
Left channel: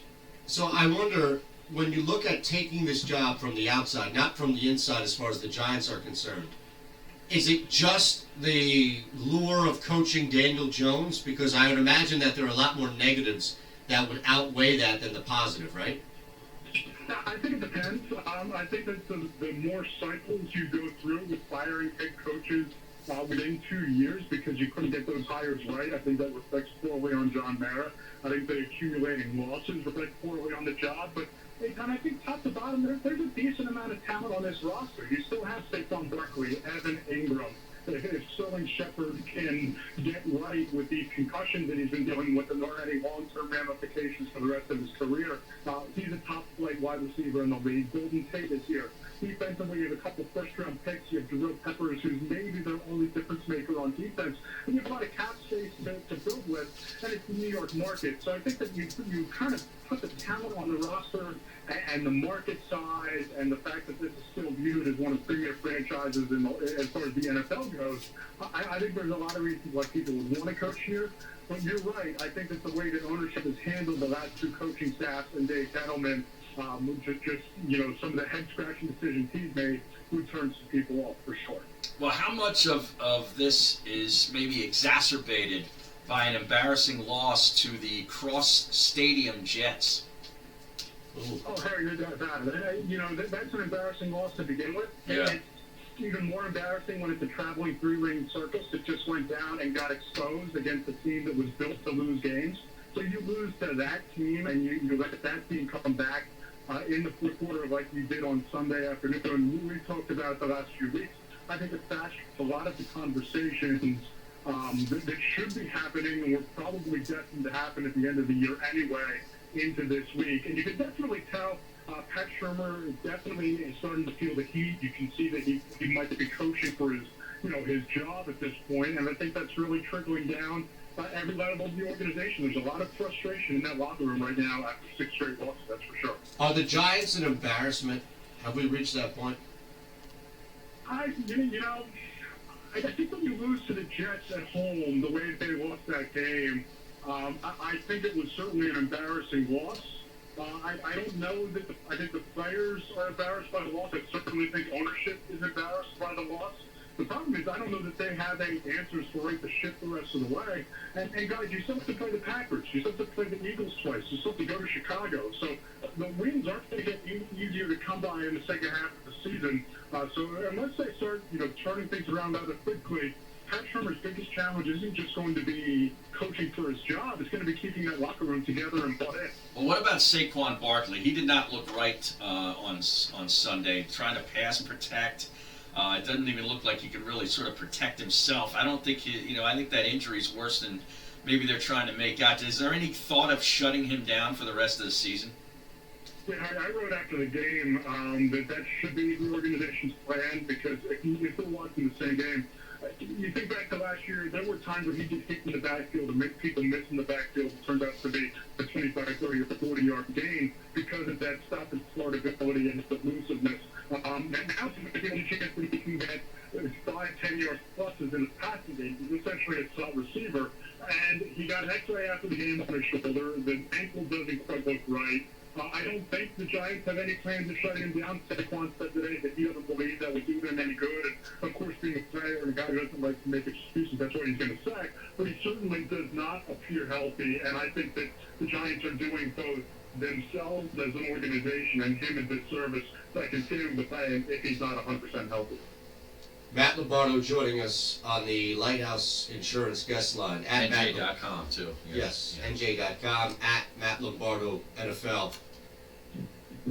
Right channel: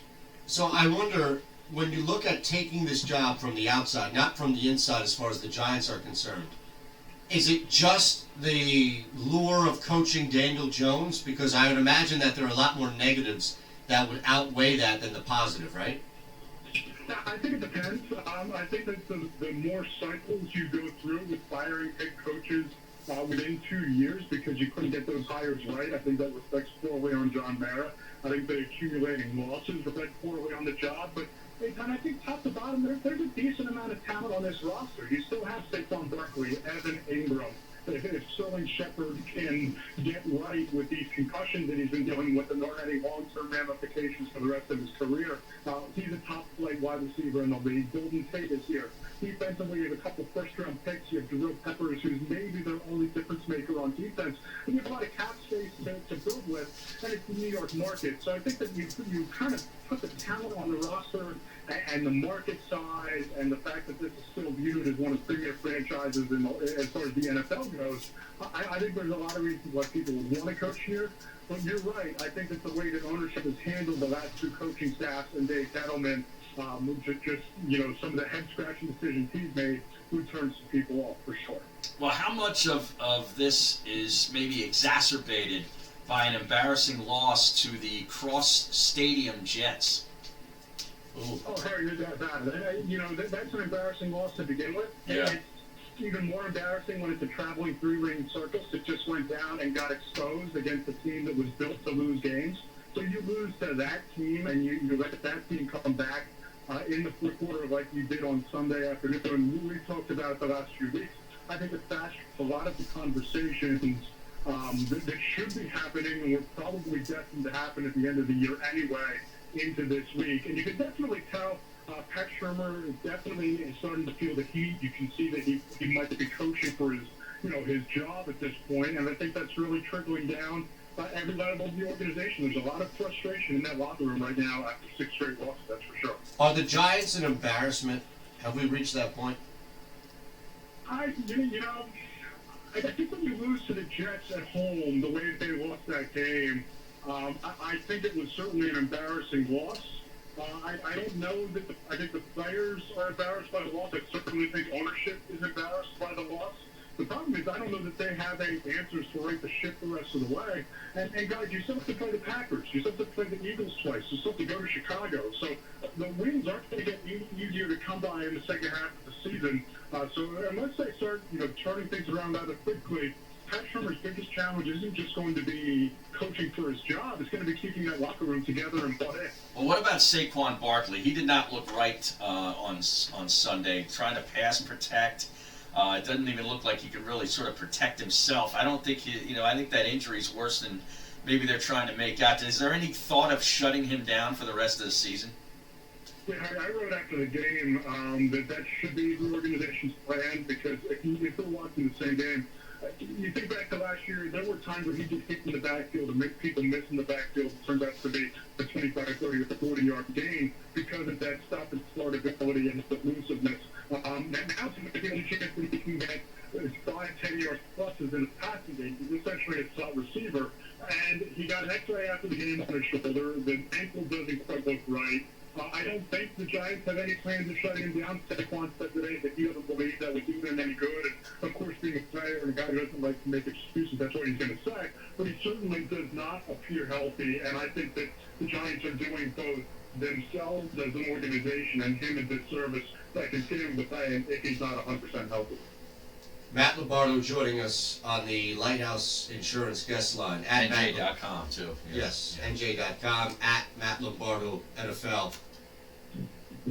So I wonder, when you look at taking this job from the outside, not from the inside as far as the Giants are concerned, is it just the lure of coaching Daniel Jones? Because I would imagine that there are a lot more negatives that would outweigh that than the positive, right? I think it depends. I think that the more cycles you go through with firing head coaches within 2 years because you couldn't get those hires right, I think that reflects poorly on John Mara. I think the accumulating losses reflect poorly on the job. But and I think top to bottom, there's a decent amount of talent on this roster. You still have Saquon Barkley, Evan Ingram. If Sterling Shepard can get right with these concussions that he's been dealing with and there aren't any long-term ramifications for the rest of his career, he's a top-flight wide receiver in the league. Golden Tate is here. Defensively, you have a couple first-round picks. You have Jabril Peppers, who's maybe their only difference maker on defense. And you have a lot of cap space to build with, and it's the New York market. So I think that you kind of put the talent on the roster and the market size and the fact that this is still viewed as one of the premier franchises as far as the NFL goes. I think there's a lot of reasons why people would want to coach here. But you're right. I think that the way that ownership has handled the last two coaching staffs and Dave Gettleman, just some of the head-scratching decisions he's made, would turn some people off for sure. Well, how much of this is maybe exacerbated by an embarrassing loss to the cross-stadium Jets? Ooh. Oh, Harry, that's an embarrassing loss to begin with. Yeah. It's even more embarrassing when it's a traveling three-ring circus that just went down and got exposed against a team that was built to lose games. So you lose to that team, and you let that team come back in the fourth quarter like you did on Sunday afternoon. And we talked about the last few weeks. I think it's fast a lot of the conversations that should be happening and were probably destined to happen at the end of the year anyway into this week. And you can definitely tell Pat Shurmur definitely is starting to feel the heat. You can see that he might be coaching for his job at this point, and I think that's really trickling down every level of the organization. There's a lot of frustration in that locker room right now after 6 straight losses, that's for sure. Are the Giants an embarrassment? Have we reached that point? I think when you lose to the Jets at home, the way they lost that game, I think it was certainly an embarrassing loss. I don't know that I think the players are embarrassed by the loss. I certainly think ownership is embarrassed by the loss. The problem is I don't know that they have any answers to right the ship the rest of the way. And guys, you still have to play the Packers. You still have to play the Eagles twice. You still have to go to Chicago. So the wins aren't going to get easier to come by in the second half of the season. So unless they start, turning things around rather quickly, Pat Shurmur's biggest challenge isn't just going to be coaching for his job. It's going to be keeping that locker room together and bought in. Well, what about Saquon Barkley? He did not look right on Sunday, trying to pass protect. It doesn't even look like he could really sort of protect himself. I don't think I think that injury is worse than maybe they're trying to make out. Is there any thought of shutting him down for the rest of the season? Yeah, I wrote after the game that should be the organization's plan, because if you're watching the same game, you think back to last year, there were times where he just hit in the backfield and make people miss in the backfield. It turns out to be a 25, 30, or 40-yard gain because of that stop and start ability and his elusiveness. Now he's getting a chance that he can get 5, 10 yards pluses in his passing game. He's essentially a slot receiver. And he got an X-ray after the game on his shoulder. The ankle doesn't quite look right. I don't think the Giants have any plans of shutting him down. Saquon said today that he doesn't believe that would do them any good. And, of course, being a player and a guy who doesn't like to make excuses, that's what he's going to say. But he certainly does not appear healthy. And I think that the Giants are doing both themselves as an organization and him a disservice by continuing to play him if he's not 100% healthy. Matt Lombardo joining us on the Lighthouse Insurance guest line. At NJ.com, too. Yes, NJ.com, at Matt Lombardo NFL.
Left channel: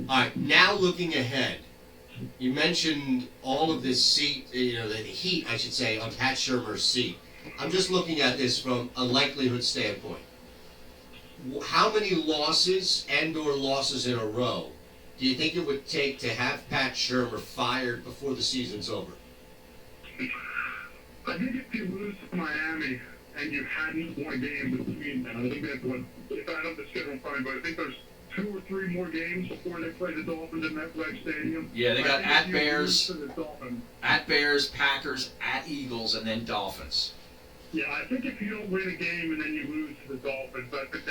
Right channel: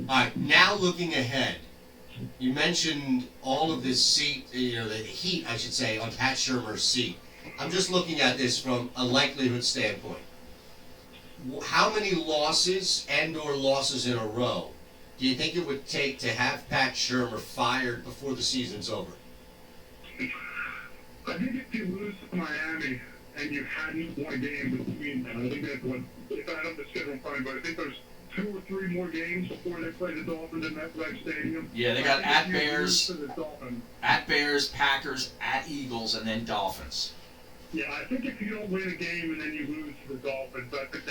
All right, now looking ahead, you mentioned all of this seat, the heat, I should say, on Pat Shurmur's seat. I'm just looking at this from a likelihood standpoint. How many losses and/or losses in a row do you think it would take to have Pat Shurmur fired before the season's over? I think if you lose to Miami and you hadn't won a game between them, I think that's what, if I don't have the schedule in front of me, but I think there's 2 or 3 more games before they play the Dolphins in MetLife Stadium. Yeah, they got at Bears, at Bears, Packers, at Eagles, and then Dolphins. Yeah, I think if you don't win a game and then you lose to the Dolphins, I think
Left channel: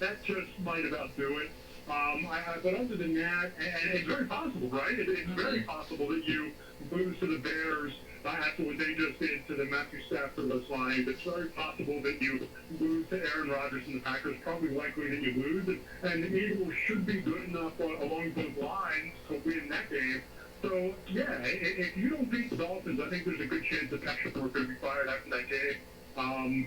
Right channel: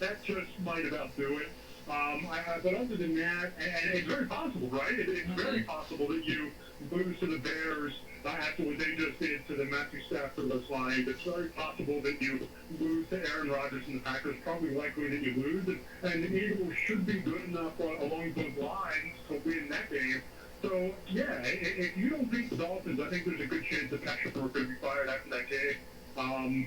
that just might about do it. But other than that, and it's very possible, right? It's very possible that you lose to the Bears after what they just did to the Matthew Stafford-less Lions. It's very possible that you lose to Aaron Rodgers and the Packers. Probably likely that you lose. And the Eagles should be good enough along those lines to win that game. So, yeah, if you don't beat the Dolphins, I think there's a good chance that Pat Shurmur could be fired after that game.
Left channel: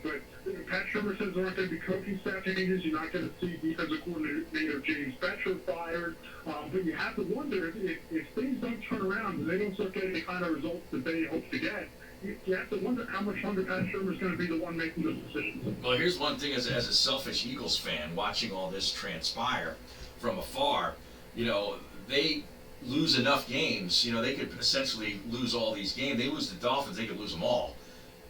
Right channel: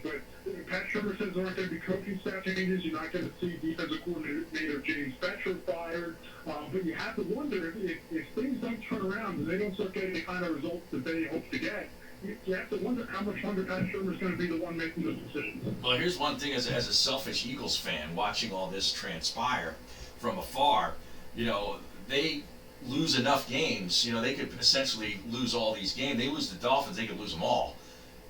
But Pat Shurmur says there aren't going to be coaching staff changes. You're not going to see defensive coordinator James Bettcher fired. But you have to wonder if things don't turn around and they don't start getting the kind of results that they hope to get, you have to wonder how much longer Pat Shurmur is going to be the one making those decisions. Well, here's one thing as a selfish Eagles fan, watching all this transpire from afar, they lose enough games. They could essentially lose all these games. They lose the Dolphins, they could lose them all.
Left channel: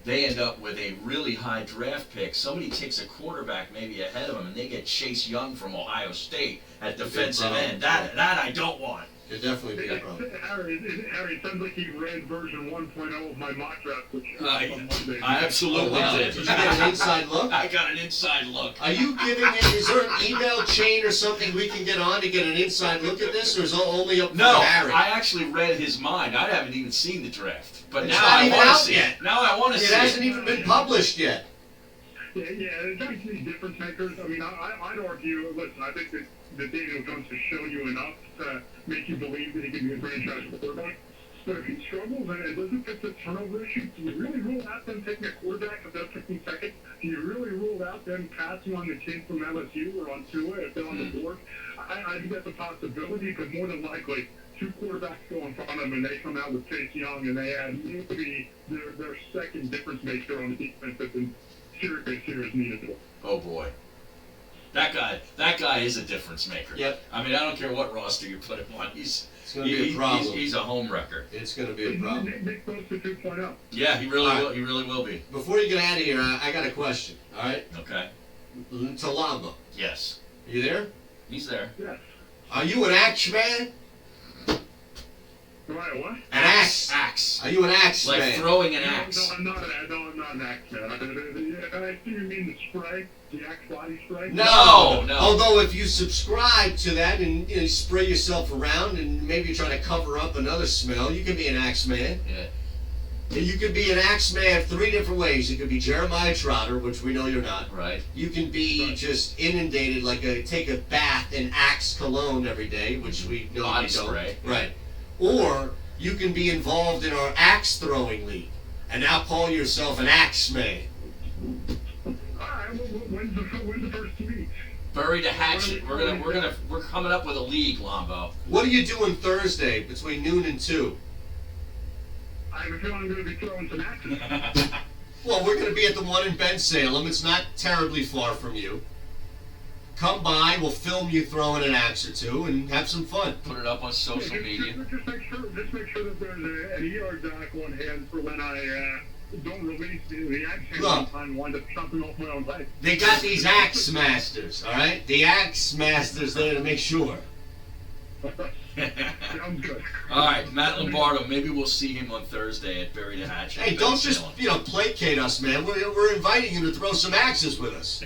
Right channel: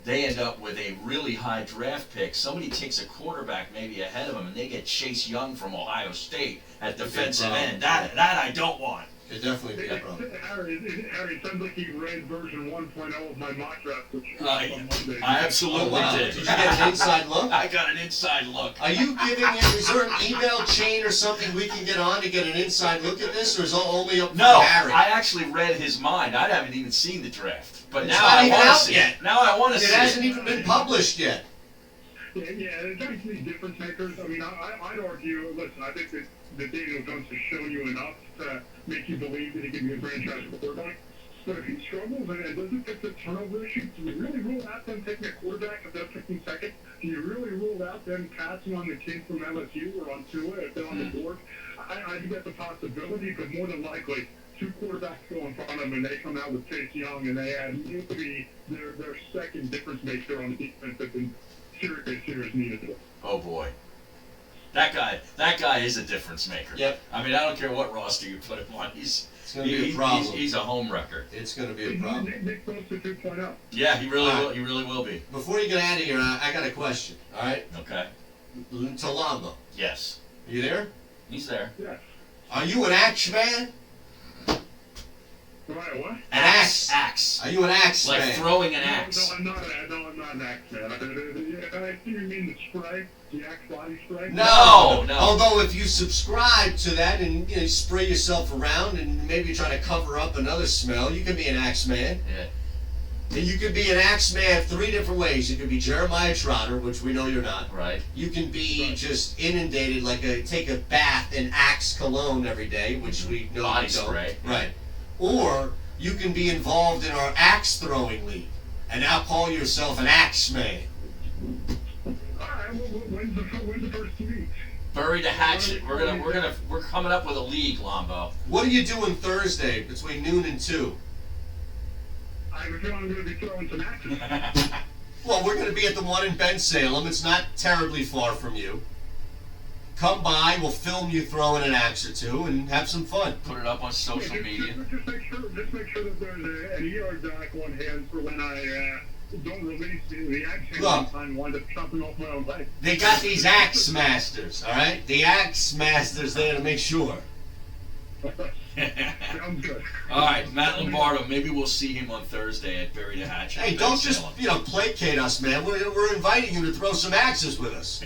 They end up with a really high draft pick. Somebody takes a quarterback maybe ahead of them, and they get Chase Young from Ohio State at defensive end. That I don't want. It'd definitely be a problem. Harry, it sounds like he read version 1.0 of my mock draft, which I absolutely did. Did you get an inside look? I got an inside look. Are you giving it? Is there an email chain or something we can get on to get an inside look at this, or is it only up to Harry? I actually read his mind. I haven't even seen the draft, but It's now not I even want to out see yet. it. Now I want to see it. It hasn't even been published yet. Yeah, there's actually difference makers. I mean, I'd argue, listen, I think that Daniel Jones has shown you enough to make you believe that he can be a franchise quarterback. But if he struggles and doesn't fix the turnover issue, do you really rule out them taking a quarterback if they're picking second? Do you really rule out them passing on the kid from LSU or on Tua if they're on the board? I think that's a possibility, but more than likely, 2 quarterbacks go in front of them and they come out with Chase Young and they add maybe their second difference maker on the defense that's been serious needed to. Oh boy. That guy is a difference maker. Yep. I mean, I don't care what roster you put him on. It's going to be a problem. He's a home wrecker. It's going to be a problem. Nick Bosa 2.0. Yeah, he really will. He really will be. Before you get out of here, I got a question. All right. Okay. To Lamba. Yes. Are you there? He's there. Yes. Are you an axe man? Right, what? An axe. Axe. Are you an axe like man? Like throwing an axe. No, I'm not an axe man. I think you mean the spray, the axe body spray. No. Although if you subscribe to that and you spray yourself around and maybe try to cover up another smell, you can be an axe man. Yeah. And you could be an axe man 3 different ways. You could be Jeremiah Trotter, which we know you're not. Right. You can be just inundated, take a bath in Axe cologne every day, which we know Body you don't. spray. Right. Or you can be involved in our axe throwing league and now call yourself an axe man. All right. Well, when's the first meet? Bury the hatchet. We're coming up with a league, Lombo. What are you doing Thursday between noon and 2? I have a feeling I'm going to be throwing some axes. Well, we're going to be at the one in Bensalem. It's not terribly far from you. Come by, we'll film you throwing an axe or 2 and have some fun. Put it up on social media. Just make sure that there's an ER doc on hand for when I don't release the axe hand and wind up chopping off my own leg. They got these axe masters, all right? The axe masters there to make sure. Sounds good. All right, Matt Lombardo. Maybe we'll see him on Thursday at Bury the Hatchet. Hey, don't just placate us, man. We're inviting you to throw some axes with us.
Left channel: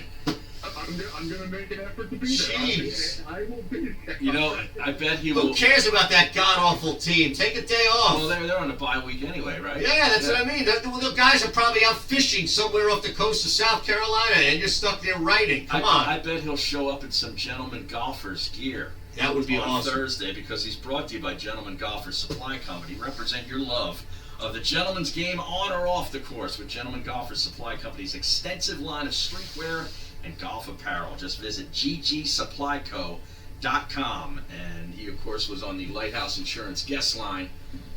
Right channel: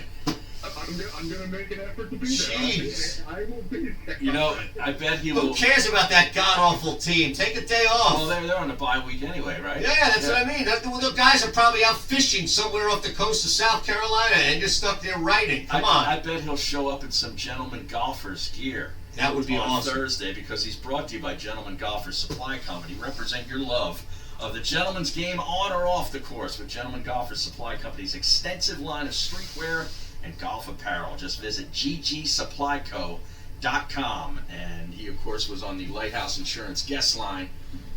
I'm going to make an effort to be there. Jeez. I will be there. I bet he will. Who cares about that god-awful team? Take a day off. Well, they're on a bye week anyway, right? Yeah, that's what I mean. The guys are probably out fishing somewhere off the coast of South Carolina and you're stuck there writing. Come on. I bet he'll show up in some Gentleman Golfers gear. That would be on awesome. Thursday, because he's brought to you by Gentleman Golfers Supply Company. Represent your love of the gentleman's game on or off the course with Gentleman Golfers Supply Company's extensive line of streetwear and golf apparel. Just visit ggsupplyco.com. And he, of course, was on the Lighthouse Insurance guest line.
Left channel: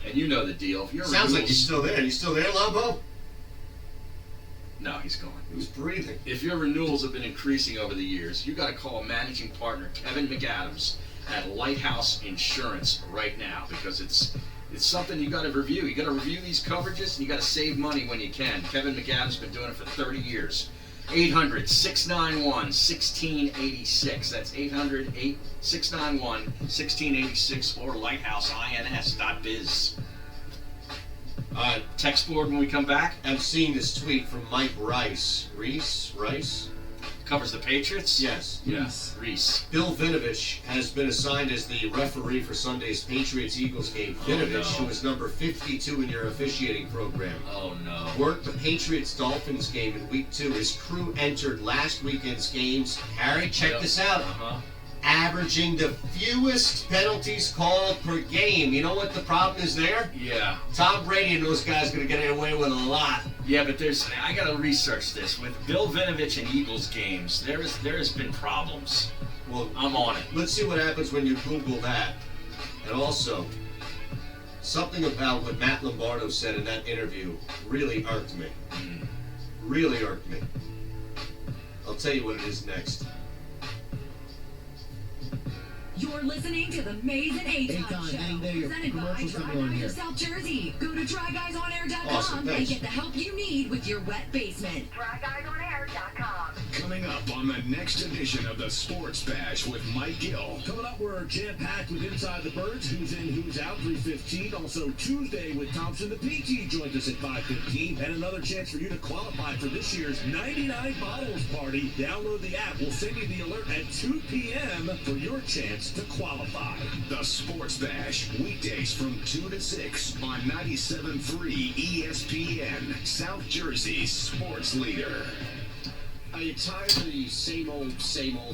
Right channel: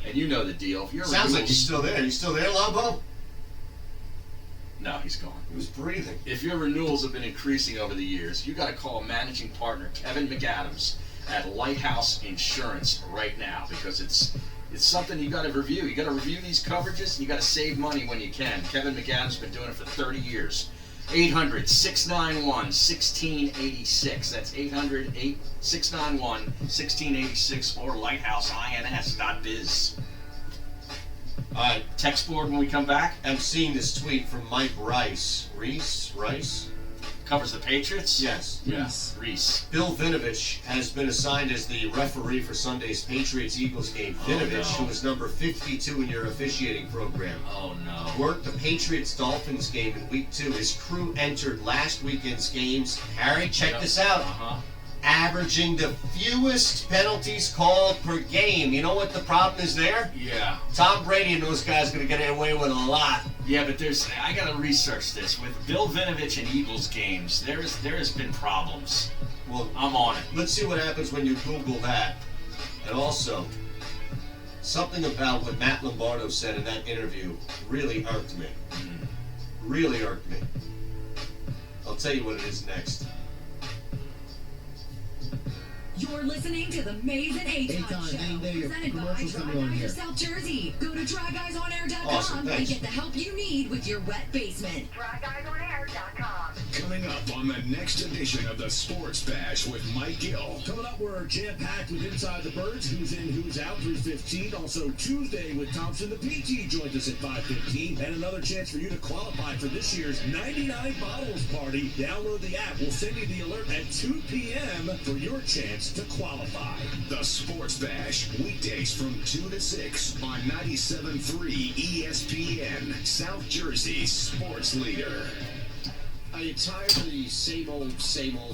And you know the deal. If you're Sounds like he's still there. You still there, Lombo? No, he's gone. He was breathing. If your renewals have been increasing over the years, you got to call managing partner Kevin McAdams at Lighthouse Insurance right now, because it's something you got to review. You got to review these coverages, and you got to save money when you can. Kevin McAdams has been doing it for 30 years. 800-691-1686. That's 800-691-1686 or lighthouse.ins.biz. All right. Text board when we come back. I'm seeing this tweet from Mike Rice. Rice? Covers the Patriots? Yes. Yes. Reese. Bill Vinovich has been assigned as the referee for Sunday's Patriots-Eagles game. Vinovich, who is number 52 in your officiating program, worked the Patriots-Dolphins game in Week 2. His crew entered last weekend's games. Harry, check this out. Averaging the fewest penalties called per game. You know what the problem is there? Yeah. Tom Brady and those guys going to get away with a lot. Yeah, but I got to research this. With Bill Vinovich and Eagles games, there has been problems. Well, I'm on it. Let's see what happens when you Google that. And also, something about what Matt Lombardo said in that interview really irked me. Really irked me. I'll tell you what it is next. You're listening to the Maze and Aton Show, presented by Try Guys South Jersey. Go to TryGuysOnAir.com and get the help you need with your wet basement. TryGuysOnAir.com. Coming up on the next edition of the Sports Bash with Mike Gill. Coming up, we're jam-packed with Inside the Birds, who's in, who's out, 3:15. Also Tuesday with Thompson the PT joins us at 5:15. And another chance for you to qualify for this year's 99 Bottles Party. Download the app. We'll send you the alert at 2 p.m. for your chance to qualify. The Sports Bash, weekdays from 2 to 6 on 97.3 ESPN, South Jersey's sports leader. Are you tired of the same old,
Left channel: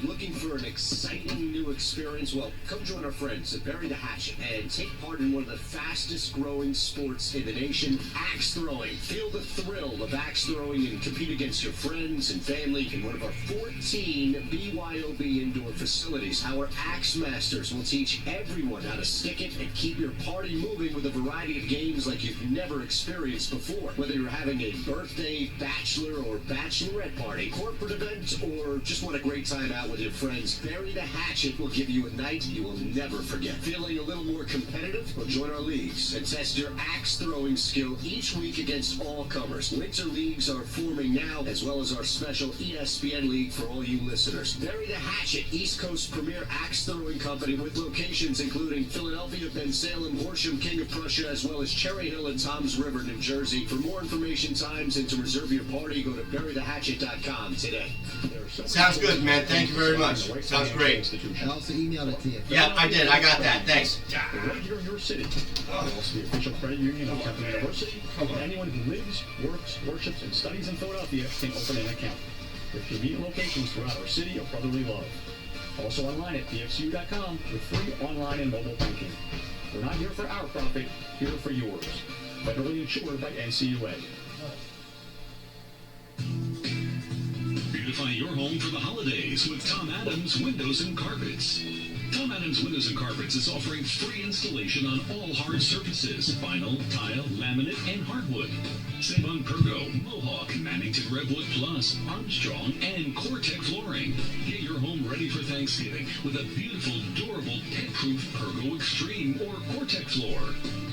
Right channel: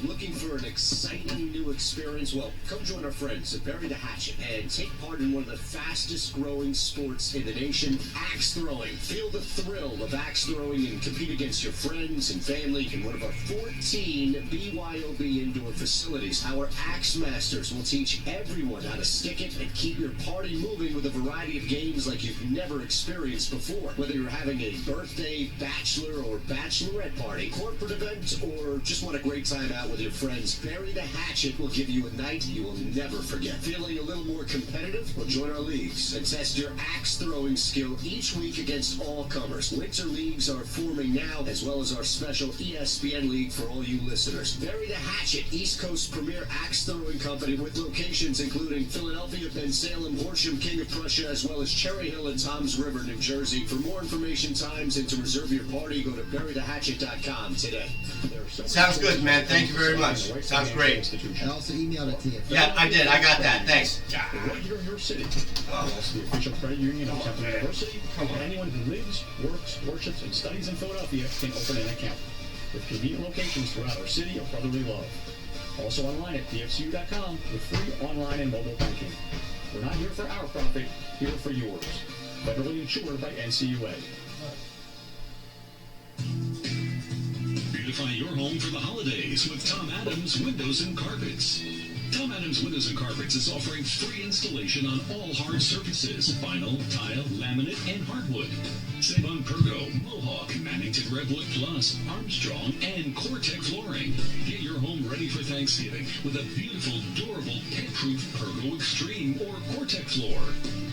looking for an exciting new experience? Well, come join our friends at Bury the Hatchet and take part in one of the fastest growing sports in the nation, axe throwing. Feel the thrill of axe throwing and compete against your friends and family in one of our 14 BYOB indoor facilities. Our axe masters will teach everyone how to stick it and keep your party moving with a variety of games like you've never experienced before. Whether you're having a birthday, bachelor, or bachelorette party, corporate event, or just want a great time out with your friends, Bury the Hatchet will give you a night you will never forget. Feeling a little more competitive? Well, join our leagues and test your axe throwing skill each week against all comers. Winter leagues are forming now, as well as our special ESPN league for all you listeners. Bury the Hatchet, East Coast premier axe throwing company with locations including Philadelphia, Bensalem, Horsham, King of Prussia, as well as Cherry Hill and Toms River, New Jersey. For more information, times, and to reserve your party, go to burythehatchet.com today. Sounds good, man. Thank you very much. Sounds great. I also emailed it to you. Yeah, I did. I got that. Thanks. Right here in your city. Also the official credit union of Temple University. Anyone who lives, works, worships, and studies in Philadelphia can open an account with convenient locations throughout our city of brotherly love. Also online at pxu.com with free online and mobile banking. We're not here for our profit, here for yours. Federally insured by NCUA. Beautify your home for the holidays with Tom Adams Windows and Carpets. Tom Adams Windows and Carpets is offering free installation on all hard surfaces, vinyl, tile, laminate, and hardwood. Save on Pergo, Mohawk, Mannington Redwood Plus, Armstrong, and Cortec flooring. Get your home ready for Thanksgiving with a beautiful, durable, pet-proof Pergo Extreme or Cortec floor.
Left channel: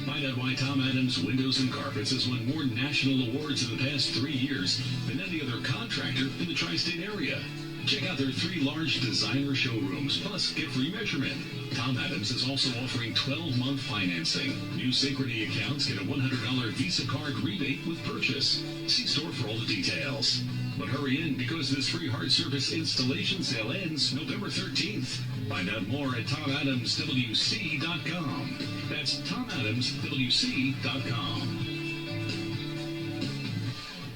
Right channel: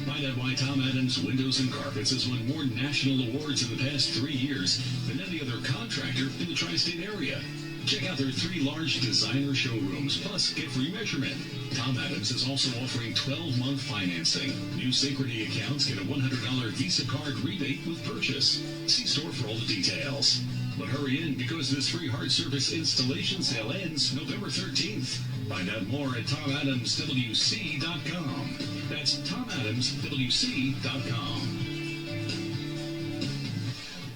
Find out why Tom Adams Windows and Carpets has won more national awards in the past 3 years than any other contractor in the tri-state area. Check out their 3 large designer showrooms, plus get free measurement. Tom Adams is also offering 12-month financing. New Synchrony accounts get a $100 Visa card rebate with purchase. See store for all the details. But hurry in because this free hard surface installation sale ends November 13th. Find out more at TomAdamsWC.com. That's TomAdamsWC.com.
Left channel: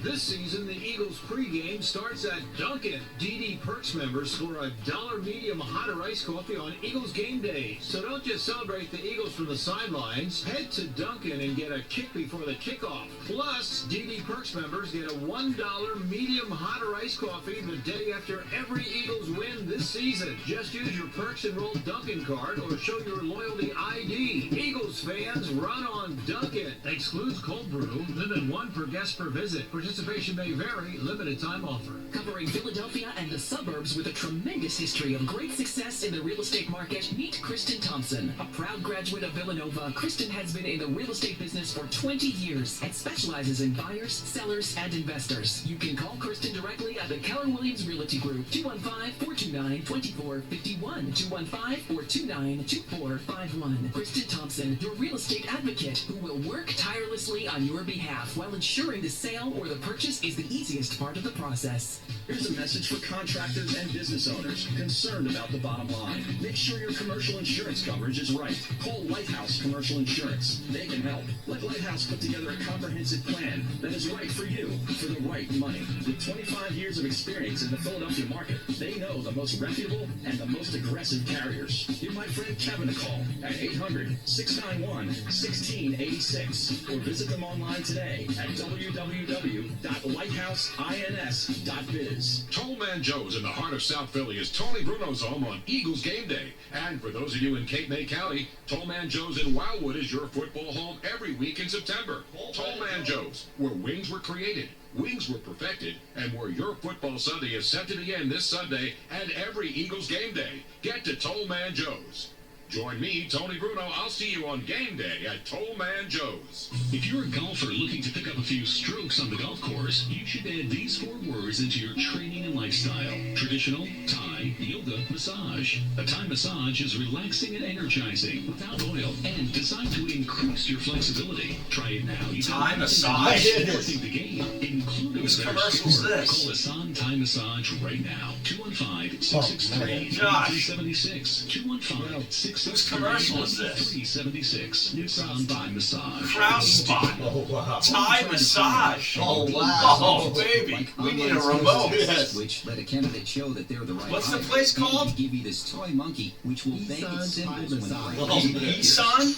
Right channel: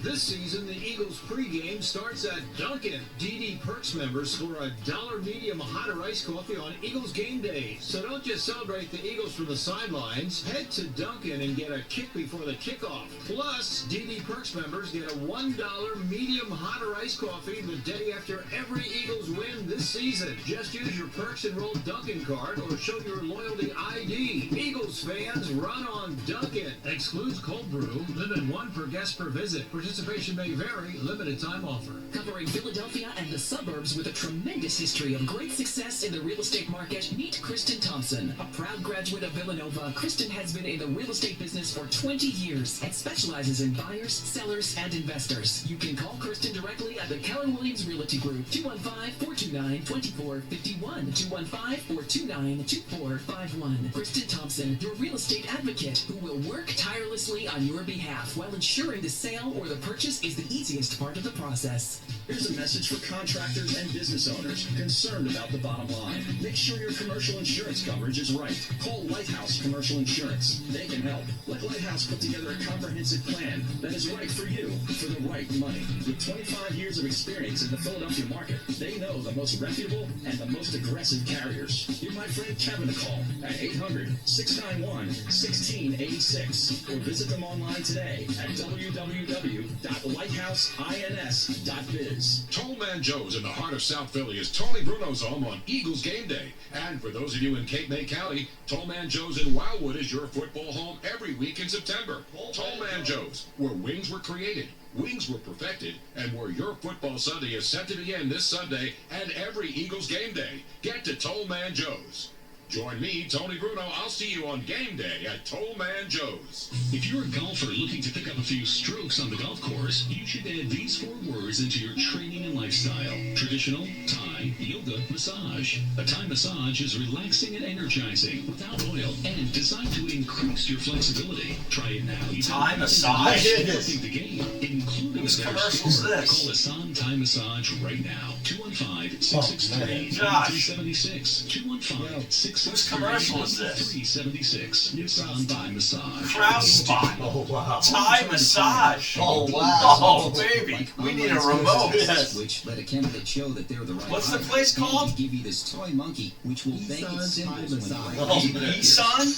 This season, the Eagles pregame starts at Dunkin'. DD Perks members score a $1 medium hot or iced coffee on Eagles game day. So don't just celebrate the Eagles from the sidelines. Head to Dunkin' and get a kick before the kickoff. Plus, DD Perks members get a $1 medium hot or iced coffee the day after every Eagles win this season. Just use your Perks enrolled Dunkin' card or show your loyalty ID. Eagles fans, run on Dunkin'. Excludes cold brew. Limit 1 per guest per visit. Participate Participation may vary. Limited time offer. Covering Philadelphia and the suburbs with a tremendous history of great success in the real estate market, meet Kristen Thompson. A proud graduate of Villanova, Kristen has been in the real estate business for 20 years and specializes in buyers, sellers, and investors. You can call Kristen directly at the Keller Williams Realty Group, 215-429-2451, 215-429-2451. Kristen Thompson, your real estate advocate, who will work tirelessly on your behalf while ensuring the sale or the purchase is the easiest part of the process. Here's a message for contractors and business owners concerned about the bottom line. Make sure your commercial insurance coverage is right. Call Lighthouse Commercial Insurance. They can help. Let Lighthouse put together a comprehensive plan that is right for you for the right money. With 25 years of experience in the Philadelphia market, they know the most reputable and the most aggressive carriers. Give my friend Kevin a call at 800-691-1686 or visit them online today at www.lighthouse.ins.biz. Tollman Joe's in the heart of South Philly is Tony Bruno's home on Eagles game day. And for those of you in Cape May County, Tollman Joe's in Wildwood is your football home every week in September. Tollman Joe's, where wings were created, wings were perfected, and where your football Sunday is set to begin this Sunday and every Eagles game day. Get to Tollman Joe's. Join me, Tony Bruno. I'll see you on game day at Tollman Joe's. If you're a golfer looking to pick up a few strokes on the golf course, you should add these 4 words into your training and lifestyle. Traditional, Thai, yoga, massage. A Thai massage is relaxing and energizing without oil and designed to increase your flexibility. Try it now. Thai massage? Working the game. Including Whose commercial is this? Call Asan Thai Massage right now. 215-663-2376. 215-663. Whose commercial is this? 376. Nissan Thai Massage. Crowd spot. Oh, wow. Thai massage. Oh, wow. Oh, baby. We need a remote. Yes. Which let a candidate show that they're the right What's the height. place And called? we give you this toy monkey, which will bang its cymbals when the right Oh, height. man. Isan?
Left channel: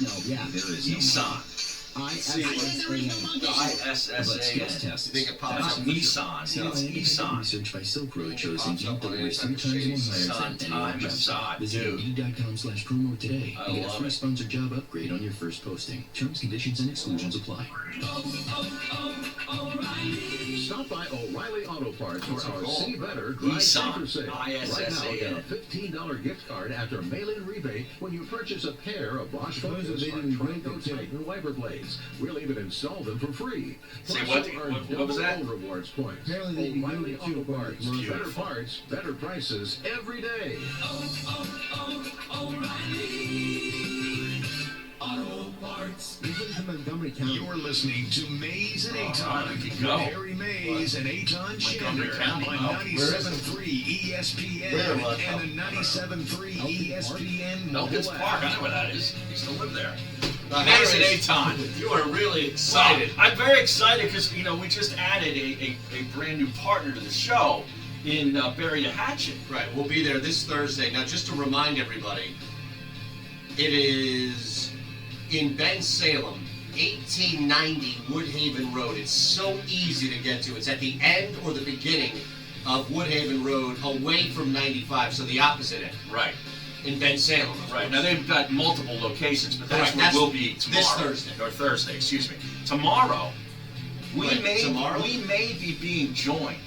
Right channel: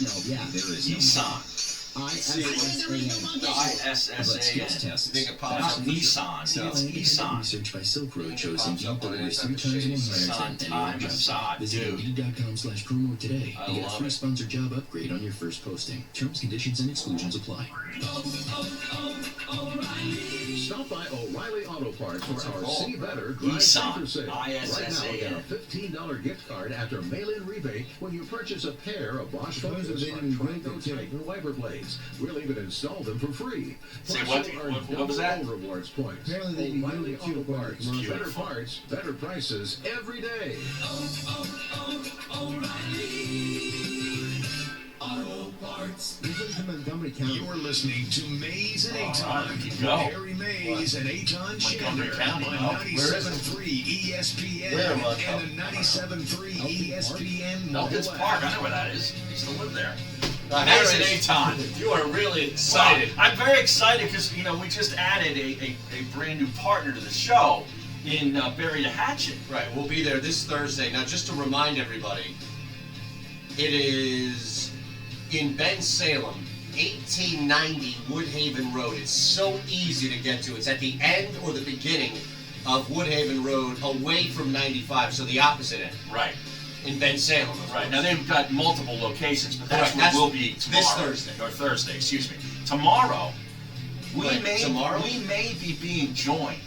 No, yeah, there is no Isan. ISSAN. But skills ISSAN. tests. Think it Not pops up. Nissan. It's Isan. Research by Silk Road shows Indeed delivers 3 times more hires than any Thai other job site. massage, Visit dude. Indeed.com/promo today I and get a love free it. sponsored job upgrade on your first posting. Terms, conditions, and exclusions apply. Stop by O'Reilly Auto Parts for our called? See Better Drive Nissan. Safer Sale. Right now, ISSAN. get a $15 gift card after mail-in rebate when you purchase a pair of Bosch Those Focus are or the Trico good kids. Titan wiper blades. We'll even install them for free. Say Plus, what? you'll earn What was that? double rewards points. Apparently they do O'Reilly good Auto too, Parts. but- Better parts, better prices every day. Usually from Montgomery County. You're listening to Mays and I Aton. can go. Harry Mays and Aton Montgomery Shander County, on no. 97.3 ESPN Where am I? and the 97.3 ESPN Elkins mobile Park. app. I know where that is. I used to live there. Harry, Mays and Aton. you are really excited. Well, I'm very excited because, we just added a brand new partner to the show in Bury the Hatchet. Right, we'll be there this Thursday. Now, just to remind everybody, it is in Bensalem, 1890 Woodhaven Road. It's so easy to get to. It's at the end or the beginning of Woodhaven Road, away from 95, so the opposite end. Right. In Bensalem. Right. Now, they've got multiple locations, but that's Correct. where That's we'll be tomorrow. this Thursday. Or Thursday, excuse me. Tomorrow, we Right, may be being joined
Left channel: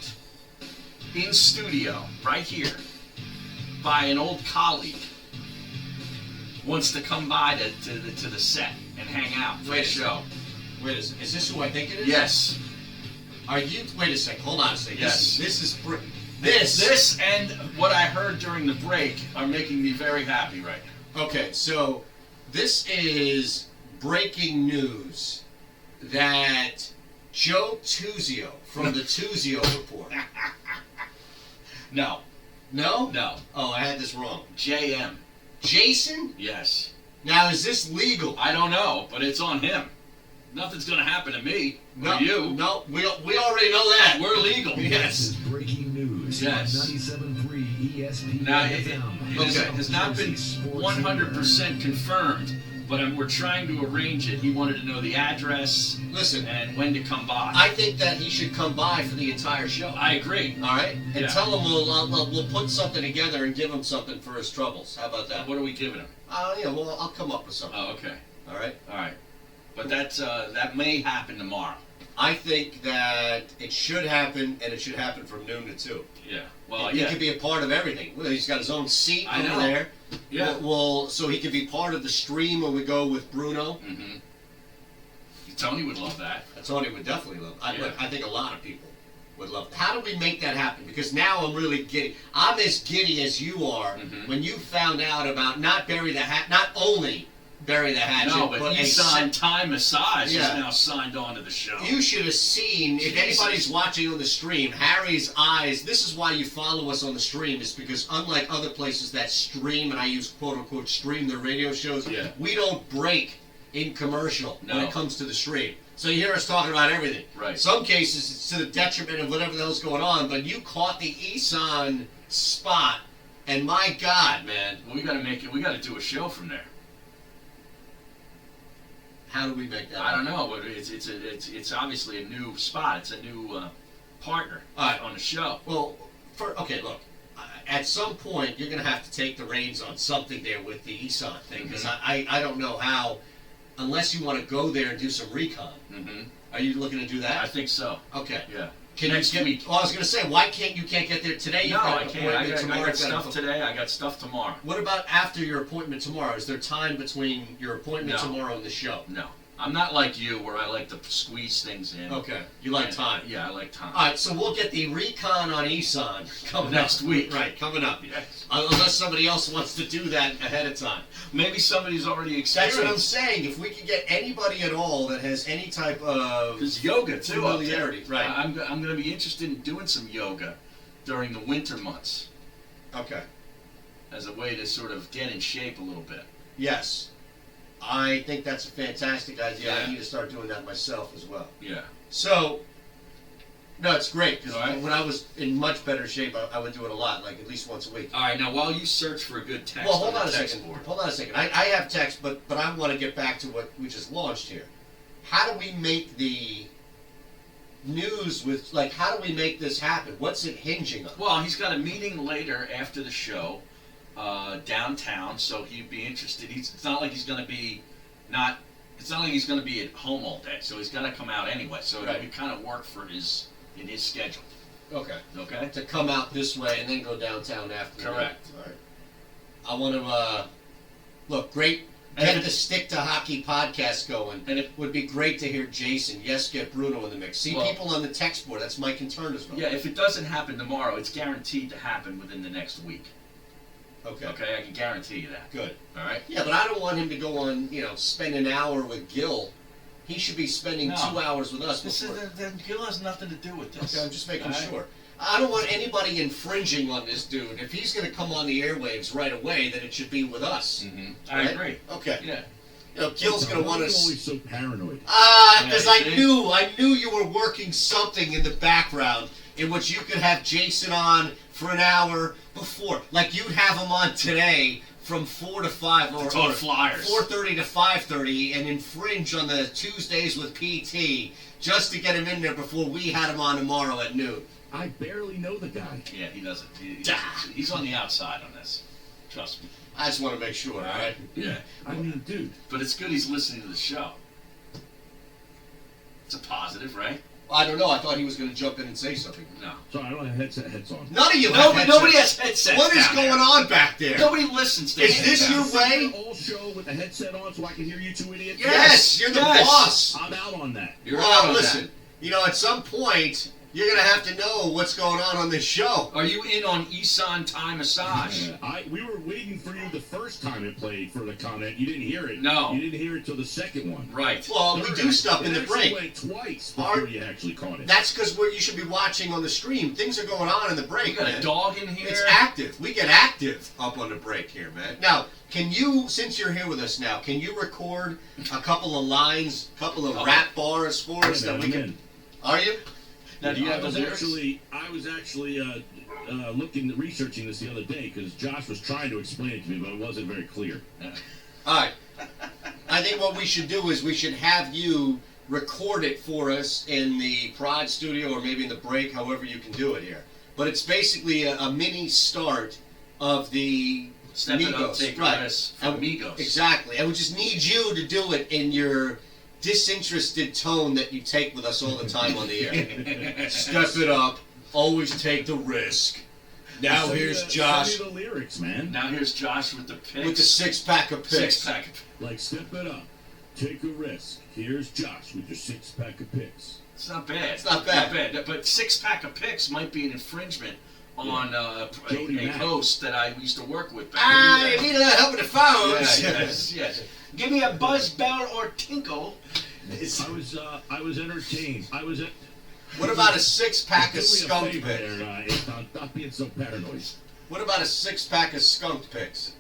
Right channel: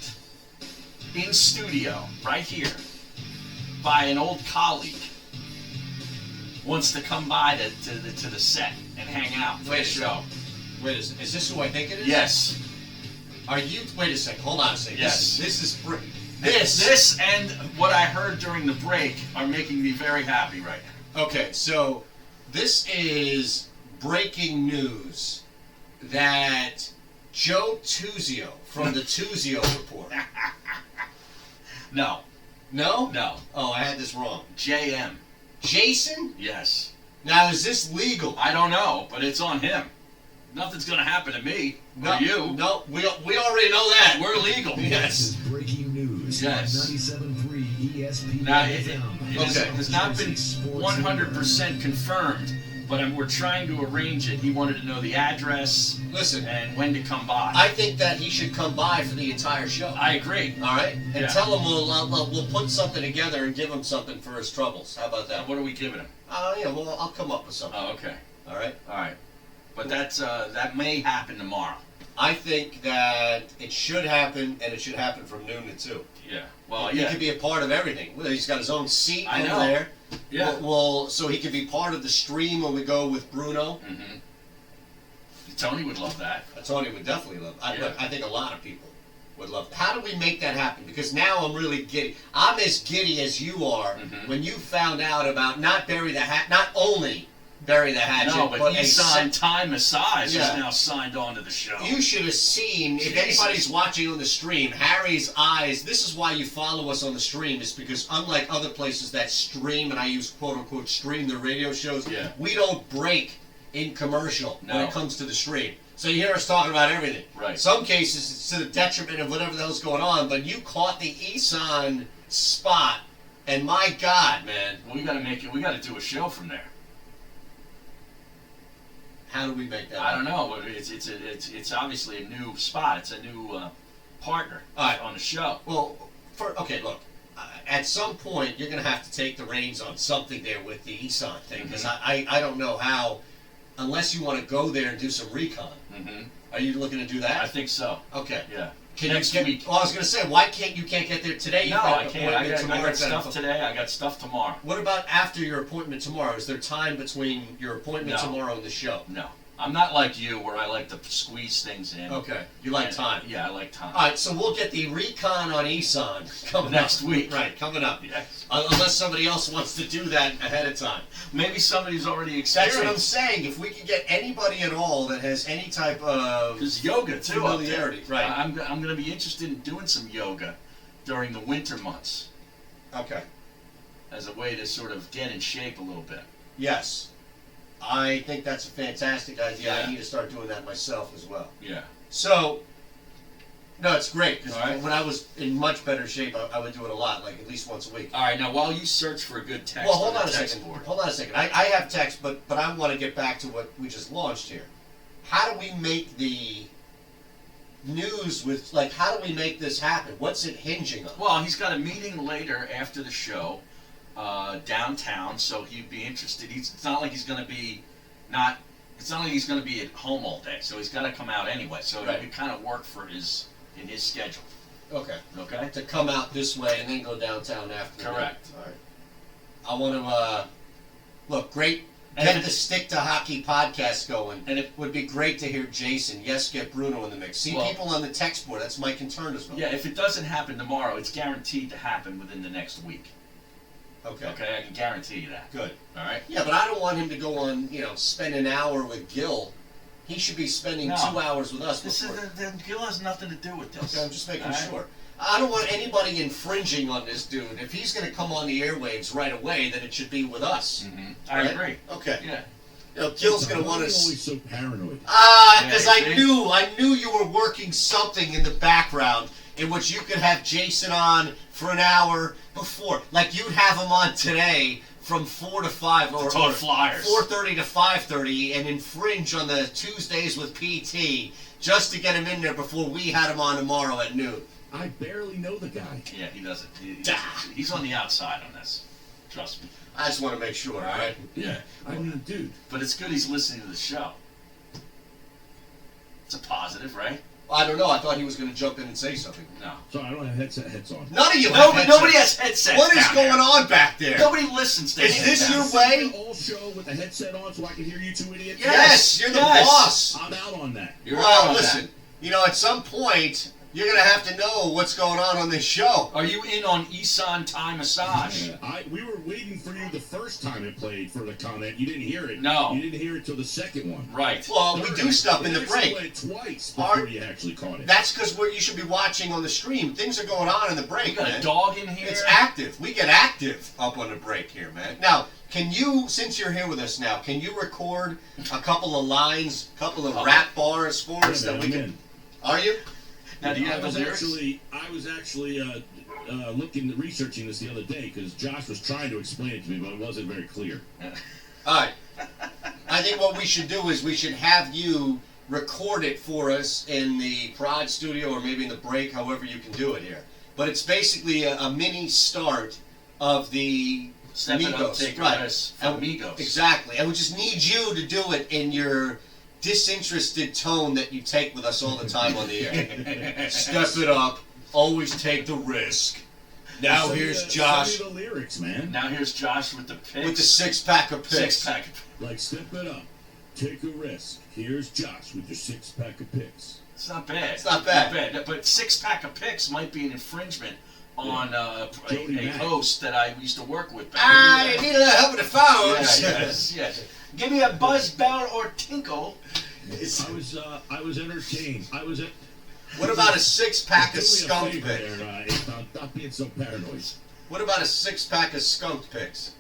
in studio, right here, by an old colleague. Wants to come by to the set and hang out for the show. Wait a second. Is this who I think it is? Yes. Are you? Wait a second. Hold on a second. Yes. This is. This and what I heard during the break are making me very happy right now. Okay, so this is breaking news that Joe Tuzio from the Tuzio Report. No. No? No. Oh, I had this wrong. JM. Jason? Yes. Now, is this legal? I don't know, but it's on him. Nothing's going to happen to me or you. No, we already know that. We're legal. This is breaking news. Yes. 97.3 ESPN. Now, it has not been 100% confirmed, but we're trying to arrange it. He wanted to know the address. Listen. And when to come by. I think that he should come by for the entire show. I agree. All right? And Yeah. tell him we'll put something together and give him something for his troubles. How about that? What are we giving him? Yeah, well, I'll come up with something. Oh, okay. All right? All right. But that may happen tomorrow. I think that it should happen, and it should happen from noon to 2. Yeah. Well, he could be a part of everything. Well, he's got his own seat over there. Yeah. Well, so he could be part of the stream when we go with Bruno. Mm-hmm. Tony would love that. Tony would definitely love it. Look, I think a lot of people would love it. How do we make that happen? Because now I'm really giddy. I'm as giddy as you are when you found out about not only Bury the Hatchet, no, but Isan Thai Massage is Yeah. now signed on to the show. You should have seen, if anybody's watching on the stream, Harry's eyes. This is why you follow us on the stream, is because unlike other places that stream, and I use quote-unquote stream their radio shows, we don't break in commercial when it comes to the stream. So you hear us talking about everything. Right. Some cases it's to the detriment of whatever the hell's going on, but you caught the Isan spot, and my God, man. We got to make it. We got to do a show from there. How do we make that? I don't know, but it's obviously a new spot. It's a new partner on the show. Well, look. At some point, you're going to have to take the reins on something there with the Isan thing, because I don't know how, unless you want to go there and do some recon. Mm-hmm. Are you looking to do that? I think so. Okay. Yeah. Next week. Well, I was going to say, why can't you get there today? No, I can't. I got stuff today. I got stuff tomorrow. What about after your appointment tomorrow? Is there time between your appointment tomorrow and the show? No. I'm not like you, where I like to squeeze things in. Okay. You like time. Yeah, I like time. All right, so we'll get the recon on Isan coming next week. Right, coming up. Yes. Unless somebody else wants to do that ahead of time. Maybe somebody's already experienced. That's what I'm saying. If we could get anybody at all that has any type of... There's yoga, too, familiarity. Right. I'm going to be interested in doing some yoga during the winter months. Okay. As a way to sort of get in shape a little bit. Yes. I think that's a fantastic idea. Yeah. I need to start doing that myself as well. Yeah. So, no, it's great, because when I was in much better shape, I would do it a lot, like at least once a week. All right, now while you search for a good text, well, hold on a second. I have text, but I want to get back to what we just launched here. How do we make the news with, like, how do we make this happen? What's it hinging on? Well, he's got a meeting later after the show. Downtown, so he'd be interested. It's not like he's going to be It's not like he's going to be at home all day, so he's got to come out anyway. So it would kind of work for in his schedule. Okay. Okay. To come out this way and then go downtown after. Correct. All right. I want to look great. Get the Stick to Hockey podcast going, and it would be great to hear Jason. Yes, get Bruno in the mix. See people on the text board. That's my concern as well. Yeah, if it doesn't happen tomorrow, it's guaranteed to happen within the next week. Okay. Okay, I can guarantee you that. Good. All right. Yeah, but I don't want him to go on, spend an hour with Gil. He should be spending 2 hours with us. Gil has nothing to do with this. Okay, I'm just making sure. I don't want anybody infringing on this dude. If he's going to come on the airwaves right away, then it should be with us. Mm-hmm. I agree. Okay. Yeah. Gil's going to want to. Always so paranoid. Because I knew you were working something in the background in which you could have Jason on for an hour before, like you'd have him on today from 4 to 5 or Flyers 4:30 to 5:30, and infringe on the Tuesdays with PT just to get him in there before we had him on tomorrow at noon. I barely know the guy. Yeah, he doesn't. He's on the outside on this. Trust me. I just want to make sure, all right? Yeah. I mean, dude. But it's good he's listening to the show. It's a positive, right? I don't know. I thought he was going to jump in and say something. No. Sorry, I don't have heads on. None of you have headsets. Nobody has headsets. What is going on back there? Nobody listens to Is this your way? All show with the headset on so I can hear you two idiots? Yes, you're the boss. I'm out on that. Well, listen, at some point, you're going to have to know what's going on this show. Are you in on Isan Thai Massage? We were waiting for you the first time it played for the comment. You didn't hear it. No. You didn't hear it till the second one. Right. Well, we do stuff in the break. Went twice before you actually caught it. That's because you should be watching on the stream. Things are going on in the break, We got man. a dog in here. It's active. We get active up on the break here, man. Now, can you, since you're here with us now, can you record a couple of lines, a couple of rap bars for us that we can... Are you? Now, do you have the lyrics? I was actually researching this the other day because Josh was trying to explain it to me, but it wasn't very clear. All right. I think what we should do is we should have you record it for us in the prod studio or maybe in the break, however you can do it here. But it's basically a mini start of the Step It Up, Migos. Take a Right. Risk from Migos. Exactly. And we just need you to do it in your disinterested tone that you take with us all the time on the air. Step it up. Always take the risk. Now here's Josh. Send me the lyrics, man. Now here's Josh with the picks. With the 6-pack of picks. 6-pack. Like, step it up. Take a risk. Here's Josh with your 6-pack of picks. It's not bad. It's not bad. But 6-pack of picks might be an infringement on a Mack. host that I used to work with. You need a little help with the phones. Yes. Give me a buzz, bell, or tinkle. I was entertained. What about a 6-pack of skunk do me a picks? favor there, not being so paranoid. What about a 6-pack of skunk picks?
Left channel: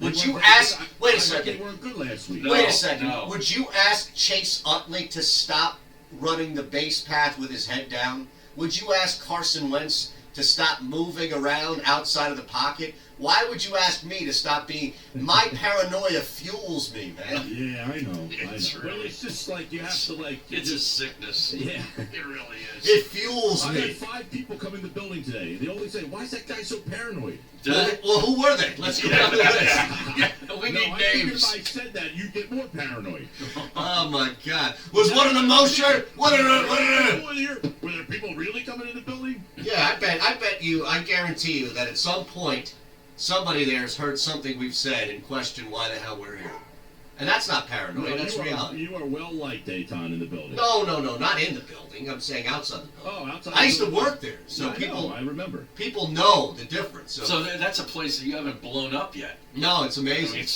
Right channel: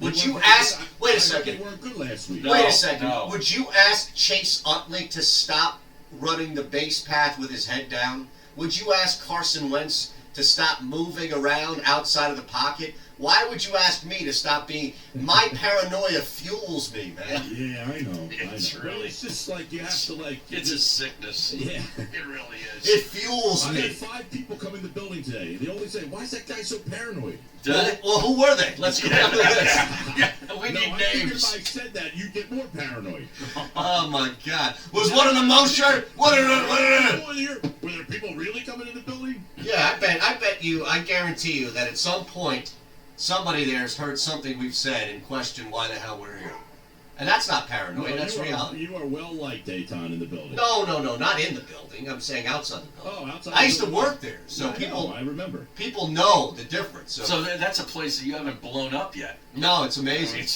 Would you ask? Wait a second. They weren't good last week. Wait a second. No. Would you ask Chase Utley to stop running the base path with his head down? Would you ask Carson Wentz to stop moving around outside of the pocket? Why would you ask me to stop being? My paranoia fuels me, man. Yeah, I know. It's Well, really. it's just like you have to like. It's a sickness. Yeah. It really is. It fuels I me. had 5 people come in the building today. They always say, "Why is that guy so paranoid?" Well, who were they? Let's go down the list. We need I think names. if I said that, you'd get more paranoid. Oh my God! Was one of them Mosher? Were there people really coming in the building? Yeah, I bet you, I guarantee you that at some point, somebody there has heard something we've said and questioned why the hell we're here. And that's not paranoid, that's reality. You are well liked, Dayton, in the building. No, not in the building. I'm saying outside the building. Oh, outside. I used the to building. work there, so Yeah, I remember. people know the difference. So that's a place that you haven't blown up yet. No, it's amazing.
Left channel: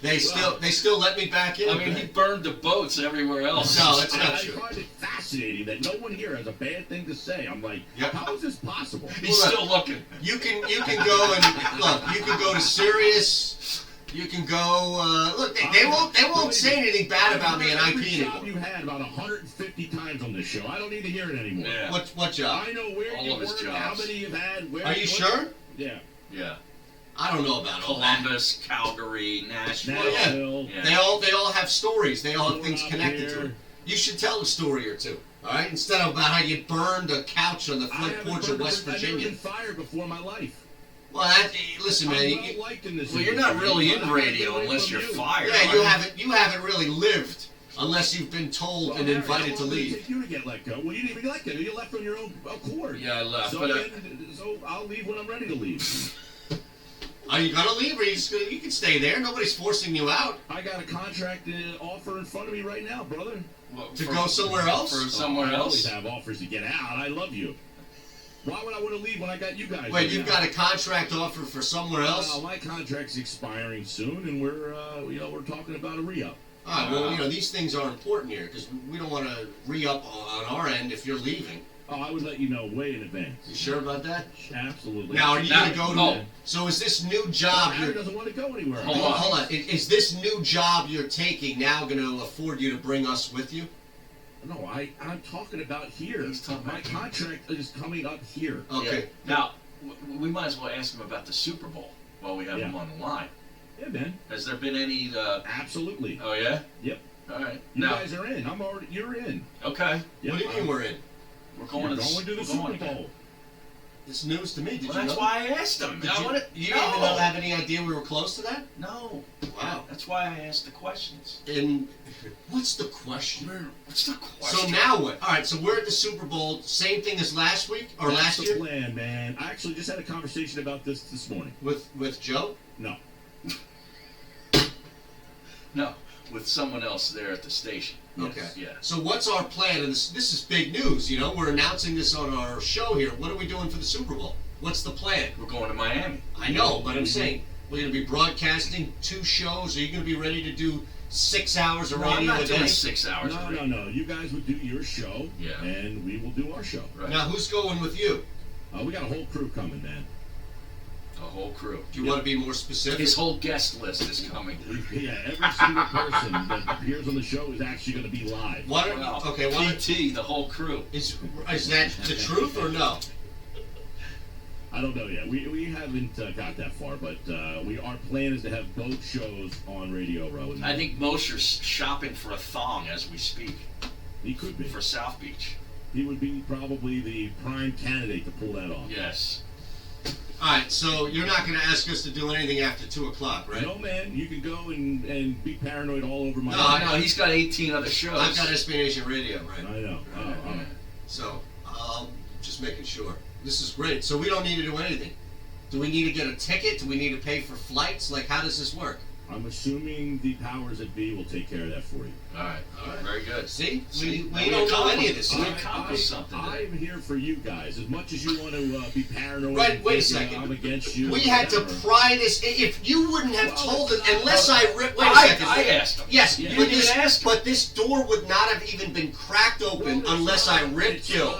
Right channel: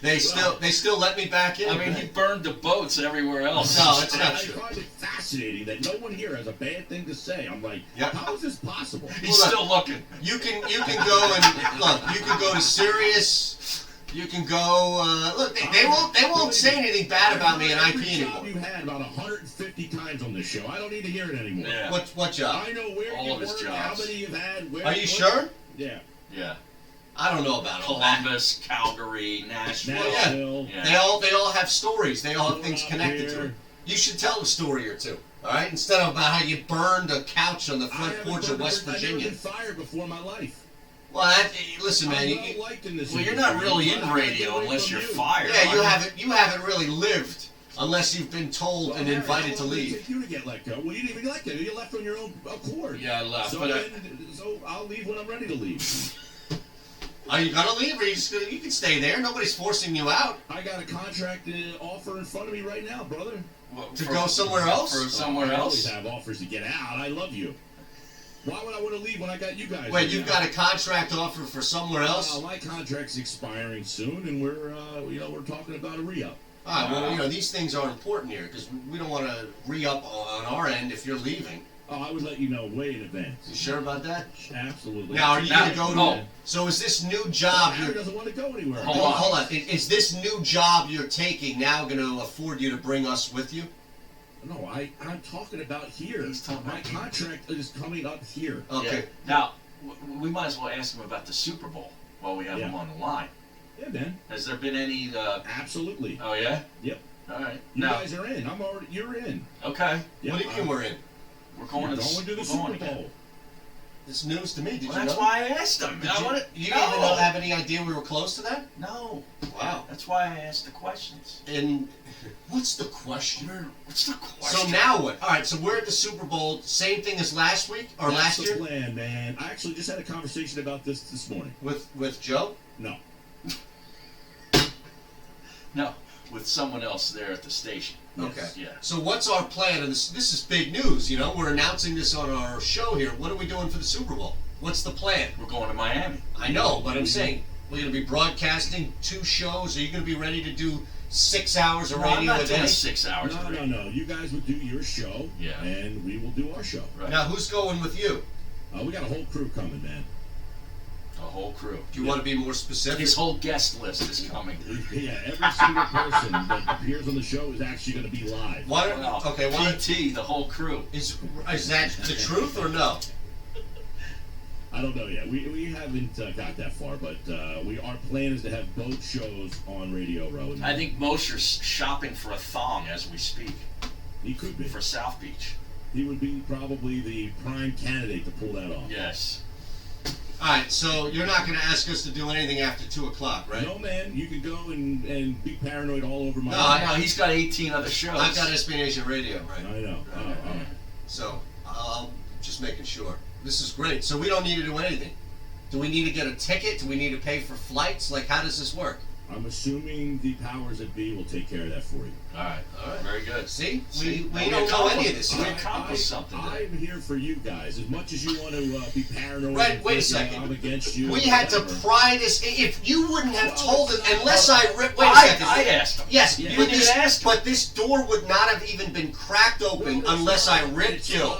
They still let me back in. I mean, he burned the boats everywhere else. No, it's not I true. find it fascinating that no one here has a bad thing to say. I'm like, Yep. how is this possible? He's still looking. You can go and look. You can go to Sirius. You can go. Look, they won't say anything bad about me in IP anymore. You had about 150 times on this show. I don't need to hear it anymore. Yeah. What job? I know where All you of his work, jobs. how many you've had. Where Are you sure? Yeah. Yeah. I don't know about all that. Columbus, Calgary, Nashville. Nashville. Yeah. They all have stories. They all have things connected to it. You should tell a story or two. All right, instead of about how you burned a couch on the front porch of West I've never Virginia. been fired before in my life. Well, listen, man. I'm well liked in this Well, you're industry. not really in I'm radio away unless from you're you. fired. Yeah, are you haven't really lived unless you've been told Well, and Harry, invited how to long did it leave. take you to get let go? Well, you didn't even let go. You left on your own accord. Yeah, I left. So, But so I'll leave when I'm ready to leave. Are you gonna leave, or you can stay there? Nobody's forcing you out I got a contract offer in front of me right now, brother. to go somewhere else. For somewhere I always else. have offers to get out. I love you. Why would I want to leave when I got you guys? Wait, right you've now? got a contract offer for somewhere else? My contract's expiring soon, and we're talking about a re-up. All right, well, these things are important here because we don't want to re-up on our end if you're leaving. Oh, I would let you know way in advance. You sure about that? Absolutely. Now, are you going to go to? Oh. So, is this new job? Harry doesn't want to go anywhere. Hold on. Is this new job you're taking now going to afford you to bring us with you? No, I'm talking about here. My contract is coming up here. Okay. Yeah. Now, we might as well ask him about the Super Bowl while we have him on the line. Yeah, man. Has there been any? Absolutely. Oh yeah. Yep. All right. You Now, guys are in. You're in. Okay. Yep. What do you mean we're in? We're going to the Super Bowl. It's news to me. Did Well, you that's know? why I asked him. Did I you wanna- you No. didn't even have any idea we were close to that? No. Wow. That's why I asked the questions. And what's the question? What's the question? So now what? All right, so we're at the Super Bowl. Same thing as last week or That's last year the plan, man. I actually just had a conversation about this morning. with Joe. No. No, with someone else there at the station. Okay. Yeah. So what's our plan? And this is big news. You know, we're announcing this on our show here. What are we doing for the Super Bowl? What's the plan? We're going to Miami. I know, but I'm saying we're going to be broadcasting 2 shows. Are you going to be ready to do 6 hours of No, radio I'm not a doing day? 6 hours. of radio. No. You guys would do your show. Yeah. And we will do our show. Right. Now, who's going with you? We got a whole crew coming, man. A whole crew. Do you want to be more specific? His whole guest list is coming. Yeah, every single person that appears on the show is actually going to be live. Why don't, Wow. okay, why don't, PT, the whole crew. is that the truth or no? I don't know yet. We haven't got that far, but our plan is to have both shows on Radio Row. I think Mosher's shopping for a thong as we speak He could be. for South Beach. He would be probably the prime candidate to pull that off. Yes. All right, so you're not going to ask us to do anything after 2 o'clock, right? No, man. You can go and be paranoid all over my No, he's got 18 other shows. I've got SB Nation Radio, right? I know. So, just making sure. This is great. So we don't need to do anything. Do we need to get a ticket? Do we need to pay for flights? Like, how does this work? I'm assuming the powers that be will take care of that for you. All right. Very good. See? We don't know any of this. We accomplished something. I'm here for you guys. As much as you want to be paranoid. Right, wait a second. I'm against you. We had to pry this. If you wouldn't have told us, unless I wait a second. I asked him. Yes, You but didn't ask him. but this door would not have even been cracked open unless I ripped Gil.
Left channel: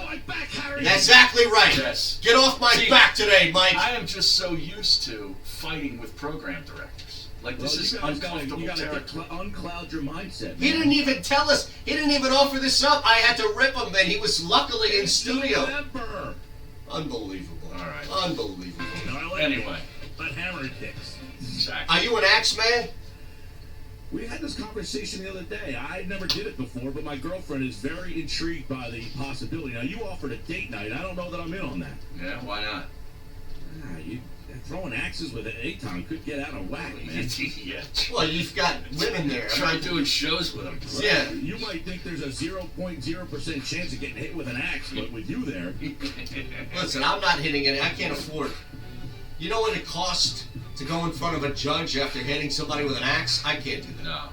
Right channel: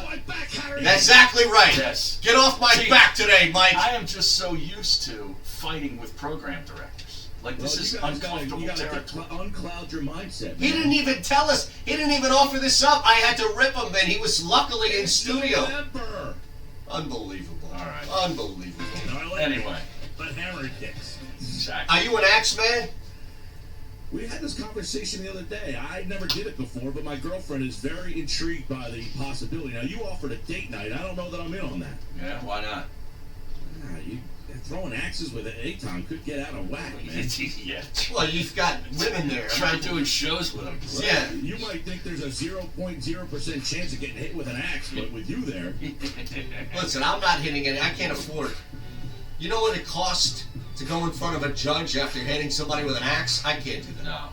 That's exactly right. Yes. Get off my back today, Mike. I am just so used to fighting with program directors. Like, this is uncomfortable territory. Uncloud your mindset. He didn't even tell us. He didn't even offer this up. I had to rip him, and he was luckily in studio. Unbelievable. All right. Unbelievable. Anyway. But hammer kicks. Exactly. Are you an axe man? We had this conversation the other day. I never did it before, but my girlfriend is very intrigued by the possibility. Now, you offered a date night. I don't know that I'm in on that. Yeah, why not? Throwing axes with an Aton could get out of whack, man. Yeah. Well, you've got women there. Try doing shows with them. Yeah. You might think there's a 0.0% chance of getting hit with an axe, but with you there. Listen, I'm not hitting it. I can't afford it. You know what it costs to go in front of a judge after hitting somebody with an axe? I can't do that. No.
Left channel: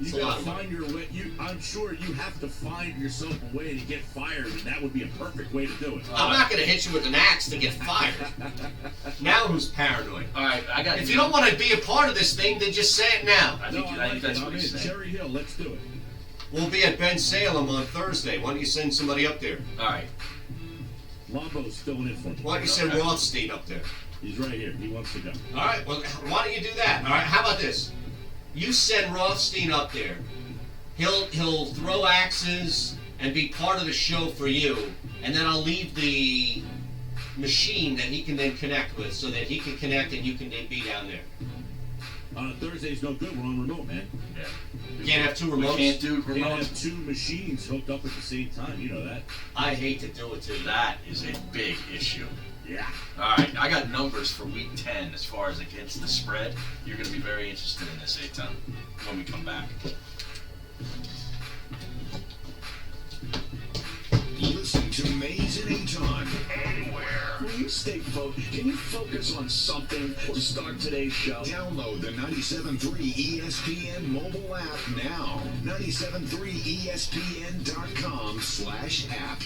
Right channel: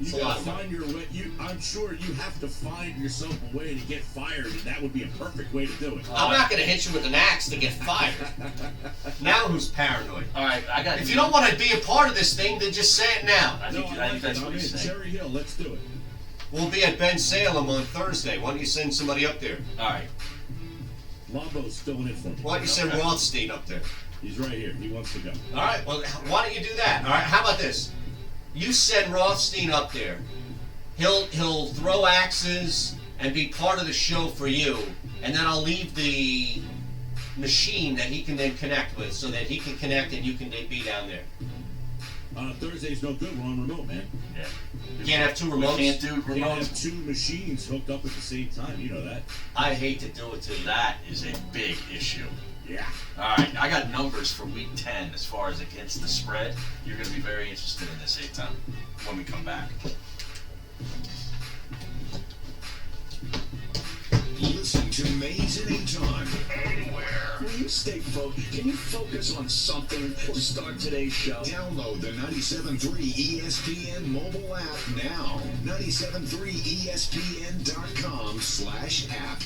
You gotta find your way. I'm sure you have to find yourself a way to get fired, and that would be a perfect way to do it. I'm not going to hit you with an axe to get fired. Now who's paranoid? All right, I got. If you don't want to be a part of this thing, then just say it now. I think that's what he's saying. Cherry Hill, let's do it. We'll be at Ben Salem on Thursday. Why don't you send somebody up there? All right. Lombo's filling in for me. Why don't you send Rothstein up there? He's right here. He wants to go. All right. Well, why don't you do that? All right. How about this? You send Rothstein up there. He'll throw axes and be part of the show for you, and then I'll leave the machine that he can then connect with, so that he can connect and you can be down there. Thursday's no good. We're on remote, man. Yeah. You can't have 2 remotes. Can't do Can't remotes. have 2 machines hooked up at the same time. You know that. I hate to do it to you. That is a big issue. Yeah. All right, I got numbers for week 10 as far as against the spread. You're going to be very interested in this, Aton, when we come back. Listen to Mays and Aton anywhere. Will you stay focused? Can you focus on something to start today's show? Download the 97.3 ESPN mobile app now. 973ESPN.com/app.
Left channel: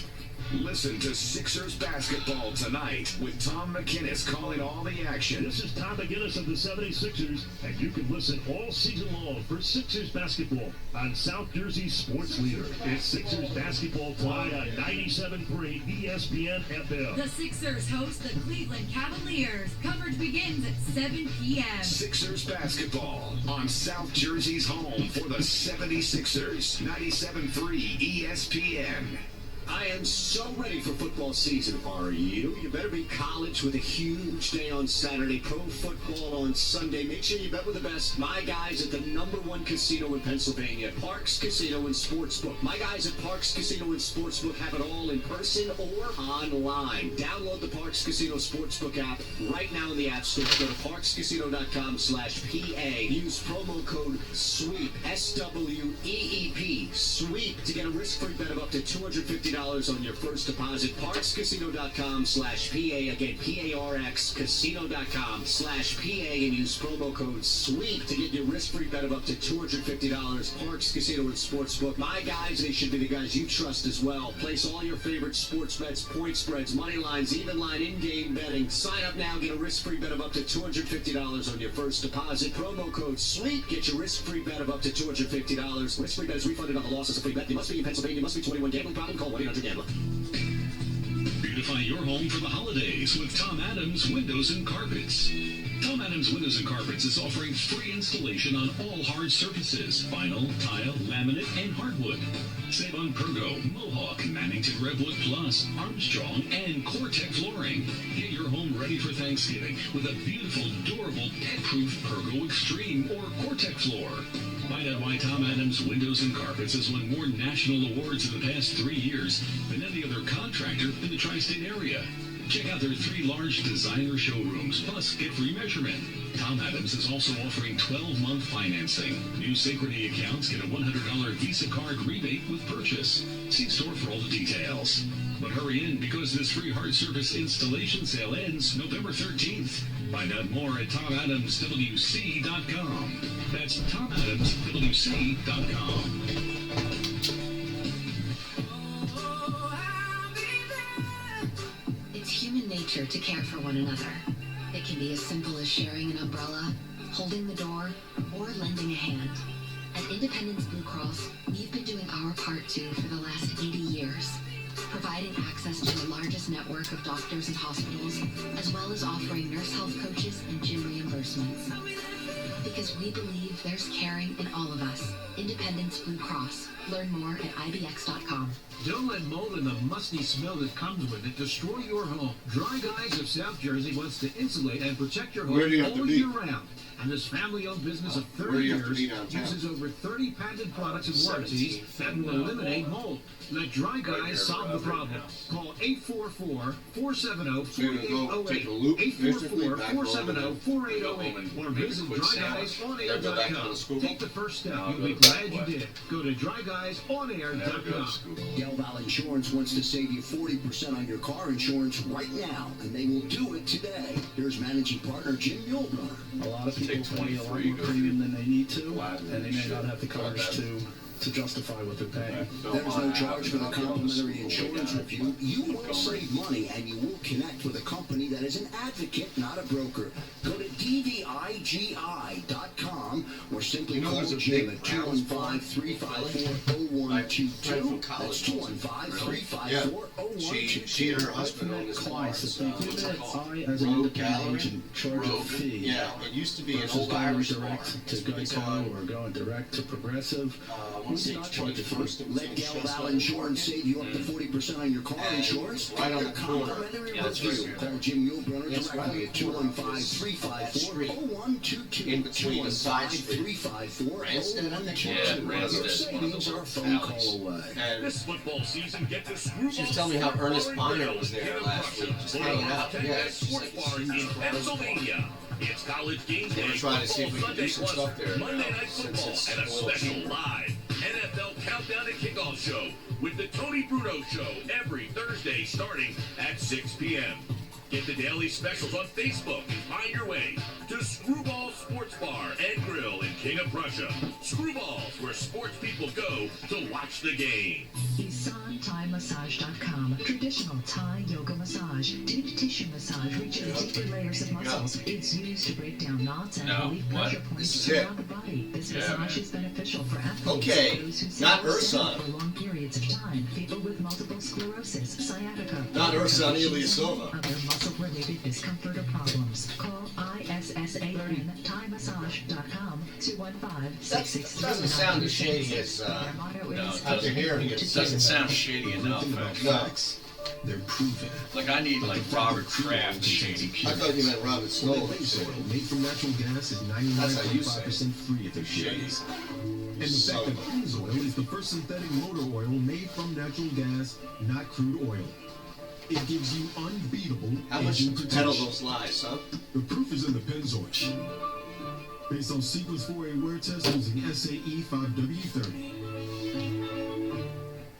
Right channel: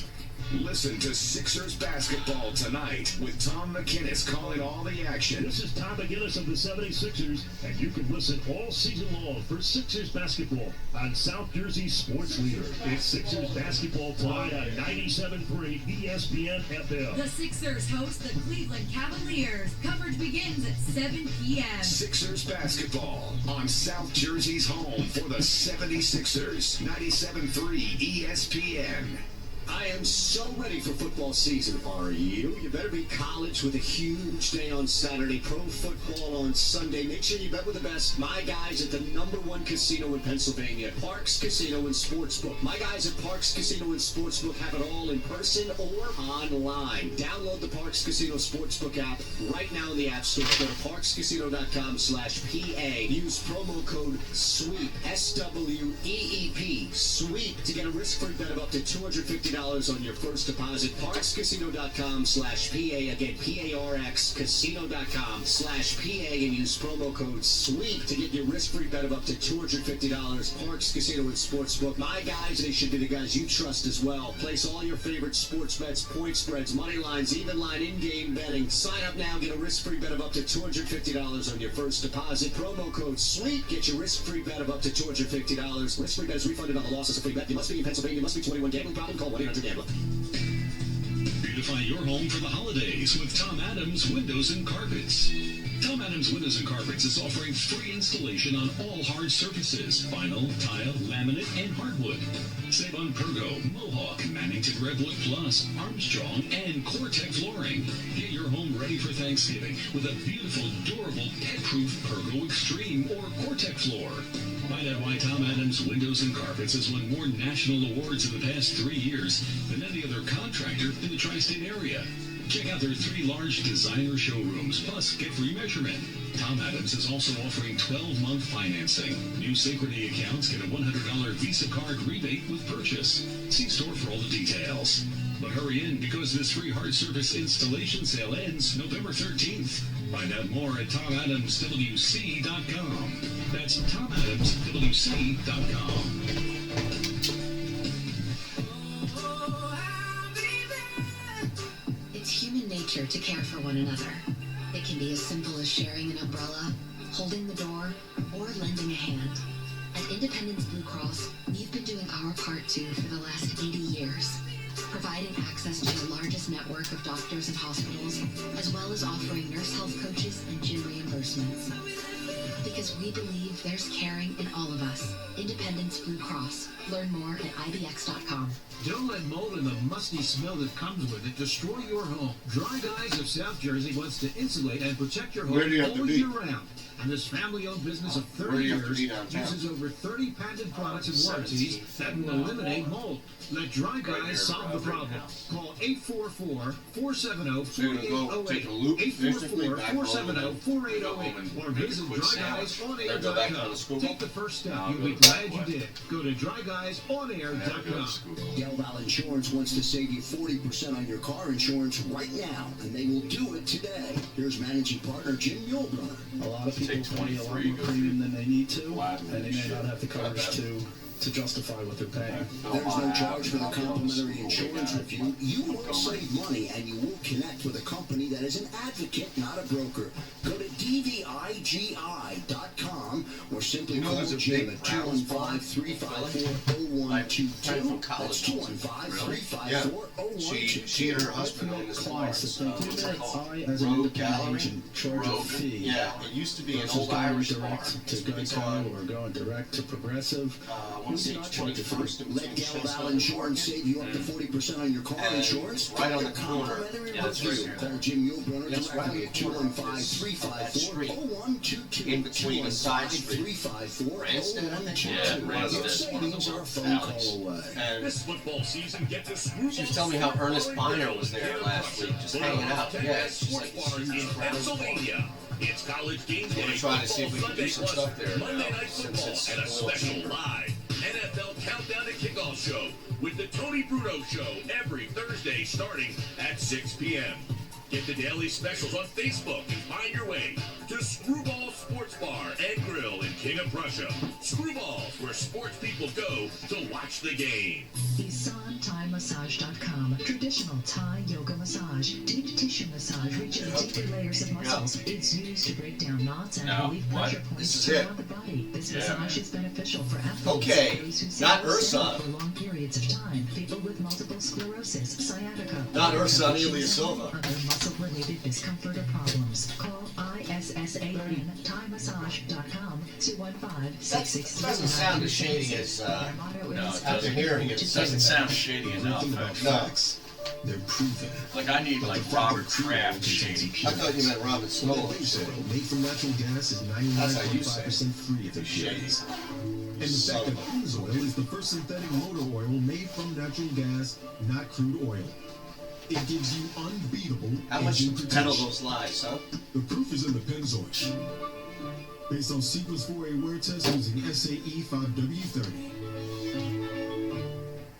Listen to Sixers basketball tonight with Tom McInnes calling all the action. This is Tom McInnes of the 76ers, and you can listen all season long for Sixers basketball on South Jersey's sports leader. It's Sixers basketball tonight on 97.3 ESPN FM. The Sixers host the Cleveland Cavaliers. Coverage begins at 7 p.m. Sixers basketball on South Jersey's home for the 76ers. 97.3 ESPN. I am so ready for football season, are you? You better be college with a huge day on Saturday, pro football on Sunday. Make sure you bet with the best. My guys at the #1 casino in Pennsylvania, Parks Casino and Sportsbook. My guys at Parks Casino and Sportsbook have it all in person or online. Download the Parks Casino Sportsbook app right now in the App Store. Go to parkscasino.com/PA. Use promo code SWEEP, SWEEP, SWEEP, to get a risk-free bet of up to $250 on your first deposit. ParksCasino.com/PA. Again, PARX, casino.com/PA, and use promo code SWEEP to get your risk-free bet of up to $250. Parks Casino and Sportsbook. My guys, they should be the guys you trust as well. Place all your favorite sports bets, point spreads, money lines, even line, in-game betting. Sign up now, get a risk-free bet of up to $250 on your first deposit. Promo code SWEEP. Get your risk-free bet of up to $250. Risk-free bet is refunded on the loss of a free bet. You must be in Pennsylvania. You must be 21. Gambling problem? Call 1-800-GAMBLER. Beautify your home for the holidays with Tom Adams Windows and Carpets. Tom Adams Windows and Carpets is offering free installation on all hard surfaces: vinyl, tile, laminate, and hardwood. Save on Pergo, Mohawk, Mannington Redwood Plus, Armstrong, and Cortec flooring. Get your home ready for Thanksgiving with a beautiful, durable, pet-proof Pergo Extreme or Cortec floor. Find out why Tom Adams Windows and Carpets has won more national awards in the past 3 years than any other contractor in the tri-state area. Check out their 3 large designer showrooms, plus get free measurement. Tom Adams is also offering 12-month financing. New Synchrony accounts get a $100 Visa card rebate with purchase. See store for all the details. But hurry in because this free hard surface installation sale ends November 13th. Find out more at TomAdamsWC.com. That's TomAdamsWC.com. It's human nature to care for one another. It can be as simple as sharing an umbrella, holding the door, or lending a hand. At Independence Blue Cross, we've been doing our part too for the last 80 years, providing access to the largest network of doctors and hospitals, as well as offering nurse health coaches and gym reimbursements. Because we believe there's caring in all of us. Independence Blue Cross. Learn more at IBX.com. Don't let mold and the musty smell that comes with it destroy your home. Dry Guys of South Jersey wants to insulate and protect your home all year round. And this family-owned business of 30 years uses over 30 patented products and warranties that will eliminate mold. Let Dry Guys solve the problem. Call 844-470-4808, 844-470-4808, or visit DryGuysOnAir.com. Take the first step. You'll be glad you did. Go to DryGuysOnAir.com. Gelval Insurance wants to save you 40% on your car insurance right now, and they will do it today. Here's managing partner Jim Muehlbrunner. A lot of people pay a lot more premium than they need to, and they may not have the coverage to justify what they're paying. There's no charge for the complimentary insurance review. You will save money, and you will connect with a company that is an advocate, not a broker. Go to DVIGI.com or simply call Jim at 215-354-0122. That's 215-354-0122. She and her husband own this bar. So I, as an independent agent, charge a fee. Yeah, it used to be an old going Irish direct to Geico or going direct to Progressive. Let Gelval Insurance save you up to 40% on your car insurance. Right on the corner. Call Jim Muehlbrunner directly at 215-354-0122. In between the side street. 354-0122. Your savings are a phone call away. And This football season, get to Screwball. she was telling me how Ernest Biner was there last week, just hanging out. Yeah, it's just Sports like bars in Pennsylvania. It's college game day. We're trying to see if we can do some Football stuff there. Monday Night Football Since and a it's special live NFL Countdown and Kickoff show with the Tony Bruno Show every Thursday starting at 6 p.m. Get the daily specials on Facebook and find your way to Screwball Sports Bar and Grill in King of Prussia. Screwballs, where sports people go to watch the game. IsanThaiMassage.com. Traditional Thai yoga massage. Deep tissue massage reaches deeper layers of muscles. It's used to break down knots and relieve pressure points around the body. This massage is beneficial for athletes, those who sit not or stand Ursan. for long periods of time, people with multiple sclerosis, sciatica, Not Ursan Ilyasova. other muscle-related discomfort or problems. Call ISSAN-ThaiMassage.com 215-663. Doesn't sound as shady as after hearing it. It doesn't sound shady enough. No. They're proven. Like I need like Robert Kraft shady. I thought you meant Robin Snow. Made from natural gas is 99.5% free at their shades. And the fact that Pennzoil is the first synthetic motor oil made from natural gas, not crude oil. It gives you unbeatable How much engine to peddle protection. those lies, huh? The proof is in the Pennzoil. Based on sequence 4A wear test using SAE 5W30.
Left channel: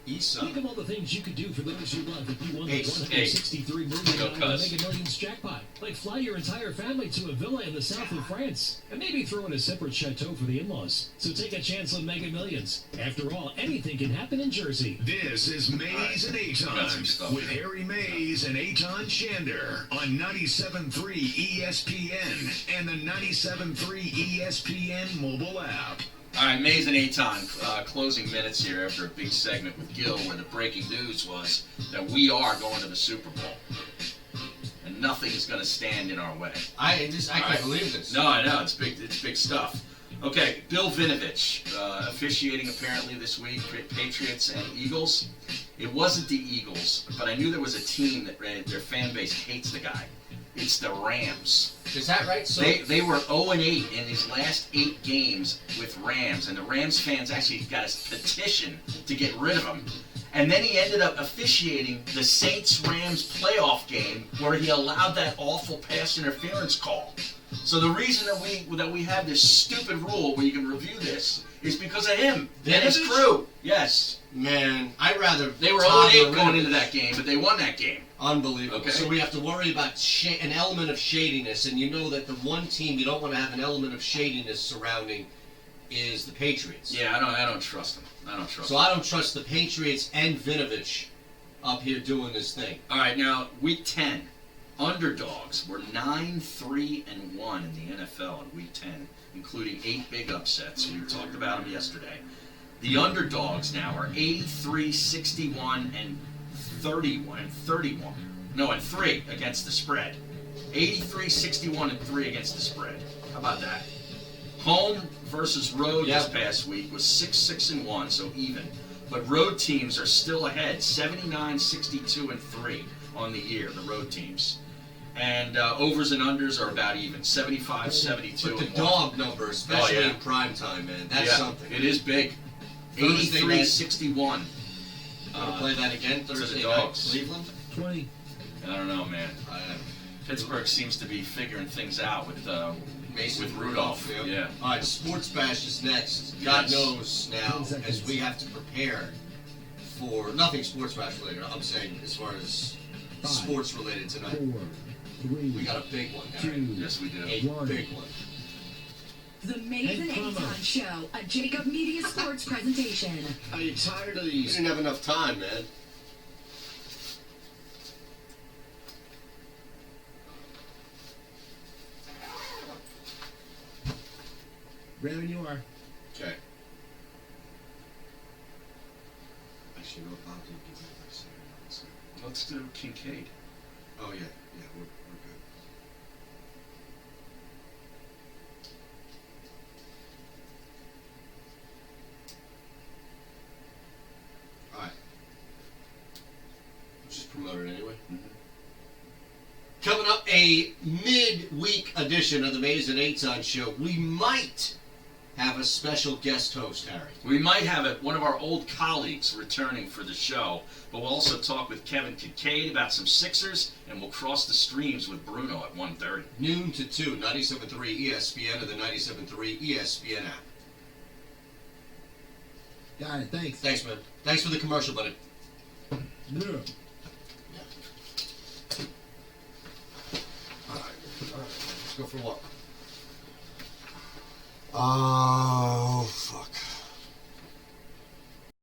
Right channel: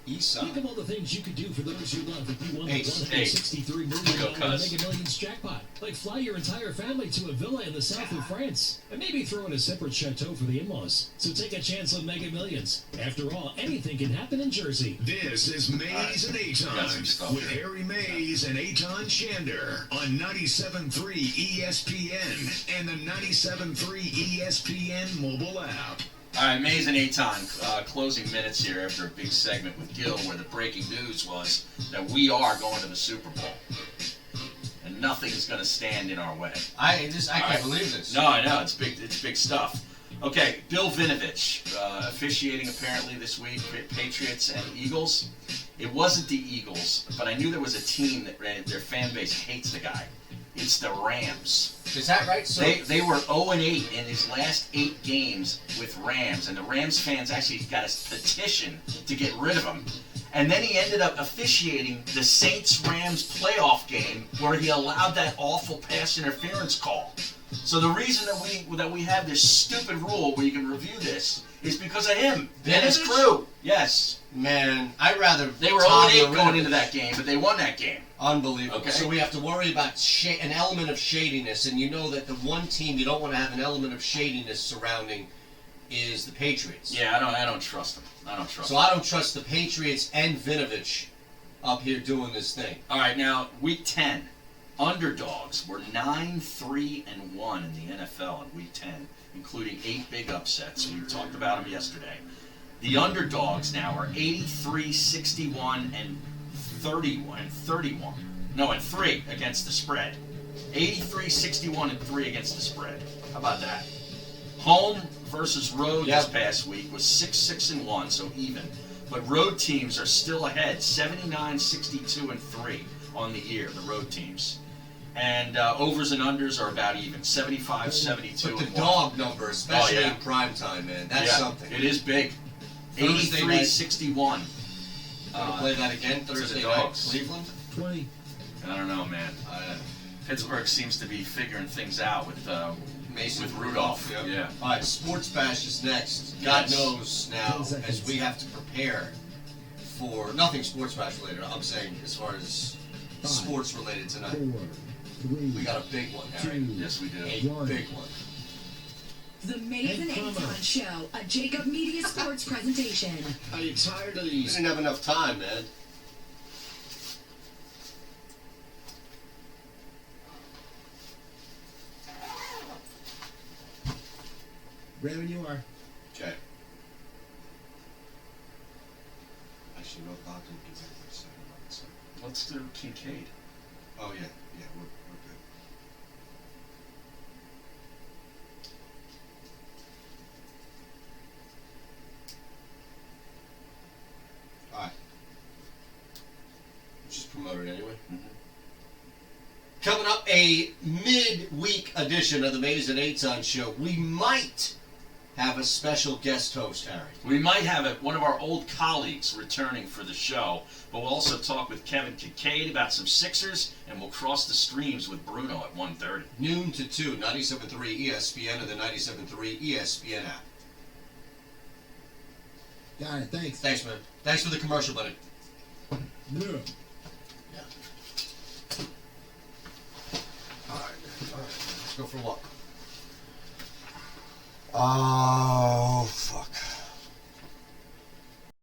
Think of all the things you could do for those you love if you won the Ace. $163 million Go, cuz. Mega Millions jackpot. Like fly your entire family to a villa in the south of France. And maybe throw in a separate chateau for the in-laws. So take a chance on Mega Millions. After all, anything can happen in Jersey. This is Mays and Aton with Harry Mays and Aton Shander on 97.3 ESPN and the 97.3 ESPN mobile app. All right, Mays and Aton, closing minutes here after a big segment with Gil where the breaking news was that we are going to the Super Bowl. And nothing is going to stand in our way. I can't believe this. No, I know. It's big stuff. Okay, Bill Vinovich, officiating apparently this week, Patriots and Eagles. It wasn't the Eagles, but I knew there was a team that their fan base hates the guy. It's the Rams. Is that right? So They were 0-8 in his last 8 games with Rams, and the Rams fans actually got a petition to get rid of him. And then he ended up officiating the Saints-Rams playoff game where he allowed that awful pass interference call. So the reason that we have this stupid rule where you can review this is because of him and his crew. Yes. Man, I'd rather... They were 0-8 going into that game, but they won that game. Unbelievable. Okay. So we have to worry about an element of shadiness, and you know that the one team you don't want to have an element of shadiness surrounding is the Patriots. Yeah, I don't trust them. I don't trust them. So I don't trust the Patriots and Vinovich up here doing this thing. All right, now, Week 10. Underdogs were 9-3-1 in the NFL in Week 10, including 8 big upsets. We talked about them yesterday. The underdogs now are 83-61 and 3 against the spread. 83-61 and 3 against the spread. How about that? Home versus road this past week was 6-6-1, so even. But road teams are still ahead, 79-62 and 3 on the year, the road teams. And overs and unders are about even, 75-72 But the and 1. dog number, especially in prime time, man, that's something. It is big. 83-61. Want to play that again Thursday night, Cleveland? 20. I don't know, man. Pittsburgh seems to be figuring things out with Rudolph. Yeah. All right, Sports Bash is next. God knows now, as we have to prepare for nothing Sports Bash related. I'm saying as far as sports related tonight. 4, 3, we got a big one, Harry. 2, yes, we do. A big one. The Mays and Aton Show, a Jacob Media Sports presentation. Are you tired of these? We didn't have enough time, man. Ready when you are. Okay. Actually, no thought to do that. Let's do Kincaid. Oh, yeah. Yeah, we're good. All right. Just promote it anyway. Coming up, a mid-week edition of the Mays and Aton Show. We might have a special guest host, Harry. We might have one of our old colleagues returning for the show, but we'll also talk with Kevin Kincaid about some Sixers, and we'll cross the streams with Bruno at 1:30. Noon to 2, 97.3 ESPN and the 97.3 ESPN app. Got it, thanks. Thanks, man. Thanks for the commercial, buddy. Yeah. All right, let's go for a walk.